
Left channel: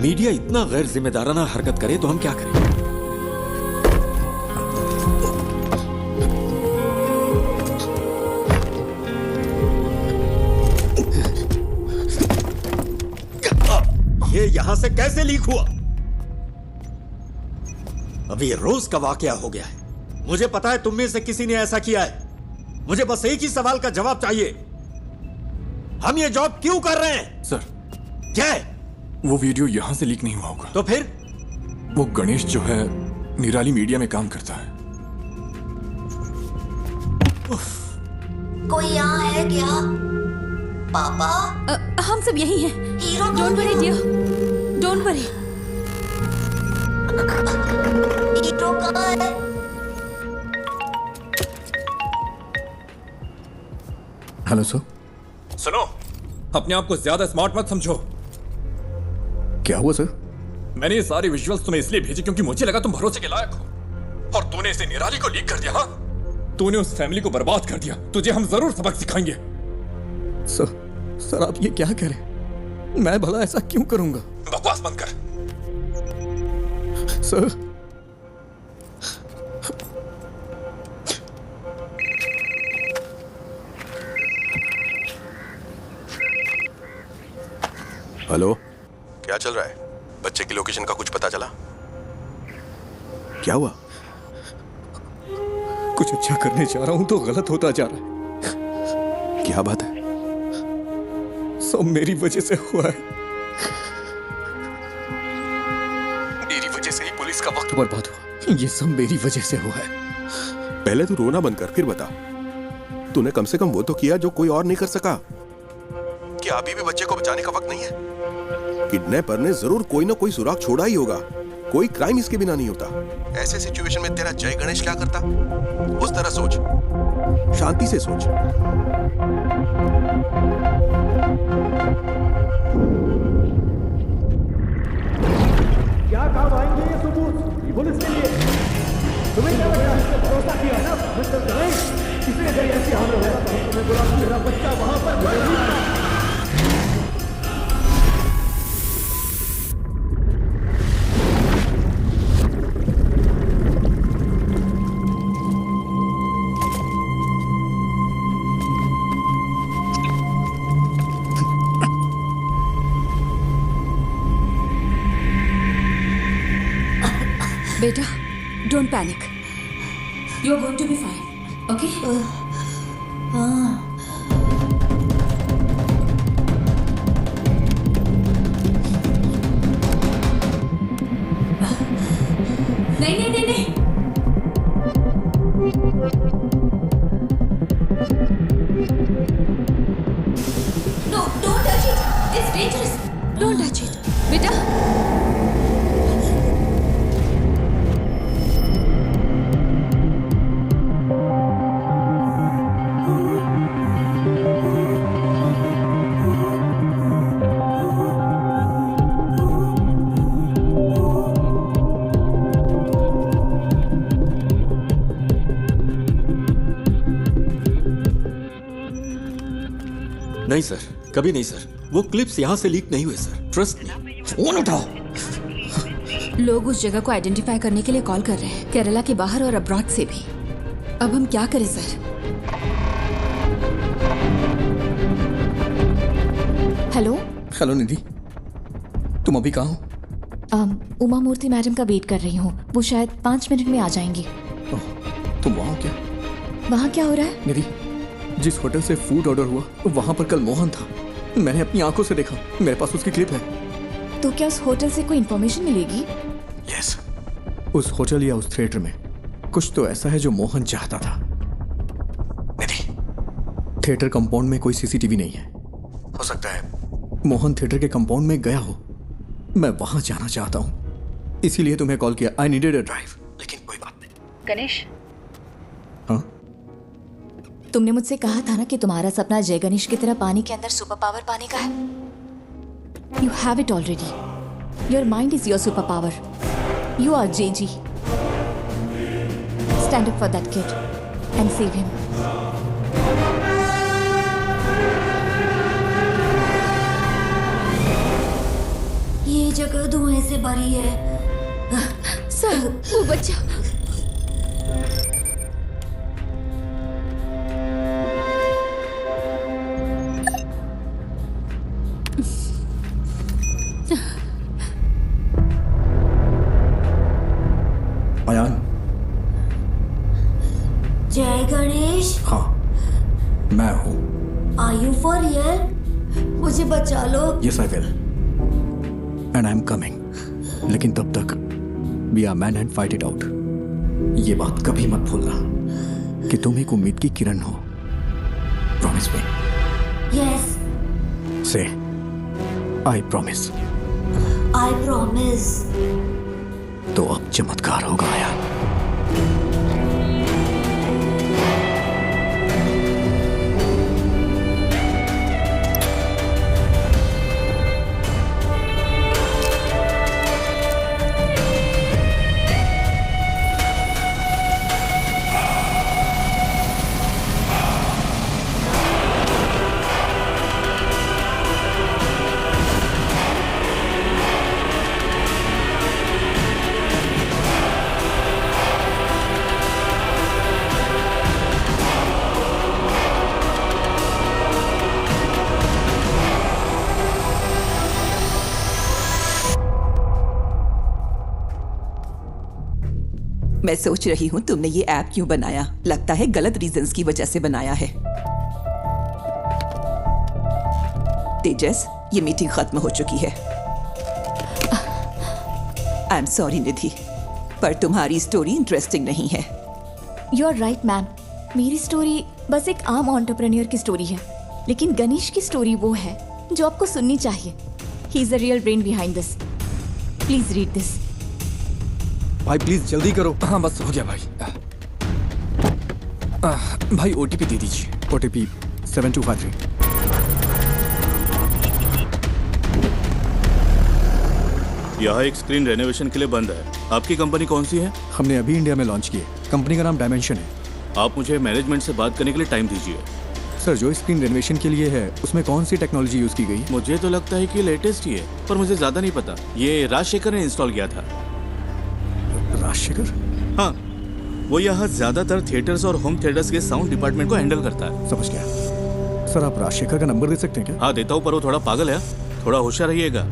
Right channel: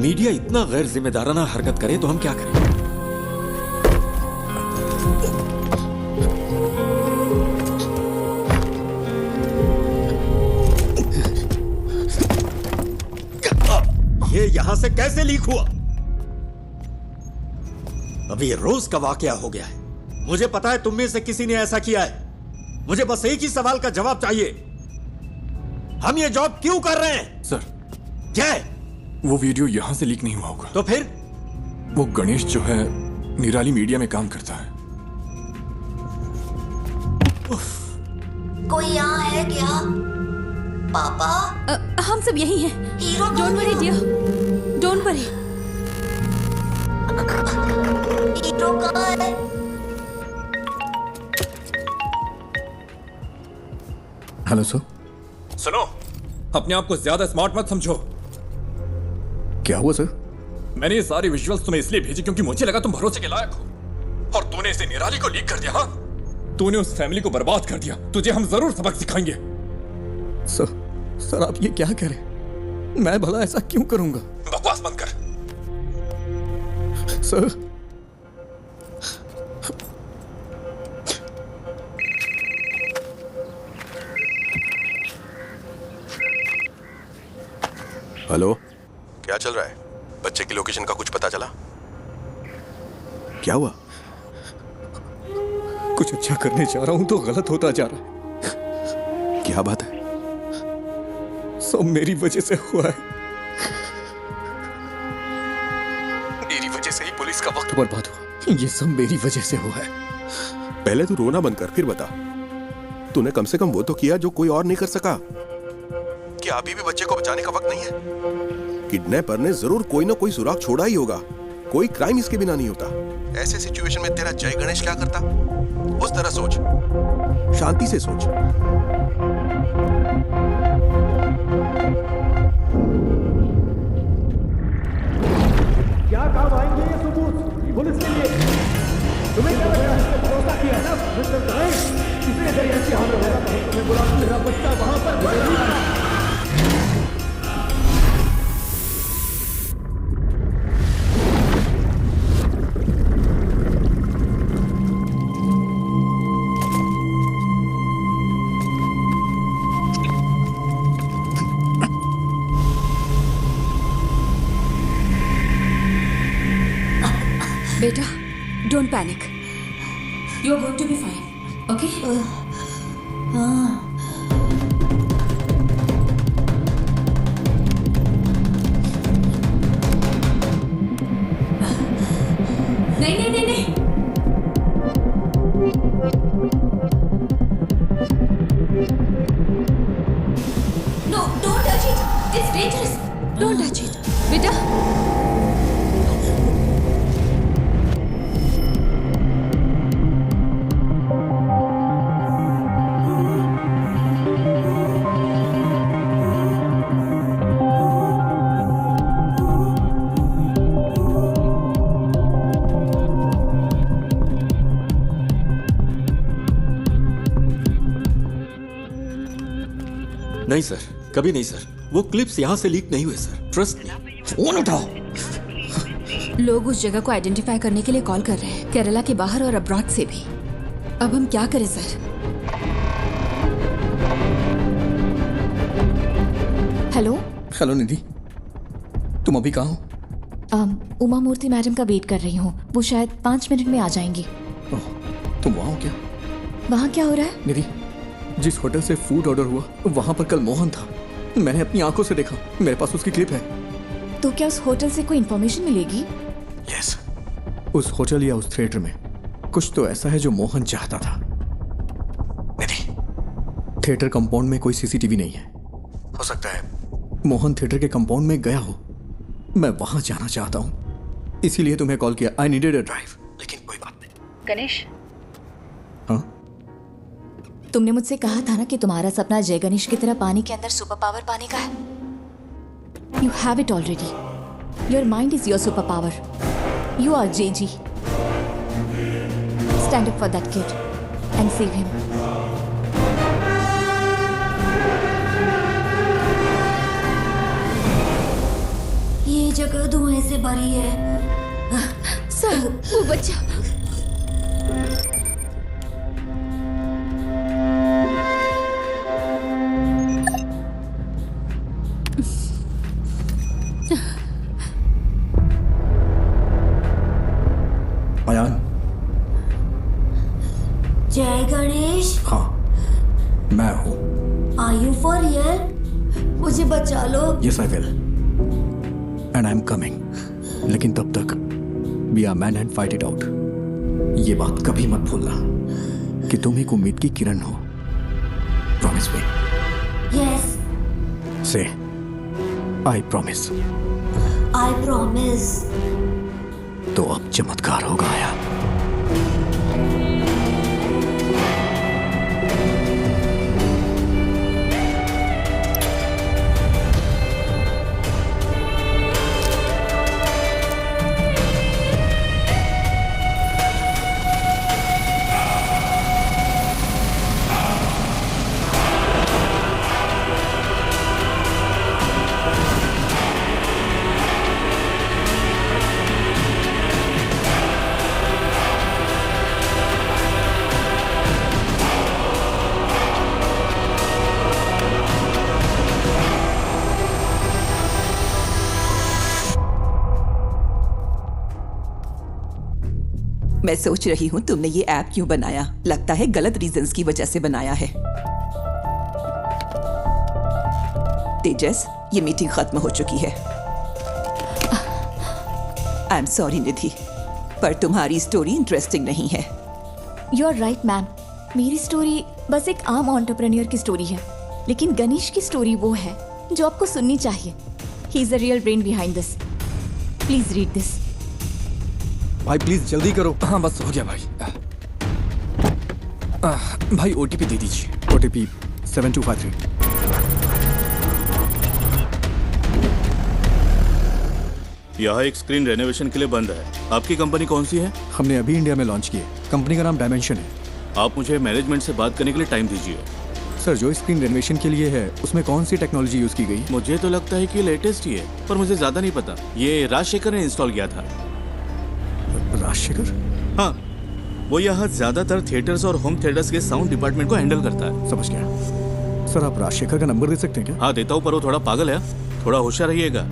मीडिया इतना गैर जिम्मेदाराना हरकत करे तो हम क्या करें? ये यहां से कैसे लीक हुआ? अभी रोज का वाकया हो गया है। मुझे पता है तुम में से किसी ने ऐसा किया है। मुझे बस एक ही सवाल का जवाब चाहिए। हम ये जॉब क्यों कर रहे हैं? सर, क्या है? वो वीडियो यहां से लीक नहीं हुआ होगा। तो फिर? वो गणेश जो है निराली मीडिया में काम करता है। कोई यहाँ है क्या? पापा? हम सब यही हैं। Hero don't worry dear, don't worry. Hero कहाँ है? Hello sir. सुनो, अपने आप को ज्यादा स्मार्ट मत समझो। क्या हुआ सर? मैंने ये सारे विजुअल्स तुम्हें इसलिए भेजे क्योंकि मुझे लगा तुम भरोसे के लायक हो। और तूने इसे निराली को लीक कर दिया। हाँ, तूने उस फैमिली को बर्बाद कर दिया। तुझे हम जरूर सबक सिखाएंगे। सर आप ये क्या कह रहे हैं? मैं भला ऐसा क्यों करूंगा? बकवास बंद कर। सर, हेलो, क्या चल रहा है? बच्चे की लोकेशन का कुछ पता चला? क्या हुआ? कुछ अच्छा करने जा रहा हूं तो गलत होता जा रहा है। क्या बात है? सब मेरी वजह से हुआ है। मेरी वजह से ही पुलिस का वक्त बर्बाद हुआ। ये सब मेरी वजह से हुआ है। पहले तू रोना बंद कर, फिर बता। तूने कम से कम वो तो किया जो कोई और नहीं कर सका। क्या अभी भी बच्चे को बचाने का वक्त नहीं है? किडनैपर ने जरूर कोई ना कोई सुराग छोड़ा ही होगा। कोई क्राइम इसके बिना नहीं होता। ऐसे सिचुएशन में तेरा जय गणेश क्या करता? उस तरह सोच, शांति से सोच। क्या काम आएंगे ये सबूत पुलिस के लिए? तुम्हें क्या लगता है? इसने भरोसा किया है ना मिस्टर गणेश? किसी अगर ऐसी हालत होगा तो हम तुम्हें बुला, मेरा बच्चा वहां पर मिलेगा। बेटा, don't panic. You are going to be fine, okay? नहीं नहीं नहीं नहीं। No, don't touch it. It's dangerous. Don't touch it, बेटा। नहीं सर, कभी नहीं सर। वो क्लिप्स यहां से लीक नहीं हुए सर, ट्रस्ट मी। फोन उठाओ। लोग उस जगह को आइडेंटिफाई करने के लिए कॉल कर रहे हैं, केरला के बाहर और अब्रॉड से भी। अब हम क्या करें सर? हेलो निधि, तुम अभी कहाँ हो? उमा मूर्ति मैडम का वेट कर रही हूँ। वो शायद 5 मिनट में आ जाएंगी। तुम वहाँ हो क्या? वहाँ क्या हो रहा है? निधि, जिस होटल से फूड ऑर्डर हुआ वहाँ पर कल मोहन था। मैंने अपनी आंखों से देखा। मेरे पास उसकी क्लिप है। तो क्या उस होटल से कोई इन्फॉर्मेशन मिलेगी? यस, उस होटल या उस थिएटर में कुछ तो ऐसा है जो मोहन चाहता था। निधि, थिएटर कंपाउंड में कोई सीसीटीवी नहीं है। हो सकता है मोहन थिएटर के कंपाउंड में गया हो। मैं वहां जाना चाहता हूं, इसीलिए तुम्हें कॉल किया। I needed a drive. लेकिन कोई बात नहीं। गणेश, हाँ? तुमने मुझसे कहा था ना कि तुम्हारा सपना जय गणेश की तरह पानी के अंदर सुपर पावर पाने का है। You have it already. Your mind is your superpower. You are JG. Stand up for that kid and save him. ये जगह धुएं से भरी है। सर, वो बच्चा। अयान। जय गणेश। हाँ, मैं हूँ। Are you for real? मुझे बचा लो। Yes, I will. And I'm coming. लेकिन तब तक be a man and fight it out. ये बात कभी मत भूलना कि तुम एक उम्मीद की किरण हो। Promise me. Yes. Say, I promise. I promise. तो अब चमत्कार होगा यार। मैं सोच रही हूँ तुमने ये ऐप क्यों बनाया। लगता है गलत रीजंस की वजह से बनाया है। तेजस, ये मीटिंग खत्म हो चुकी है। आई एम सॉरी निधि, पर तुम्हारी स्टोरी इंटरेस्टिंग नहीं है। You are right ma'am. मेरी स्टोरी बस एक आम एंटरप्रेन्योर की स्टोरी है, लेकिन गणेश की स्टोरी वो है जो आपको सुननी चाहिए। He is the real brain behind this. Please read this. भाई प्लीज जल्दी करो। हाँ बस हो गया भाई। भाई ओटीपी दे दीजिए। ओटीपी 7253। यहाँ एक स्क्रीन रेनोवेशन के लिए बंद है। आपकी कंपनी कौन सी है? हमने अभी इंडिया में लॉन्च की है। कंपनी का नाम डायमेंशन है। आप मुझे मैनेजमेंट से बात करने के लिए टाइम दीजिए। सर, जो स्क्रीन रेनोवेशन के लिए है उसमें कौन सी टेक्नोलॉजी यूज की गई? मुझे तो लगता है कि लेटेस्ट ही है, पर मुझे ज्यादा नहीं पता। ये राजशेखर ने इंस्टॉल किया था। राजशेखर? हाँ, वो यहाँ ज्यादातर थिएटर्स और होम थिएटर्स के साउंड डिपार्टमेंट को हैंडल करता है। समझ गया। सर, आप राजशेखर का नंबर दे सकते हैं क्या? हाँ देता हूँ, पर वो थोड़ा पागल है। थोड़ा होशियार रहिएगा।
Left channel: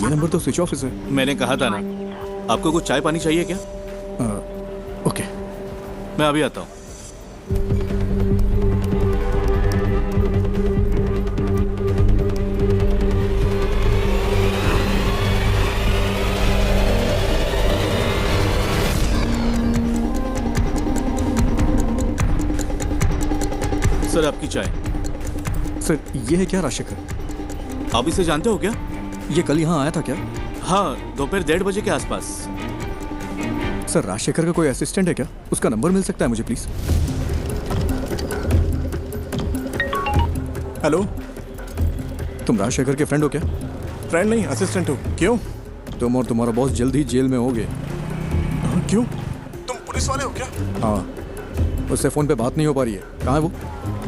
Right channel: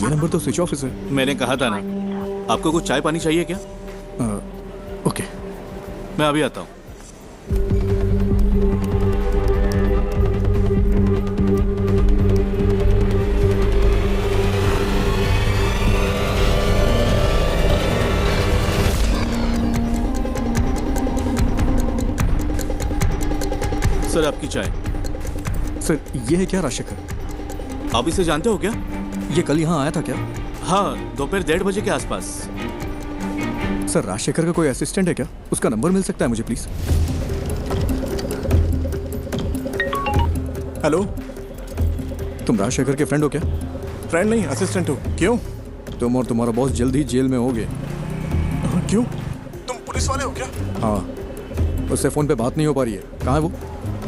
ये नंबर तो स्विच ऑफ है। मैंने कहा था ना। आपको कुछ चाय पानी चाहिए क्या? ओके, मैं अभी आता हूँ। सर, आपकी चाय। सर, ये है क्या राजशेखर? आप इसे जानते हो क्या? ये कल यहाँ आया था क्या? हाँ, दोपहर 1:30 बजे के आसपास। सर, राजशेखर का कोई असिस्टेंट है क्या? उसका नंबर मिल सकता है मुझे प्लीज? हेलो, तुम राजशेखर के फ्रेंड हो क्या? फ्रेंड नहीं, असिस्टेंट हो। क्यों? तुम और तुम्हारा बॉस जल्द ही जेल में होगे। क्यों? तुम पुलिस वाले हो क्या? हाँ, उससे फोन पे बात नहीं हो पा रही है। कहाँ है वो?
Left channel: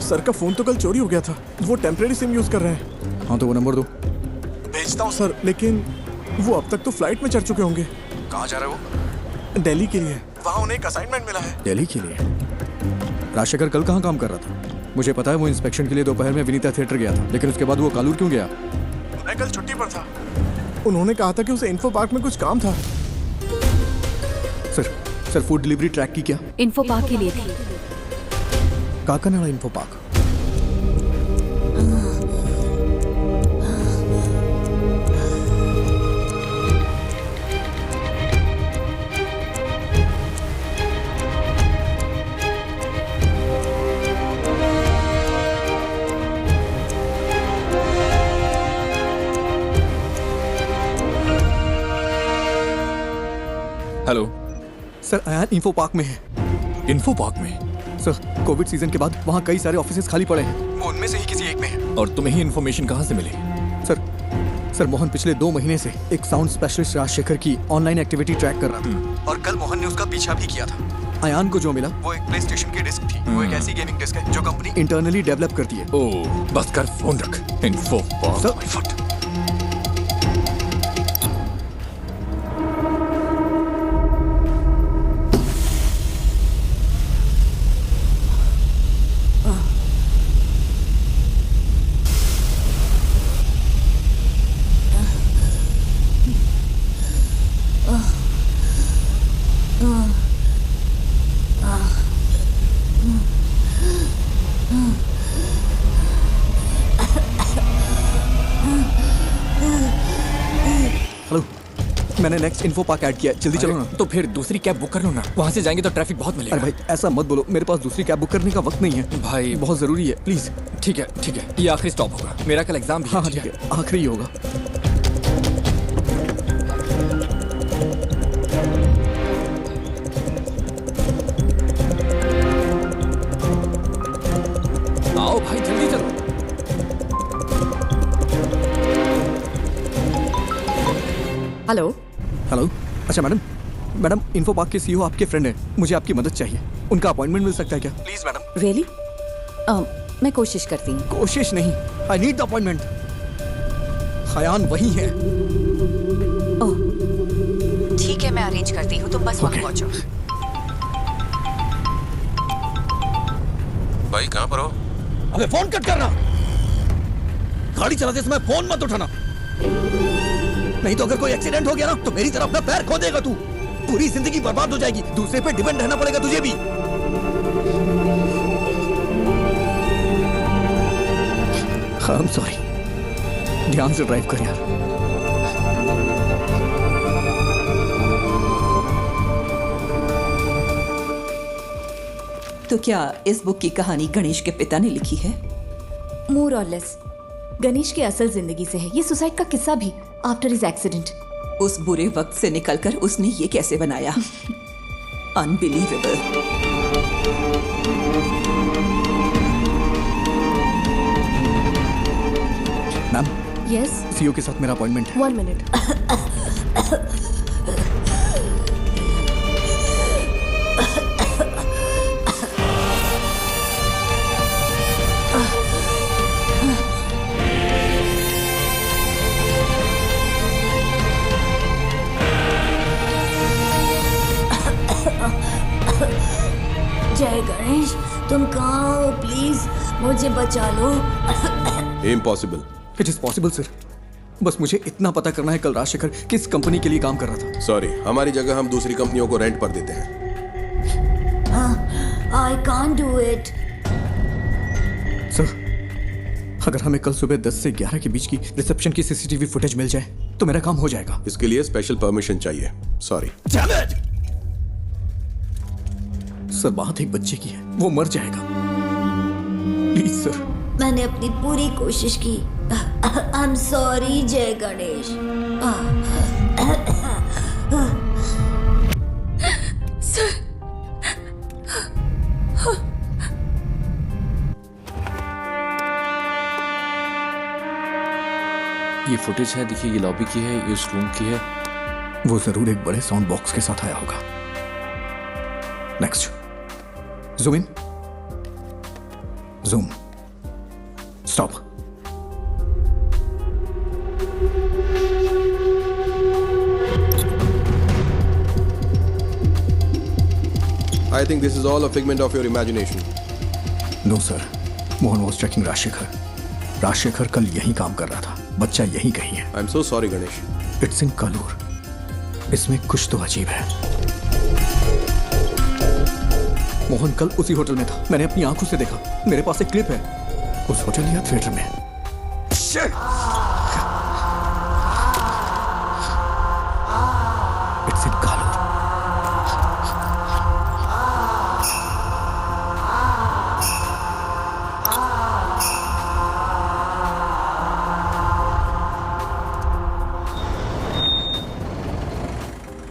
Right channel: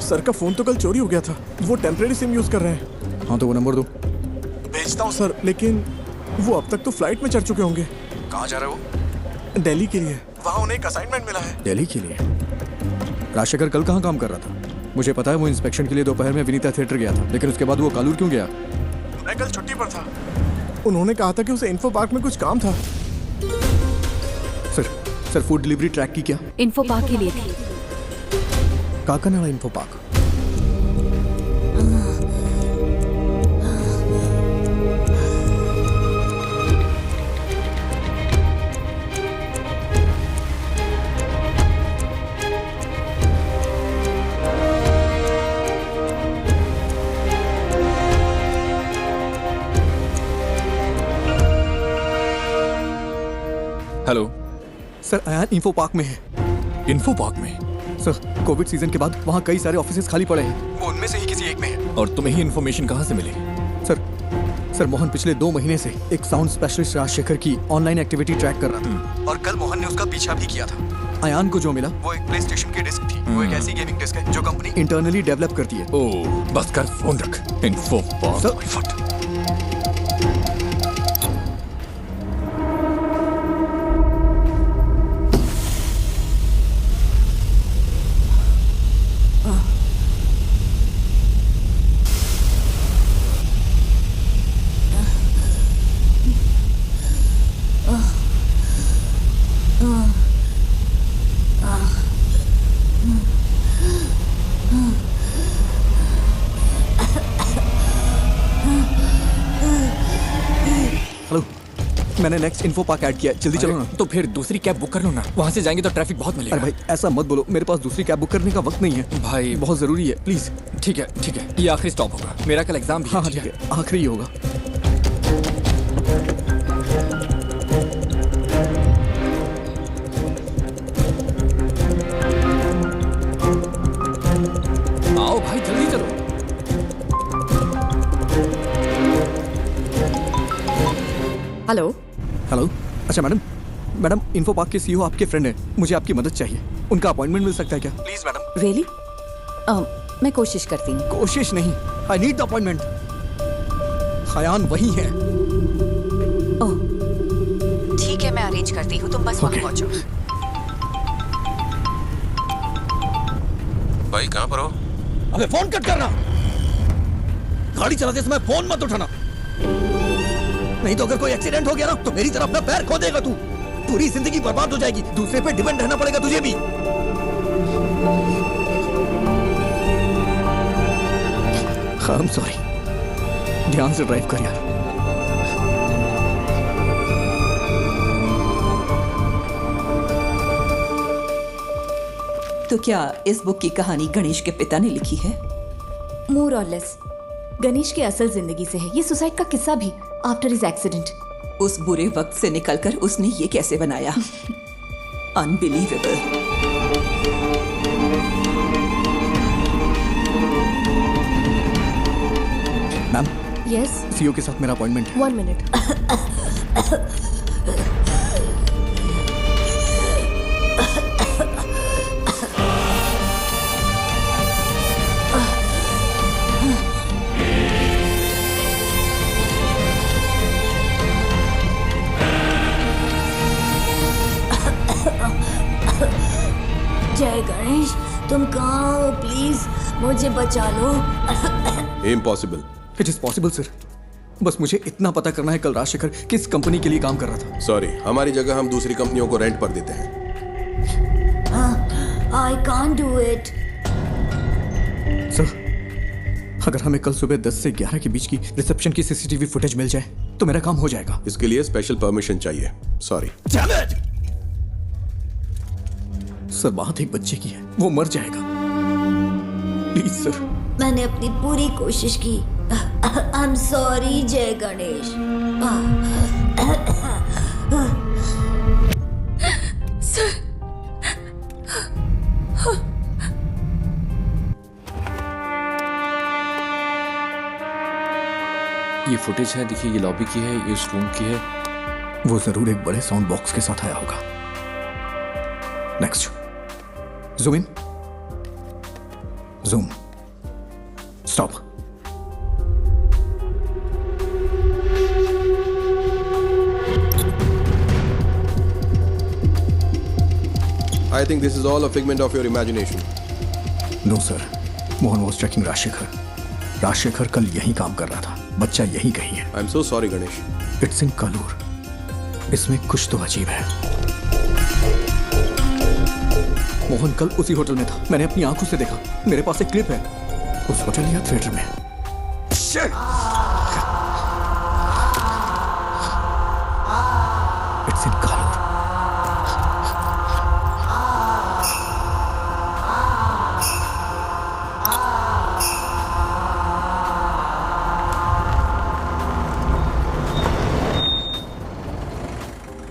सर का फोन तो कल चोरी हो गया था। वो टेम्परेरी सिम यूज कर रहे हैं। हाँ, तो वो नंबर दो। भेजता हूँ सर, लेकिन वो अब तक तो फ्लाइट में चढ़ चुके होंगे। कहाँ जा रहे हो? दिल्ली के लिए। वहाँ उन्हें एक असाइनमेंट मिला है। दिल्ली के लिए? राजशेखर कल कहाँ काम कर रहा था? मुझे पता है वो इंस्पेक्शन के लिए दोपहर में विनीता थिएटर गया था, लेकिन उसके बाद वो कालूर क्यों गया? मैं कल छुट्टी पर था। उन्होंने कहा था कि उसे इन्फो पार्क में कुछ काम था। सर, फूड डिलीवरी ट्रैक की क्या? इन्फो पार्क के लिए थी। Kakkanad info park. Hello sir, Ayaan info park में है। इन्फो पार्क में? सर कोविड सीजन के बाद वहाँ कई सारे ऑफिसेज खाली पड़े हैं, वो उनमें से ही किसी एक में है। और तुम्हें ही इन्फॉर्मेशन कहाँ से मिली? सर मोहन पिछले 2 महीने से एक साउंड स्पेशलिस्ट राजशेखर की ऑनलाइन एक्टिविटी ट्रैक कर रहा था, और कल मोहन ने उसका पीछा भी किया था। अयान को जो मिला वो एक प्ले स्टेशन की डिस्क थी। वो एक ऐसी गेमिंग डिस्क है जो कंपनी इंटरनली डेवलप करती है। ओह, बस कर, फोन रख। इन्फो फट। हेलो, मैंने नेक्स्ट इन्फो पार्क ऐड किया, जल्दी चलो ना। तो फिर दूसरी कैब बुक कर लो ना, वहाँ से जाएंगे तो ट्रैफिक बहुत मिलेगा। अरे भाई ऐसा मत बोलो, मेरे पास दूसरी कैब बुक करने का वक्त नहीं है भाई, बहुत जरूरी है, प्लीज। ठीक है, ये आखिरी स्टॉप होगा, मेरा कल एग्जाम भी है। हाँ ठीक है, आखिरी ही होगा। आओ भाई जल्दी चलो। हेलो। अच्छा मैडम इन्फो पार्क के सीईओ आपके फ्रेंड हैं, मुझे आपकी मदद चाहिए, उनका अपॉइंटमेंट मिल सकता है क्या? Please madam. रियली? मैं कोशिश करती हूँ। कोशिश नहीं, I need the appointment. Ayaan वही है। ओह ठीक है, मैं अरेंज करती हूँ, तुम बस वहाँ पहुँचो। भाई कहाँ पर हो? अबे फोन कट करना, गाड़ी चलाते समय फोन मत उठाना, नहीं तो अगर कोई एक्सीडेंट हो गया ना तो मेरी तरफ अपना पैर खो देगा तू, पूरी जिंदगी बर्बाद हो जाएगी, दूसरे पे डिपेंड रहना पड़ेगा तुझे भी। I'm sorry, ध्यान से ड्राइव कर यार। तो क्या इस बुक की कहानी गणेश के पिता ने लिखी है? मोर और लेस गणेश की असल जिंदगी से है ये सुसाइड का किस्सा भी, आफ्टर हिज एक्सीडेंट। उस बुरे वक्त से निकलकर उसने ये कैसे बनाया? अनबिलीवेबल। मैम। यस। सीईओ के साथ मेरा अपॉइंटमेंट है। 1 मिनट। जय गणेश, तुम कहाँ हो? प्लीज मुझे बचा लो। Impossible. It is possible sir, बस मुझे इतना पता करना है कल राजशेखर किस कंपनी के लिए काम कर रहा था। सॉरी, हमारी जगह हम दूसरी कंपनियों को रेंट पर देते हैं। I can't do it. Sir, अगर हमें कल सुबह 10 से 11 के बीच की रिसेप्शन की सीसीटीवी फुटेज मिल जाए तो मेरा काम हो जाएगा। इसके लिए स्पेशल परमिशन चाहिए। सॉरी। सर, बात एक बच्चे की है, वो मर जाएगा, प्लीज सर। मैंने अपनी पूरी कोशिश की। आई एम सॉरी जय गणेश। सर, ये फुटेज है, देखिए ये लॉबी की है, ये उस रूम की है। वो जरूर एक बड़े साउंड बॉक्स के साथ आया होगा। Next, zoom in, zoom, stop. I think this is all a figment of your imagination. No sir, Mohan was checking Rajashekar. Rajashekar कल यहीं काम कर रहा था, बच्चा यहीं कहीं है। I'm so sorry Ganesh. It's in Kalur. इसमें कुछ तो अजीब है। मोहन कल उसी होटल में था, मैंने अपनी आंखों से देखा, मेरे पास एक क्लिप है, उस होटल या थिएटर में। It's in Kalur.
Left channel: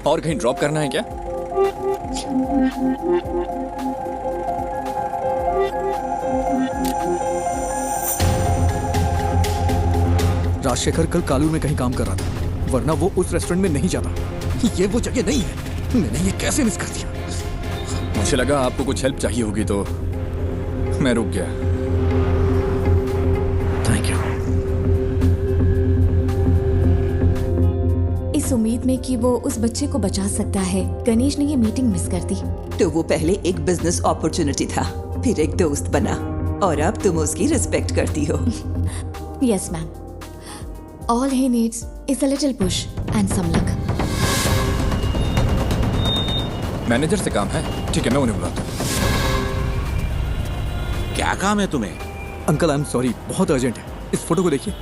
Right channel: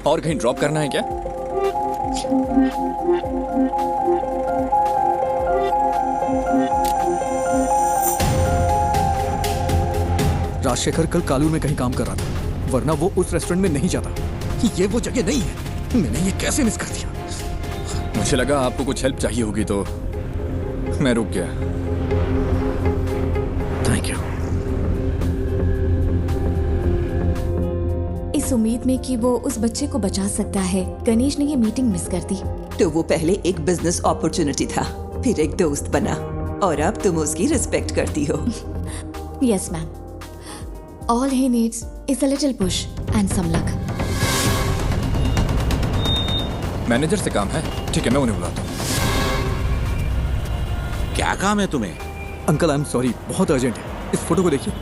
और कहीं ड्रॉप करना है क्या? राजशेखर कल कालूर में कहीं काम कर रहा था, वरना वो उस रेस्टोरेंट में नहीं जाता। ये वो जगह नहीं है। मैंने ये कैसे मिस कर दिया? मुझे लगा आपको कुछ हेल्प चाहिए होगी तो मैं रुक गया। Thank you. इस उम्मीद में कि वो उस बच्चे को बचा सकता है, गणेश ने ये मीटिंग मिस कर दी। तो वो पहले एक बिजनेस अपॉर्चुनिटी था, फिर एक दोस्त बना, और अब तुम उसकी रिस्पेक्ट करती हो। Yes ma'am, all he needs is a little push and some luck. Manager से काम है, ठीक है मैं उन्हें बुलाता हूँ। क्या काम है तुम्हें? अंकल आई एम सॉरी, बहुत अर्जेंट है। इस फोटो को देखिए,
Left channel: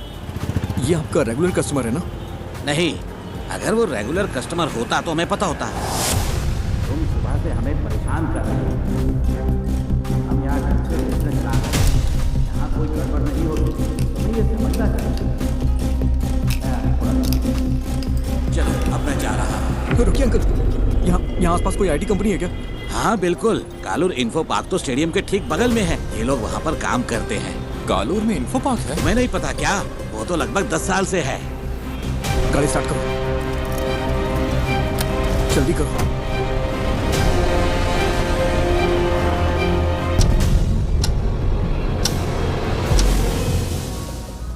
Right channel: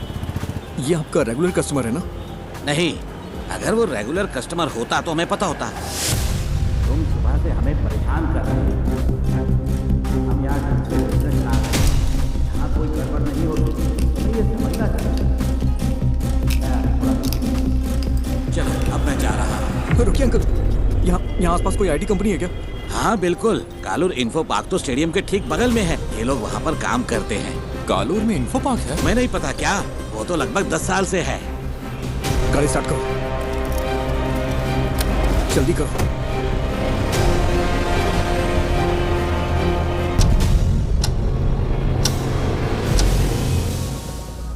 ये आपका रेगुलर कस्टमर है ना? नहीं, अगर वो रेगुलर कस्टमर होता तो हमें पता होता। तुम सुबह से हमें परेशान कर रहे हो। हम यहाँ घर से बिजनेस ला रहे हैं, यहाँ कोई गड़बड़ नहीं होती, तुम्हें ये समझना चाहिए। चलो अब मैं जा रहा हूँ। रुकिए अंकल, यहाँ आसपास कोई आईटी कंपनी है क्या? हाँ बिल्कुल, कालूर इन्फो पार्क तो स्टेडियम के ठीक बगल में है। ये लोग वहाँ पर काम करते हैं। कालूर में इन्फो पार्क है? मैं नहीं पता क्या, वो तो लगभग 10 साल से है। गाड़ी स्टार्ट करो, जल्दी करो।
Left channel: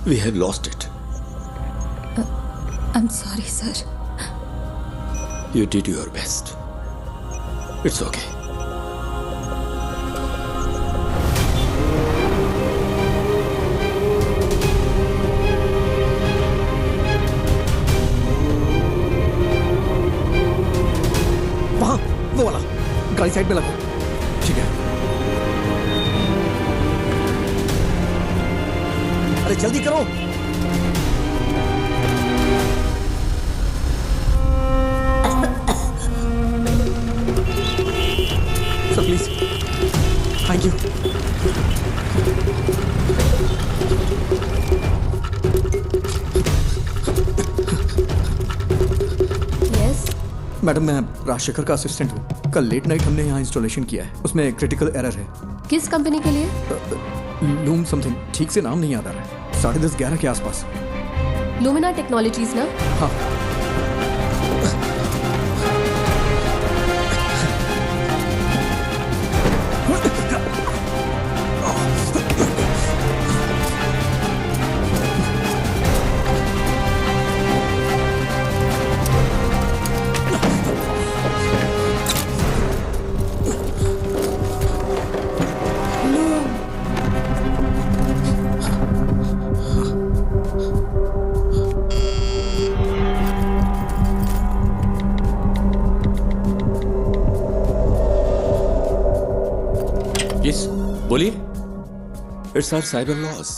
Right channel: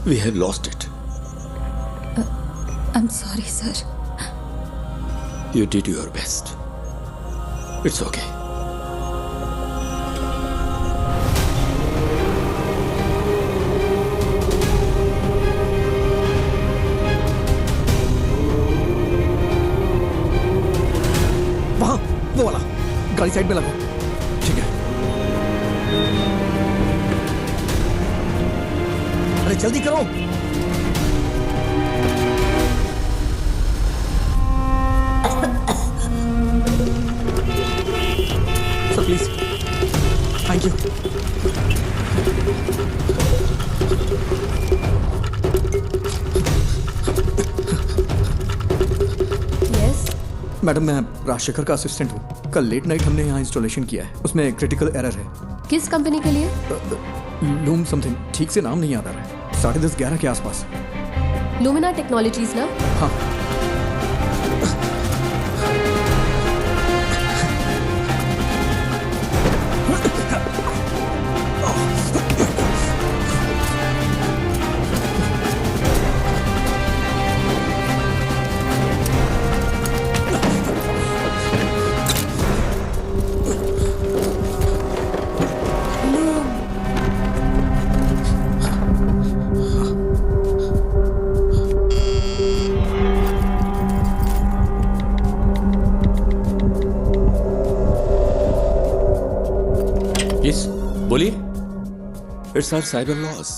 We have lost it. I'm sorry, sir. You did your best. It's okay. वहाँ, वो वाला। गाड़ी साइड में लगाओ। ठीक है। अरे जल्दी करो। Sir please, thank you. Yes madam, मैं राजशेखर का असिस्टेंट हूँ। कल लेट नाइट हमने यहाँ इंस्टॉलेशन किया है, उसमें क्रिटिकल एरर है। किस कंपनी के लिए? लूम समथिंग, ठीक से नाम नहीं याद आ रहा है। 10:30-11 के आसपास। लुमिना टेक्नोलॉजीज ना? हाँ। Yes, बोलिए। It's our cyber laws.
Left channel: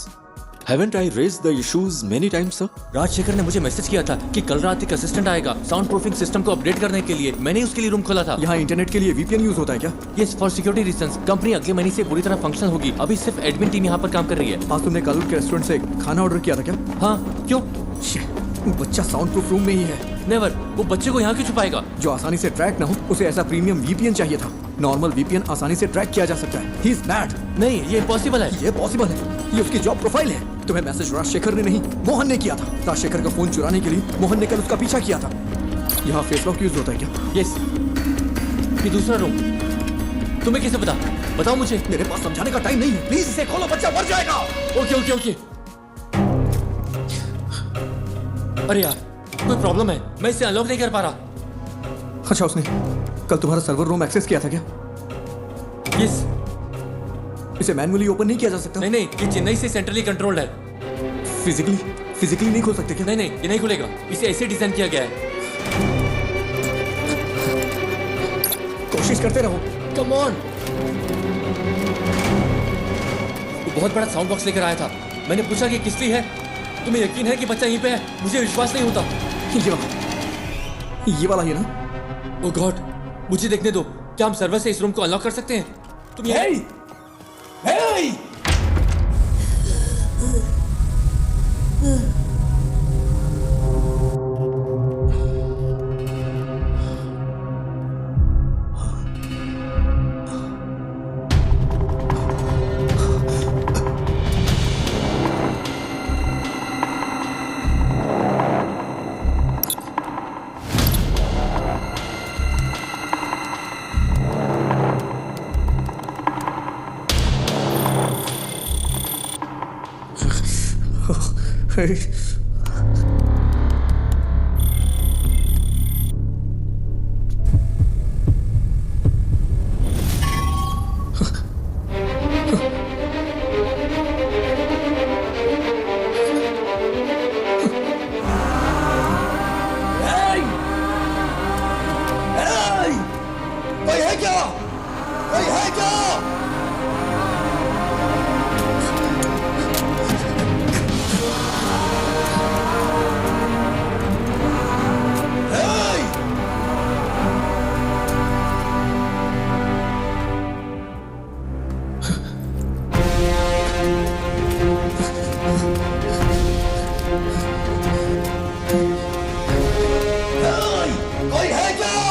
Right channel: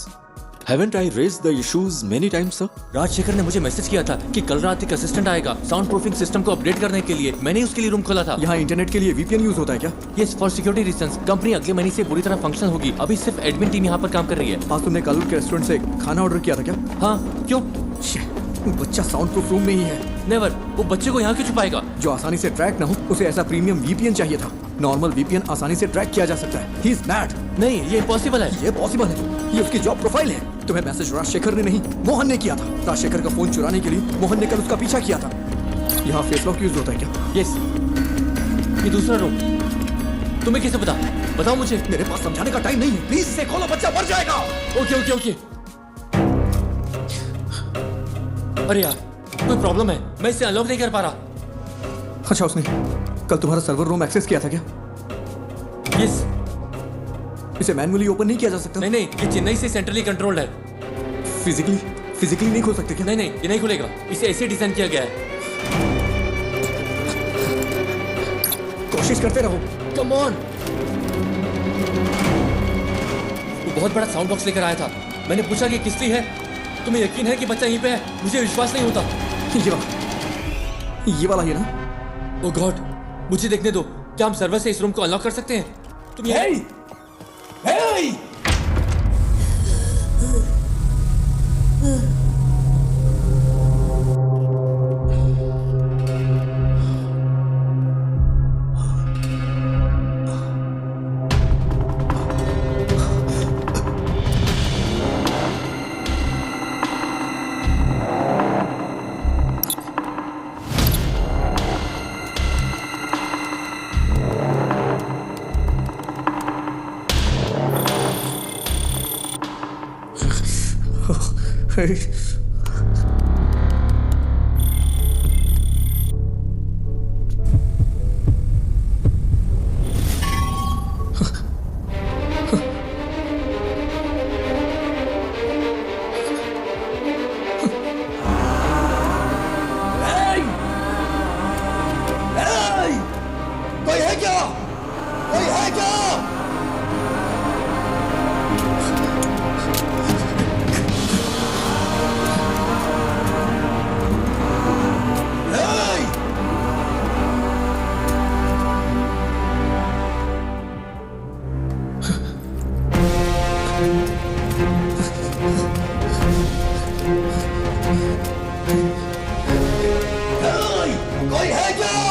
Haven't I raised the issues many times, sir? Rajshekhar ने मुझे मैसेज किया था कि कल रात एक असिस्टेंट आएगा साउंड प्रूफिंग सिस्टम को अपडेट करने के लिए। मैंने उसके लिए रूम खोला था। यहाँ इंटरनेट के लिए VPN यूज होता है क्या? Yes, for security reasons. Company अगले महीने से पूरी तरह फंक्शनल होगी। अभी सिर्फ एडमिन टीम यहाँ पर काम कर रही है। आज तुमने कालूर के रेस्टोरेंट से खाना ऑर्डर किया था क्या? हाँ, क्यों? बच्चा साउंड प्रूफ रूम में ही है। नेवर, वो बच्चे को यहाँ क्यों छुपाएगा? जो आसानी से ट्रैक ना हो, उसे ऐसा प्रीमियम VPN चाहिए था। नॉर्मल VPN आसानी से ट्रैक किया जा सकता है। He is mad। नहीं, ये इम्पॉसिबल है। ये पॉसिबल है, ये उसकी जॉब प्रोफाइल है। तुम्हें मैसेज राजशेखर ने नहीं, मोहन ने किया था। राजशेखर का फोन चुराने के लिए मोहन ने कल उसका पीछा किया था। यहाँ फेस लॉक यूज होता है क्या? यस। ये दूसरा रूम। तुम्हें कैसे पता? बताओ मुझे। मेरे पास समझाने का टाइम नहीं है, प्लीज इसे खोलो, बच्चा मर जाएगा। Okay okay okay. अरे यार, कोई प्रॉब्लम है, मैं इसे अनलॉक नहीं कर पा रहा। अच्छा, उसने कल तुम्हारा सर्वर रूम एक्सेस किया था क्या? यस। इसे मैन्युअली ओपन नहीं किया जा सकता? नहीं नहीं, ये चेन्नई से सेंट्रली कंट्रोल्ड है। फिजिकली नहीं खोल सकते क्या? नहीं नहीं, ये नहीं खुलेगा। इसे ऐसे डिजाइन किया गया है। कोशिश करते रहो। Come on. वो बहुत बड़ा साउंड बॉक्स लेकर आया था। मैंने पूछा कि किसकी है। तुम्हें यकीन है कि बच्चा यहीं पे है? मुझे विश्वास नहीं होता। ये वाला है ना? ओह गॉड, मुझे देखने दो। क्या हम सर्वर से इस रूम को अनलॉक कर सकते हैं? तुम ये कोई है क्या? कोई है क्या? कोई है क्या?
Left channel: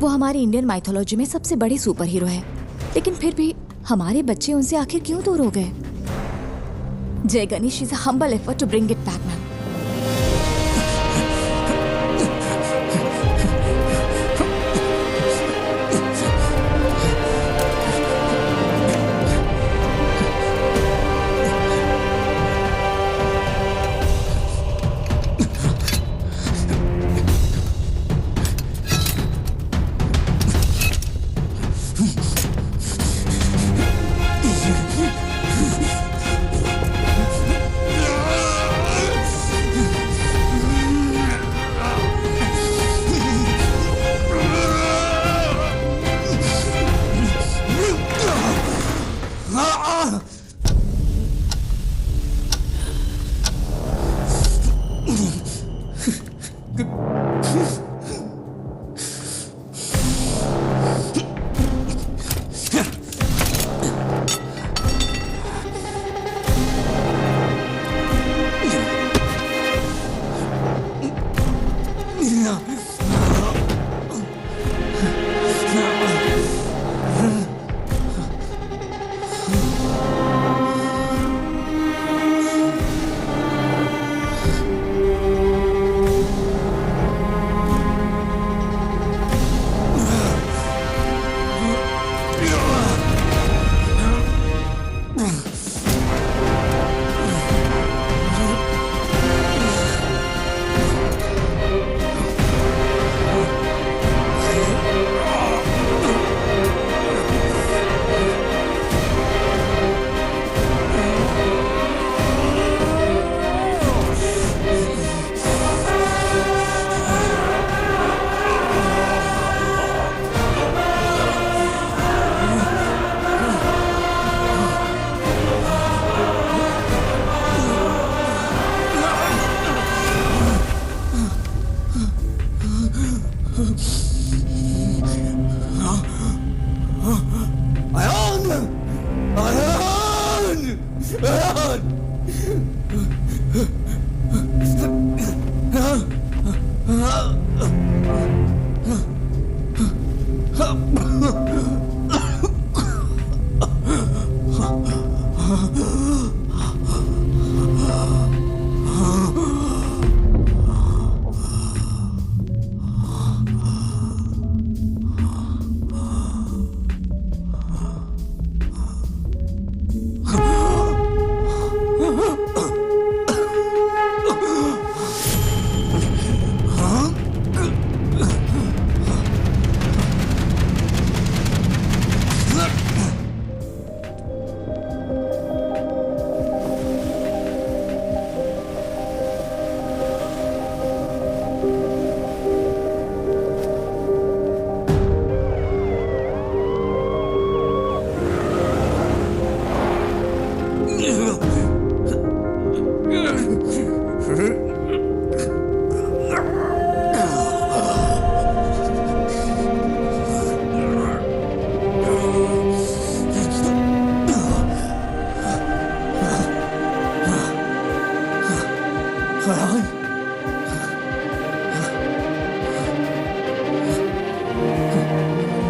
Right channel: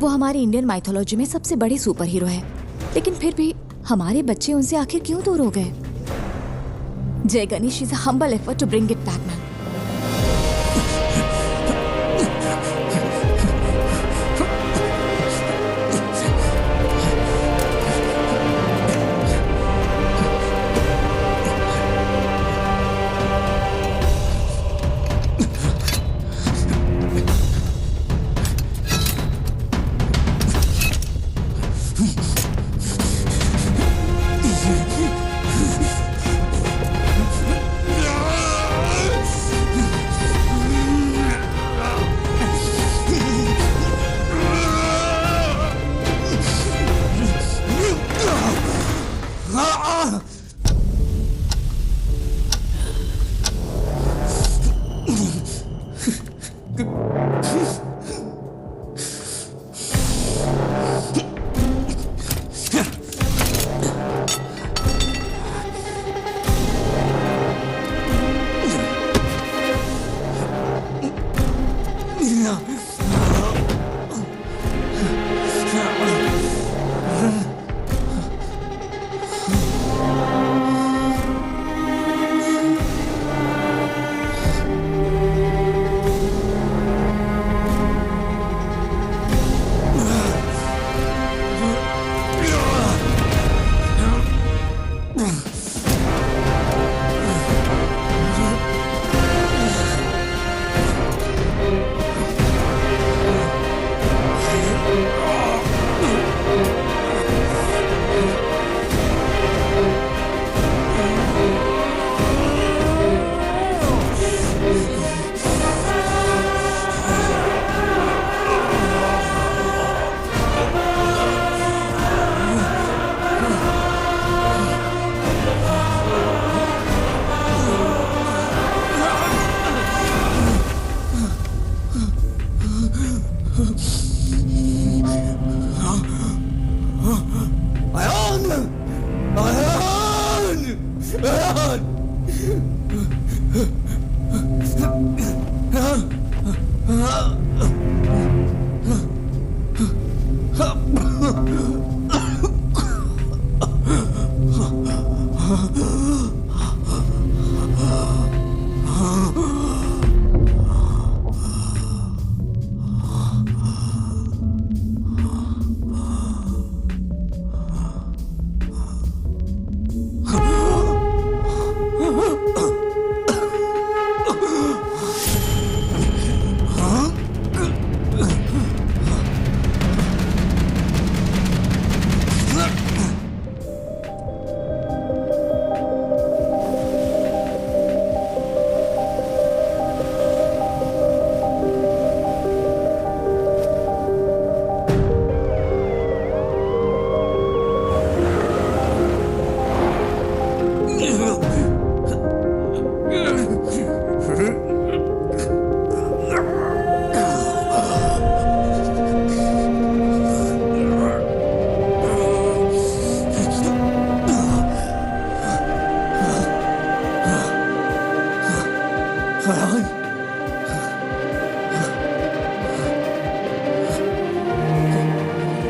वो हमारी इंडियन माइथोलॉजी में सबसे बड़े सुपर हीरो है, लेकिन फिर भी हमारे बच्चे उनसे आखिर क्यों दूर हो गए? Jai Ganesh is a humble effort to bring it back, ma'am.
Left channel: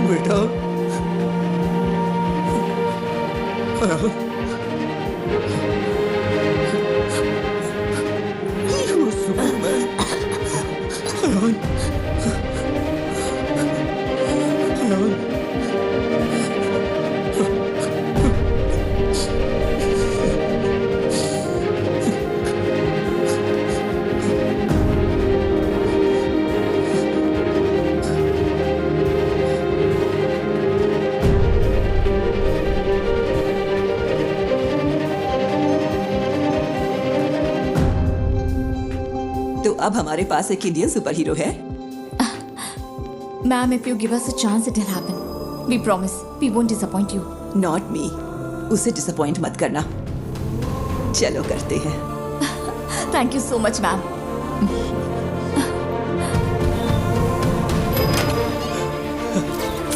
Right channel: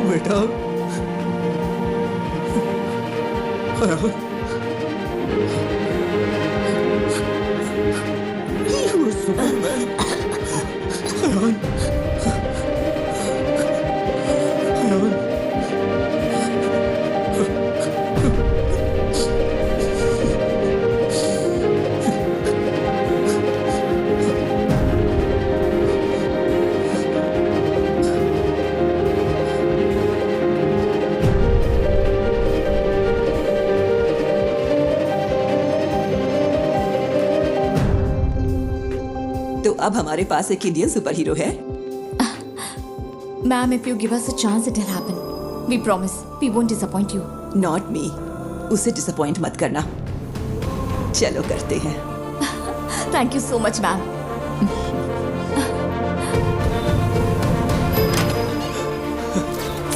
बेटा सुकून में तो अब हमारे पास एक इंडियन सुपर हीरो है। Ma'am, if you give us a chance, it'll happen. We promise. We won't disappoint you. Not me. उसे डिसअपॉइंट मत करना। चलो करते हैं। Thank you so much, ma'am.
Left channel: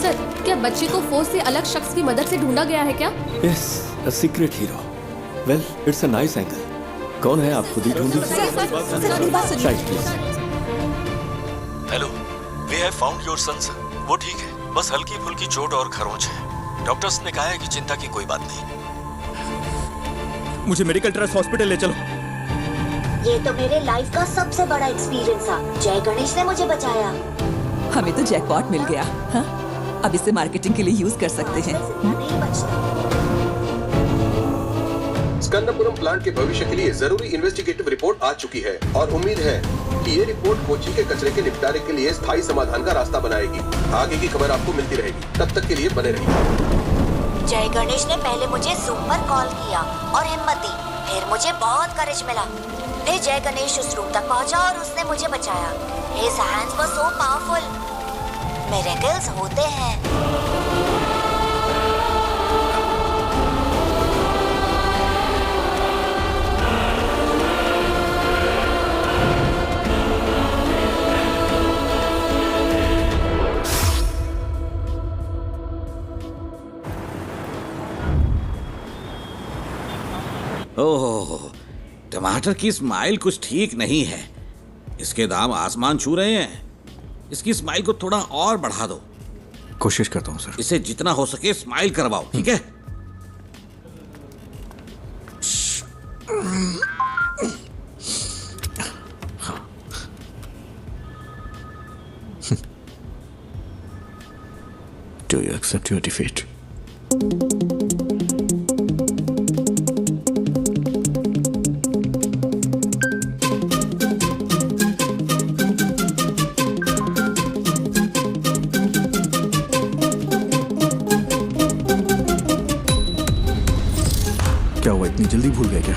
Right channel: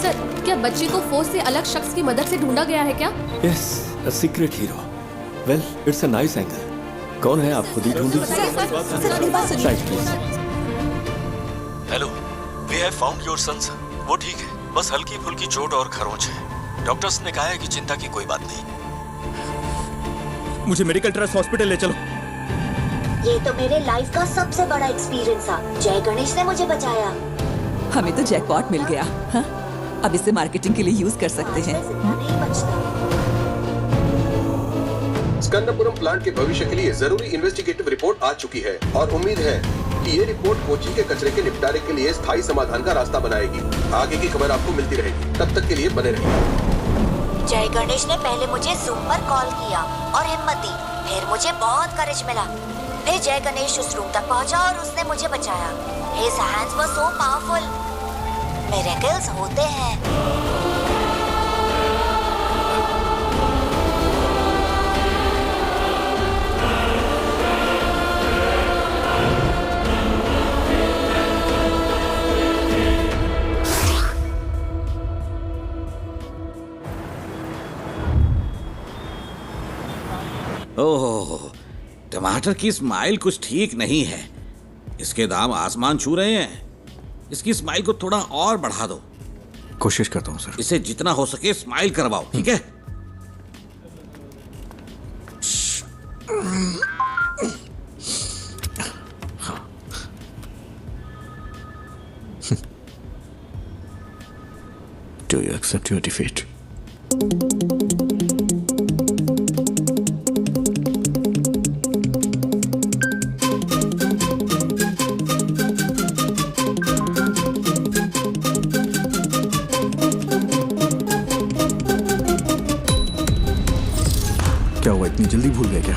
Sir, क्या बच्चे को फोर्स से अलग शख्स की मदद से ढूंढा गया है क्या? Yes, a secret hero. Well, it's a nice angle. कौन है, आप खुद ही ढूंढ लीजिए। Right, please. Hello, we have found your son, sir. वो ठीक है, बस हल्की फुल्की चोट और खरोंच है। डॉक्टर्स ने कहा है कि चिंता की कोई बात नहीं। मुझे मेडिकल ट्रस्ट हॉस्पिटल ले चलो। ये तो मेरे लाइफ का सबसे बड़ा एक्सपीरियंस था। जय गणेश ने मुझे बचाया। हमें तो जैकपॉट मिल गया। हाँ? अब इसे मार्केटिंग के लिए यूज कर सकते हैं। नहीं बचता। स्कंदपुरम प्लांट के भविष्य के लिए जरूरी इन्वेस्टिगेटिव रिपोर्ट आ चुकी है और उम्मीद है कि ये रिपोर्ट कोची के कचरे के निपटारे के लिए स्थायी समाधान का रास्ता बनाएगी। आगे की खबर आपको मिलती रहेगी, तब तक के लिए बने रहिए। जय गणेश ने पहले मुझे जूम पर कॉल किया और हिम्मत दी, फिर मुझे बहुत करेज मिला। फिर जय गणेश उस रूम तक पहुंचा और उसने मुझे बचाया। His hands were so powerful. Miracles होते हैं। ओह, टमाटर की स्माइल कुछ ठीक नहीं है। इसके दाम आसमान छू रहे हैं। इसकी स्माइल को थोड़ा और बढ़ा दो। कोशिश करता हूँ सर। इसे जितना हो सके स्माइल करवाओ, ठीक है? Do you accept your defeat? क्या हुआ, इतनी जल्दी भूल गए क्या?